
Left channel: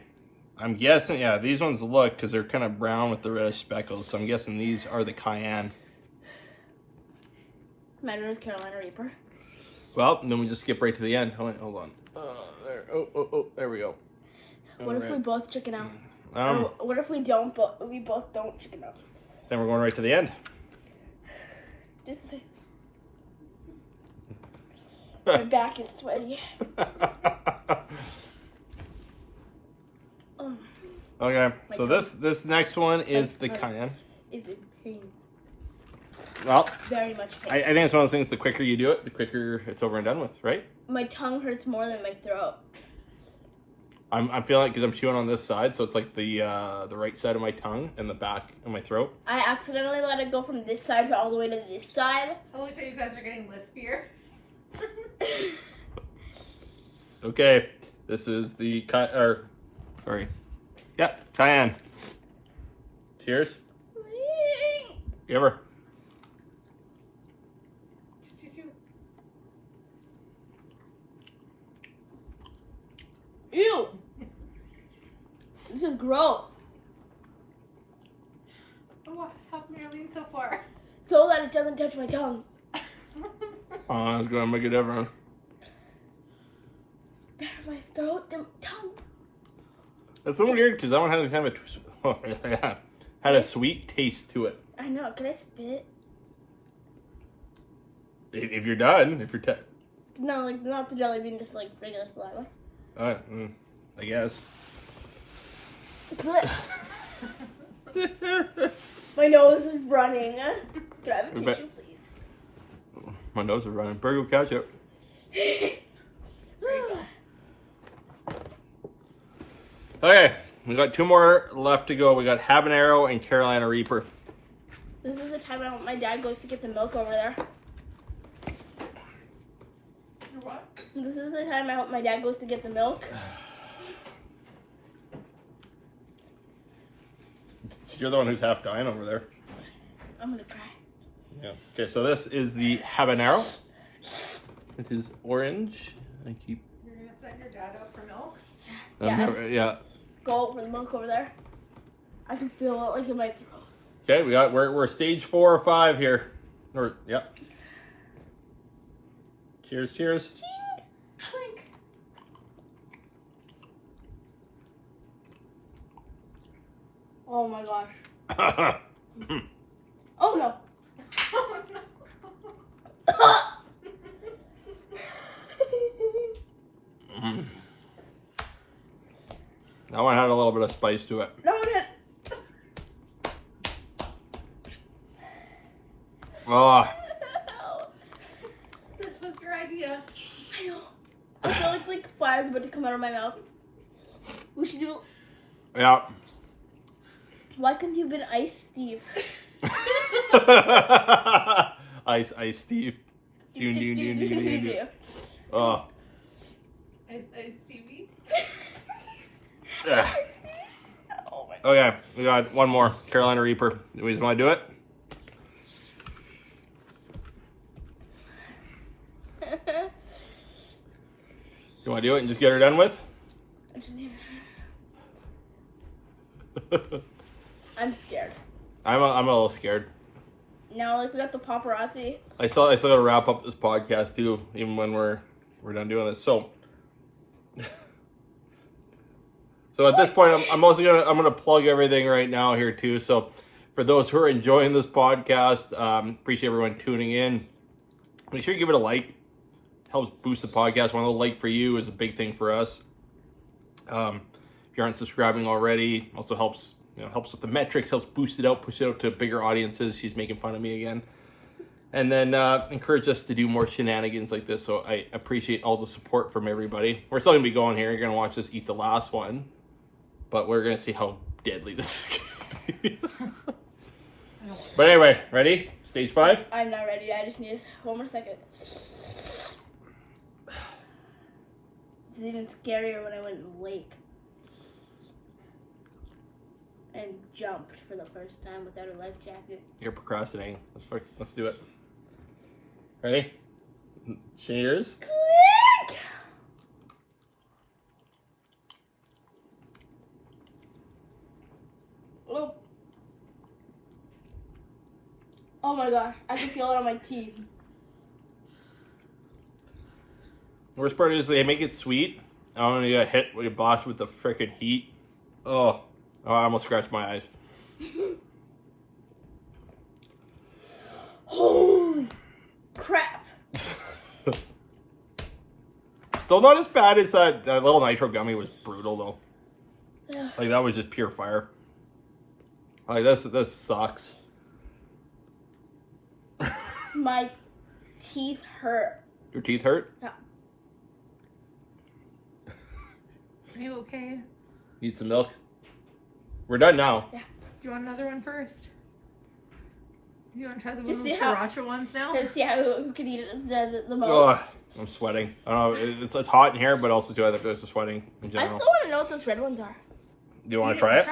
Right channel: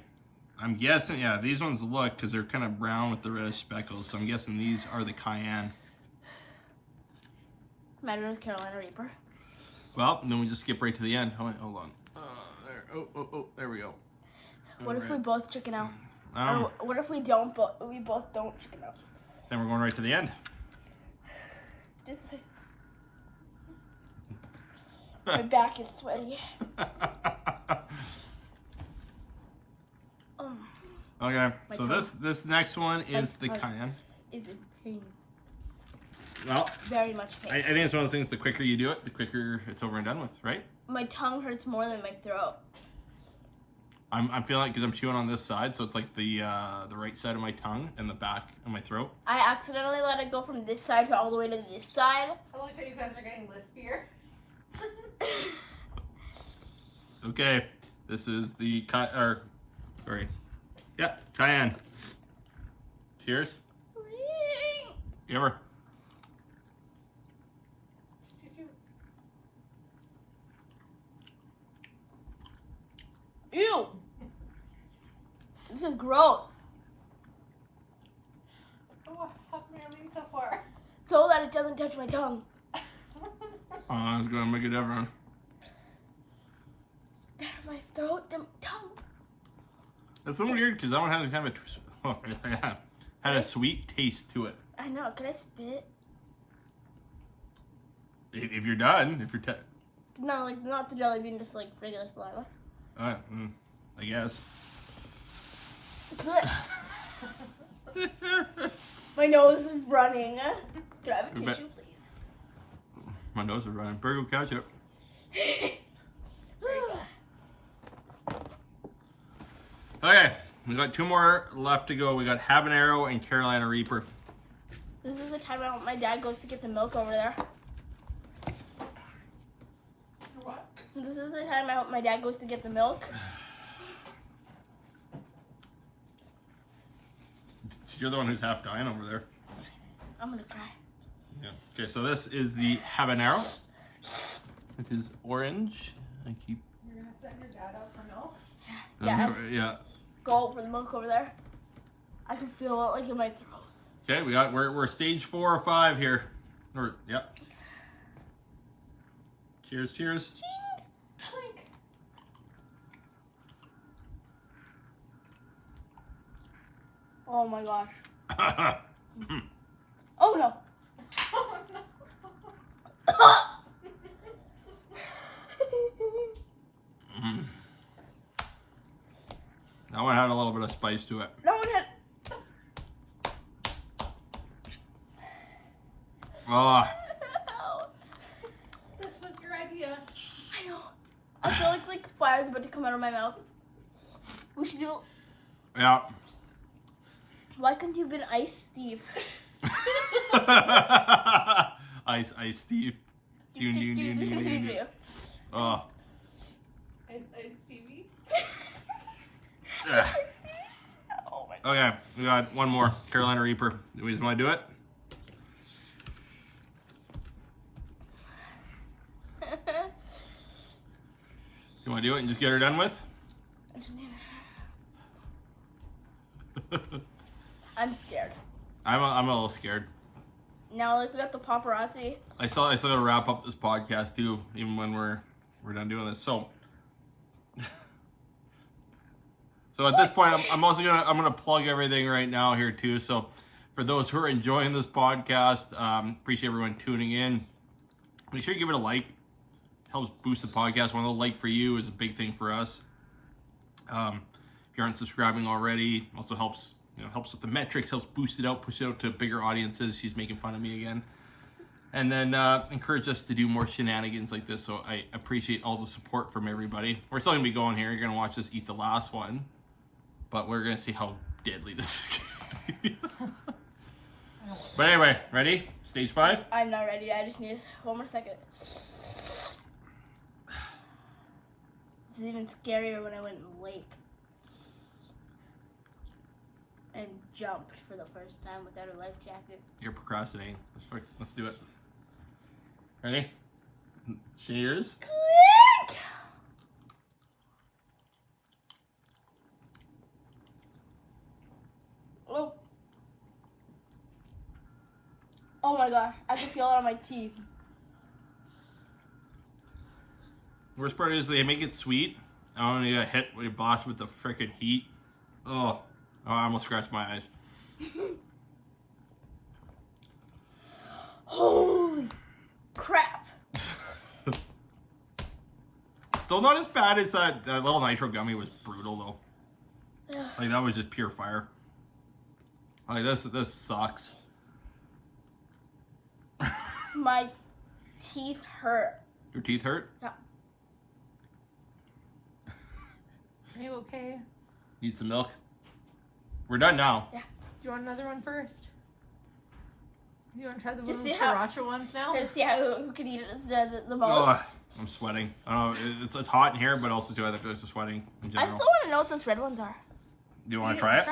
I'm guessing, yeah, these ones look, because they're kind of brown with the reddish speckles, so I'm guessing these are the cayenne. Matter is Carolina Reaper. Well, then we just skip right to the end. Hold on. There. Oh, there we go. What if we both chicken out? Um, Or what if we we both don't chicken out? then we're going right to the end. Just my back is sweaty. Okay, My so tongue. this next one is the My- cayenne. Is in pain. Well, Very much pain. I think it's one of those things. The quicker you do it, the quicker it's over and done with, right? My tongue hurts more than my throat. I'm feeling it because I'm chewing on this side, so it's like the right side of my tongue and the back of my throat. I accidentally let it go from this side to all the way to this side. I like that you guys are getting lispier. Okay, this is the cayenne. Cheers. You ever? Ew! This is gross. Oh, how come you're leaning so far? So that it doesn't touch my tongue. Oh, it's gonna make a difference. Better my throat than tongue. That's so weird because that one had kind of had a sweet taste to it. I know. Can I spit? If you're done, if you're No, like not the jelly bean, just like regular saliva. I guess. My nose is running. Can I have a Everybody- tissue, please? My nose is running. Burger ketchup. Okay, we got two more left to go. We got habanero and Carolina Reaper. This is the time my dad goes to get the milk over there. You're what? This is the time I hope my dad goes to get the milk. You're the one who's half dying over there. I'm gonna cry. Yeah. Okay, so this is the habanero. It is orange. I keep. You're gonna send your dad out for milk? Yeah. Yeah. Go for the milk over there. I can feel it like in my throat. Okay, we're stage 4 or 5 here. Or yep. Cheers, cheers. Clink. Oh my gosh. Oh no. Oh, no. That one had a little bit of spice to it. No, no. Oh, This was your idea. I know. I feel like fire's about to come out of my mouth. We should do. yeah. Why couldn't you have been Ice Steve? Ice Steve. Doon, doon, doon, doon, doon, doon. Oh. Ice Stevie. Ugh. Oh my. Okay, we got one more. Carolina Reaper. Do we want to do it? You want to do it and just get her done with? I'm scared. I'm a little scared. Now, like we got the paparazzi. I still got to wrap up this podcast too, even when we're done doing this. So, so at this point, I'm also gonna plug everything right now here too. So, for those who are enjoying this podcast, appreciate everyone tuning in. Make sure you give it a like. Helps boost the podcast. One little like for you is a big thing for us. If you aren't subscribing already, also helps with the metrics, helps boost it out, push it out to bigger audiences. She's making fun of me again. And then encourage us to do more shenanigans like this. So I appreciate all the support from everybody. We're still going to be going here. You're going to watch us eat the last one. But we're going to see how deadly this is going to be. But anyway, ready? Stage 5? I'm not ready. I just need one more second. This is even scarier when I went in the lake and jumped for the first time without a life jacket. You're procrastinating. Let's do it. Ready? Cheers. Quick! Oh. Oh my gosh, I can feel it on my teeth. The worst part is they make it sweet. I don't know, you got hit with your boss with the frickin' heat. Oh, I almost scratched my eyes. Holy crap. Still not as bad as that little nitro gummy was brutal though. Like, that was just pure fire. Like, this sucks. My teeth hurt. Your teeth hurt? Yeah. You okay? Need some milk? We're done now. Yeah. Do you want another one first? You want to try the Just little see how- sriracha ones now? Let's see who can eat it the most. Ugh, I'm sweating. I don't know. It's hot in here, but also too, I think it's sweating in I general. still want to know what those red ones are. Do you want to try it?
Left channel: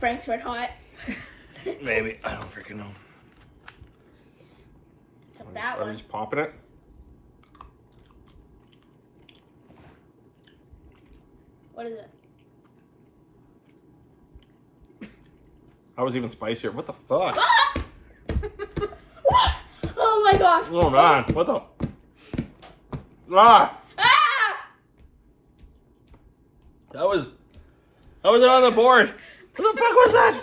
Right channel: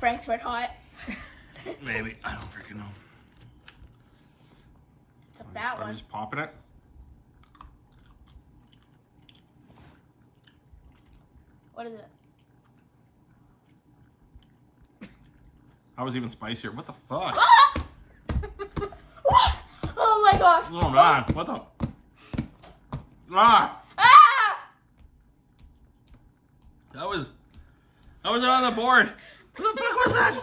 Frank's Red Hot. Maybe. I don't freaking know. It's a fat Are we one. just popping it? What is it? That was even spicier. What the fuck? Oh my gosh. Oh man, what the? Ah! Ah! That was it on the board. What the fuck was that?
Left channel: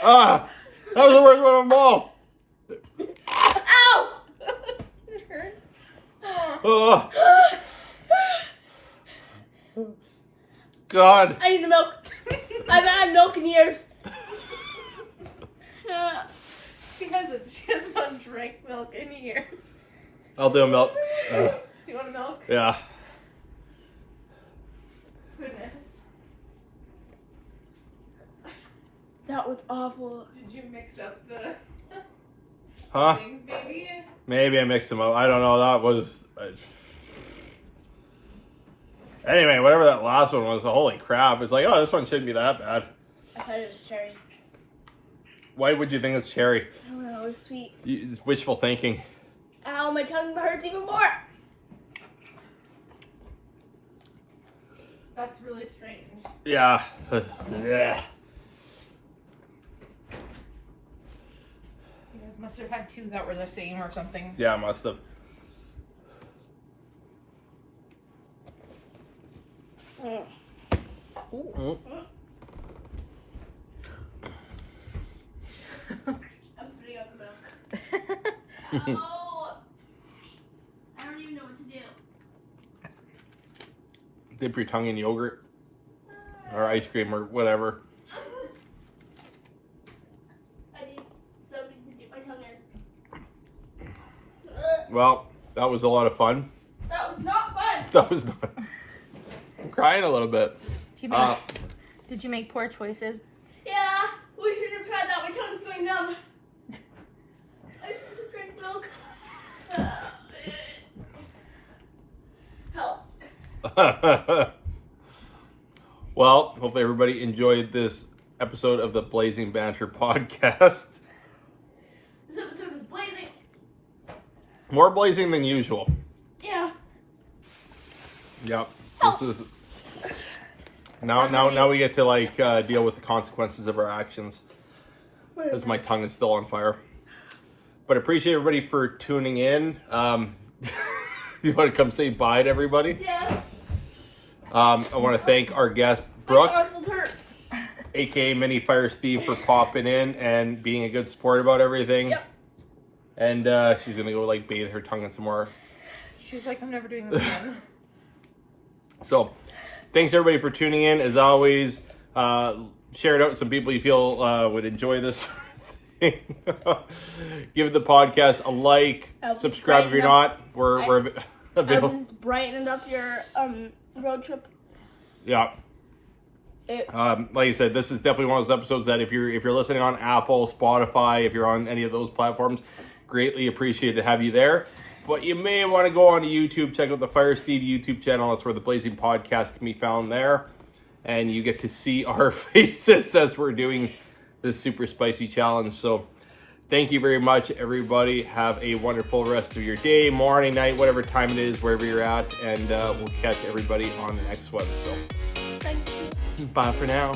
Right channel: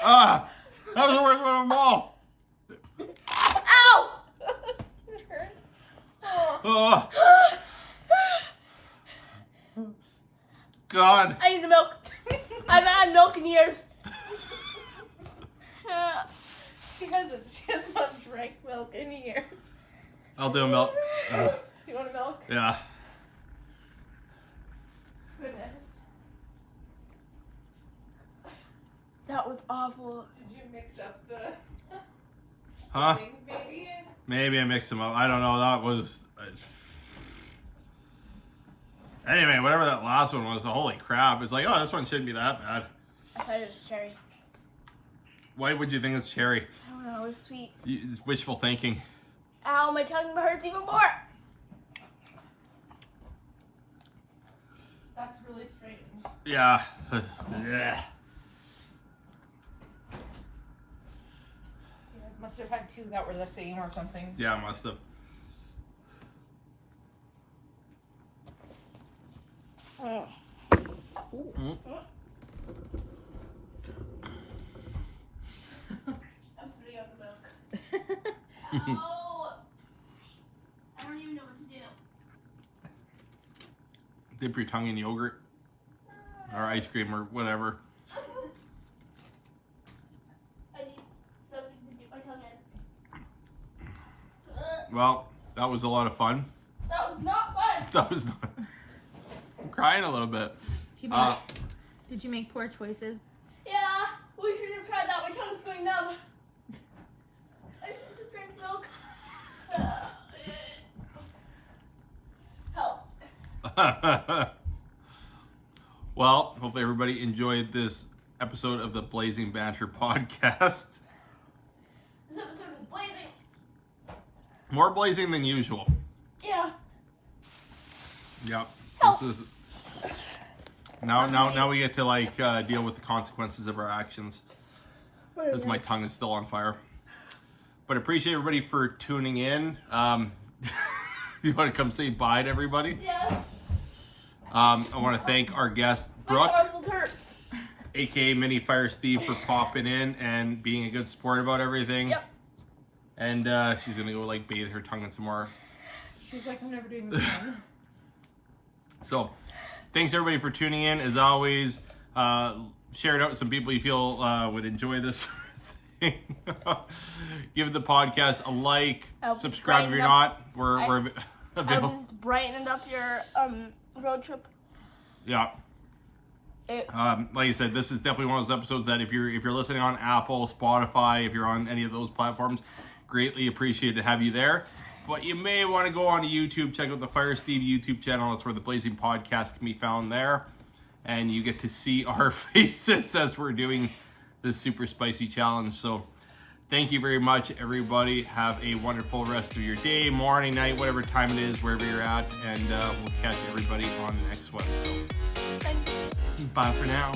Ah! That was the worst one of them all. Ow! It hurt. Oh. God. I need the milk. I haven't had milk in years. She has not drank milk in years. I'll do a milk. You want milk? Yeah. Goodness. That was awful. Did you mix up the Huh? things, baby? Maybe I mixed them up. I don't know. That was. Anyway, whatever that last one was, holy crap. It's like, oh, this one shouldn't be that bad. I thought it was cherry. Why would you think it's cherry? I don't know, it was sweet. It's wishful thinking. Ow, my tongue hurts even more. That's really strange. Yeah. Yeah. You guys must have had two that were the same or something. Yeah, I must have. Mm. Mm. I'm spitting out the milk. Oh, I don't even know what to do. Dip your tongue in yogurt or ice cream or whatever. I need something to dip my tongue in. Well, that was a lot of fun. That was not fun. That was not. I'm crying a little bit. Did you make poor choices? Yeah, we should have tried that. My tongue's going numb. I should have drank milk. Help. Well, hopefully everybody enjoyed this episode of the Blazing Banter podcast. This episode is blazing. More blazing than usual. Yeah. Yep. This is now we get to like deal with the consequences of our actions, as my tongue is still on fire. But appreciate everybody for tuning in. You want to come say bye to everybody? Yeah. I want to thank our guest Brooke, My muscles hurt. aka Mini Fire Steve, for popping in and being a good sport about everything. Yep. And she's gonna go like bathe her tongue in some more. She's like, I'm never doing this again. So, thanks everybody for tuning in. As always, share it out with some people you feel would enjoy this. Give the podcast a like, subscribe if you're not. We're available. It's brightening up your road trip. Yeah. Like I said, this is definitely one of those episodes that if you're listening on Apple, Spotify, if you're on any of those platforms, greatly appreciate to have you there. But you may want to go on to YouTube, check out the Fire Steve YouTube channel. That's where the Blazing Podcast can be found there. And you get to see our faces as we're doing this super spicy challenge. So thank you very much, everybody. Have a wonderful rest of your day, morning, night, whatever time it is, wherever you're at. And we'll catch everybody on the next one. So Thank you. bye for now.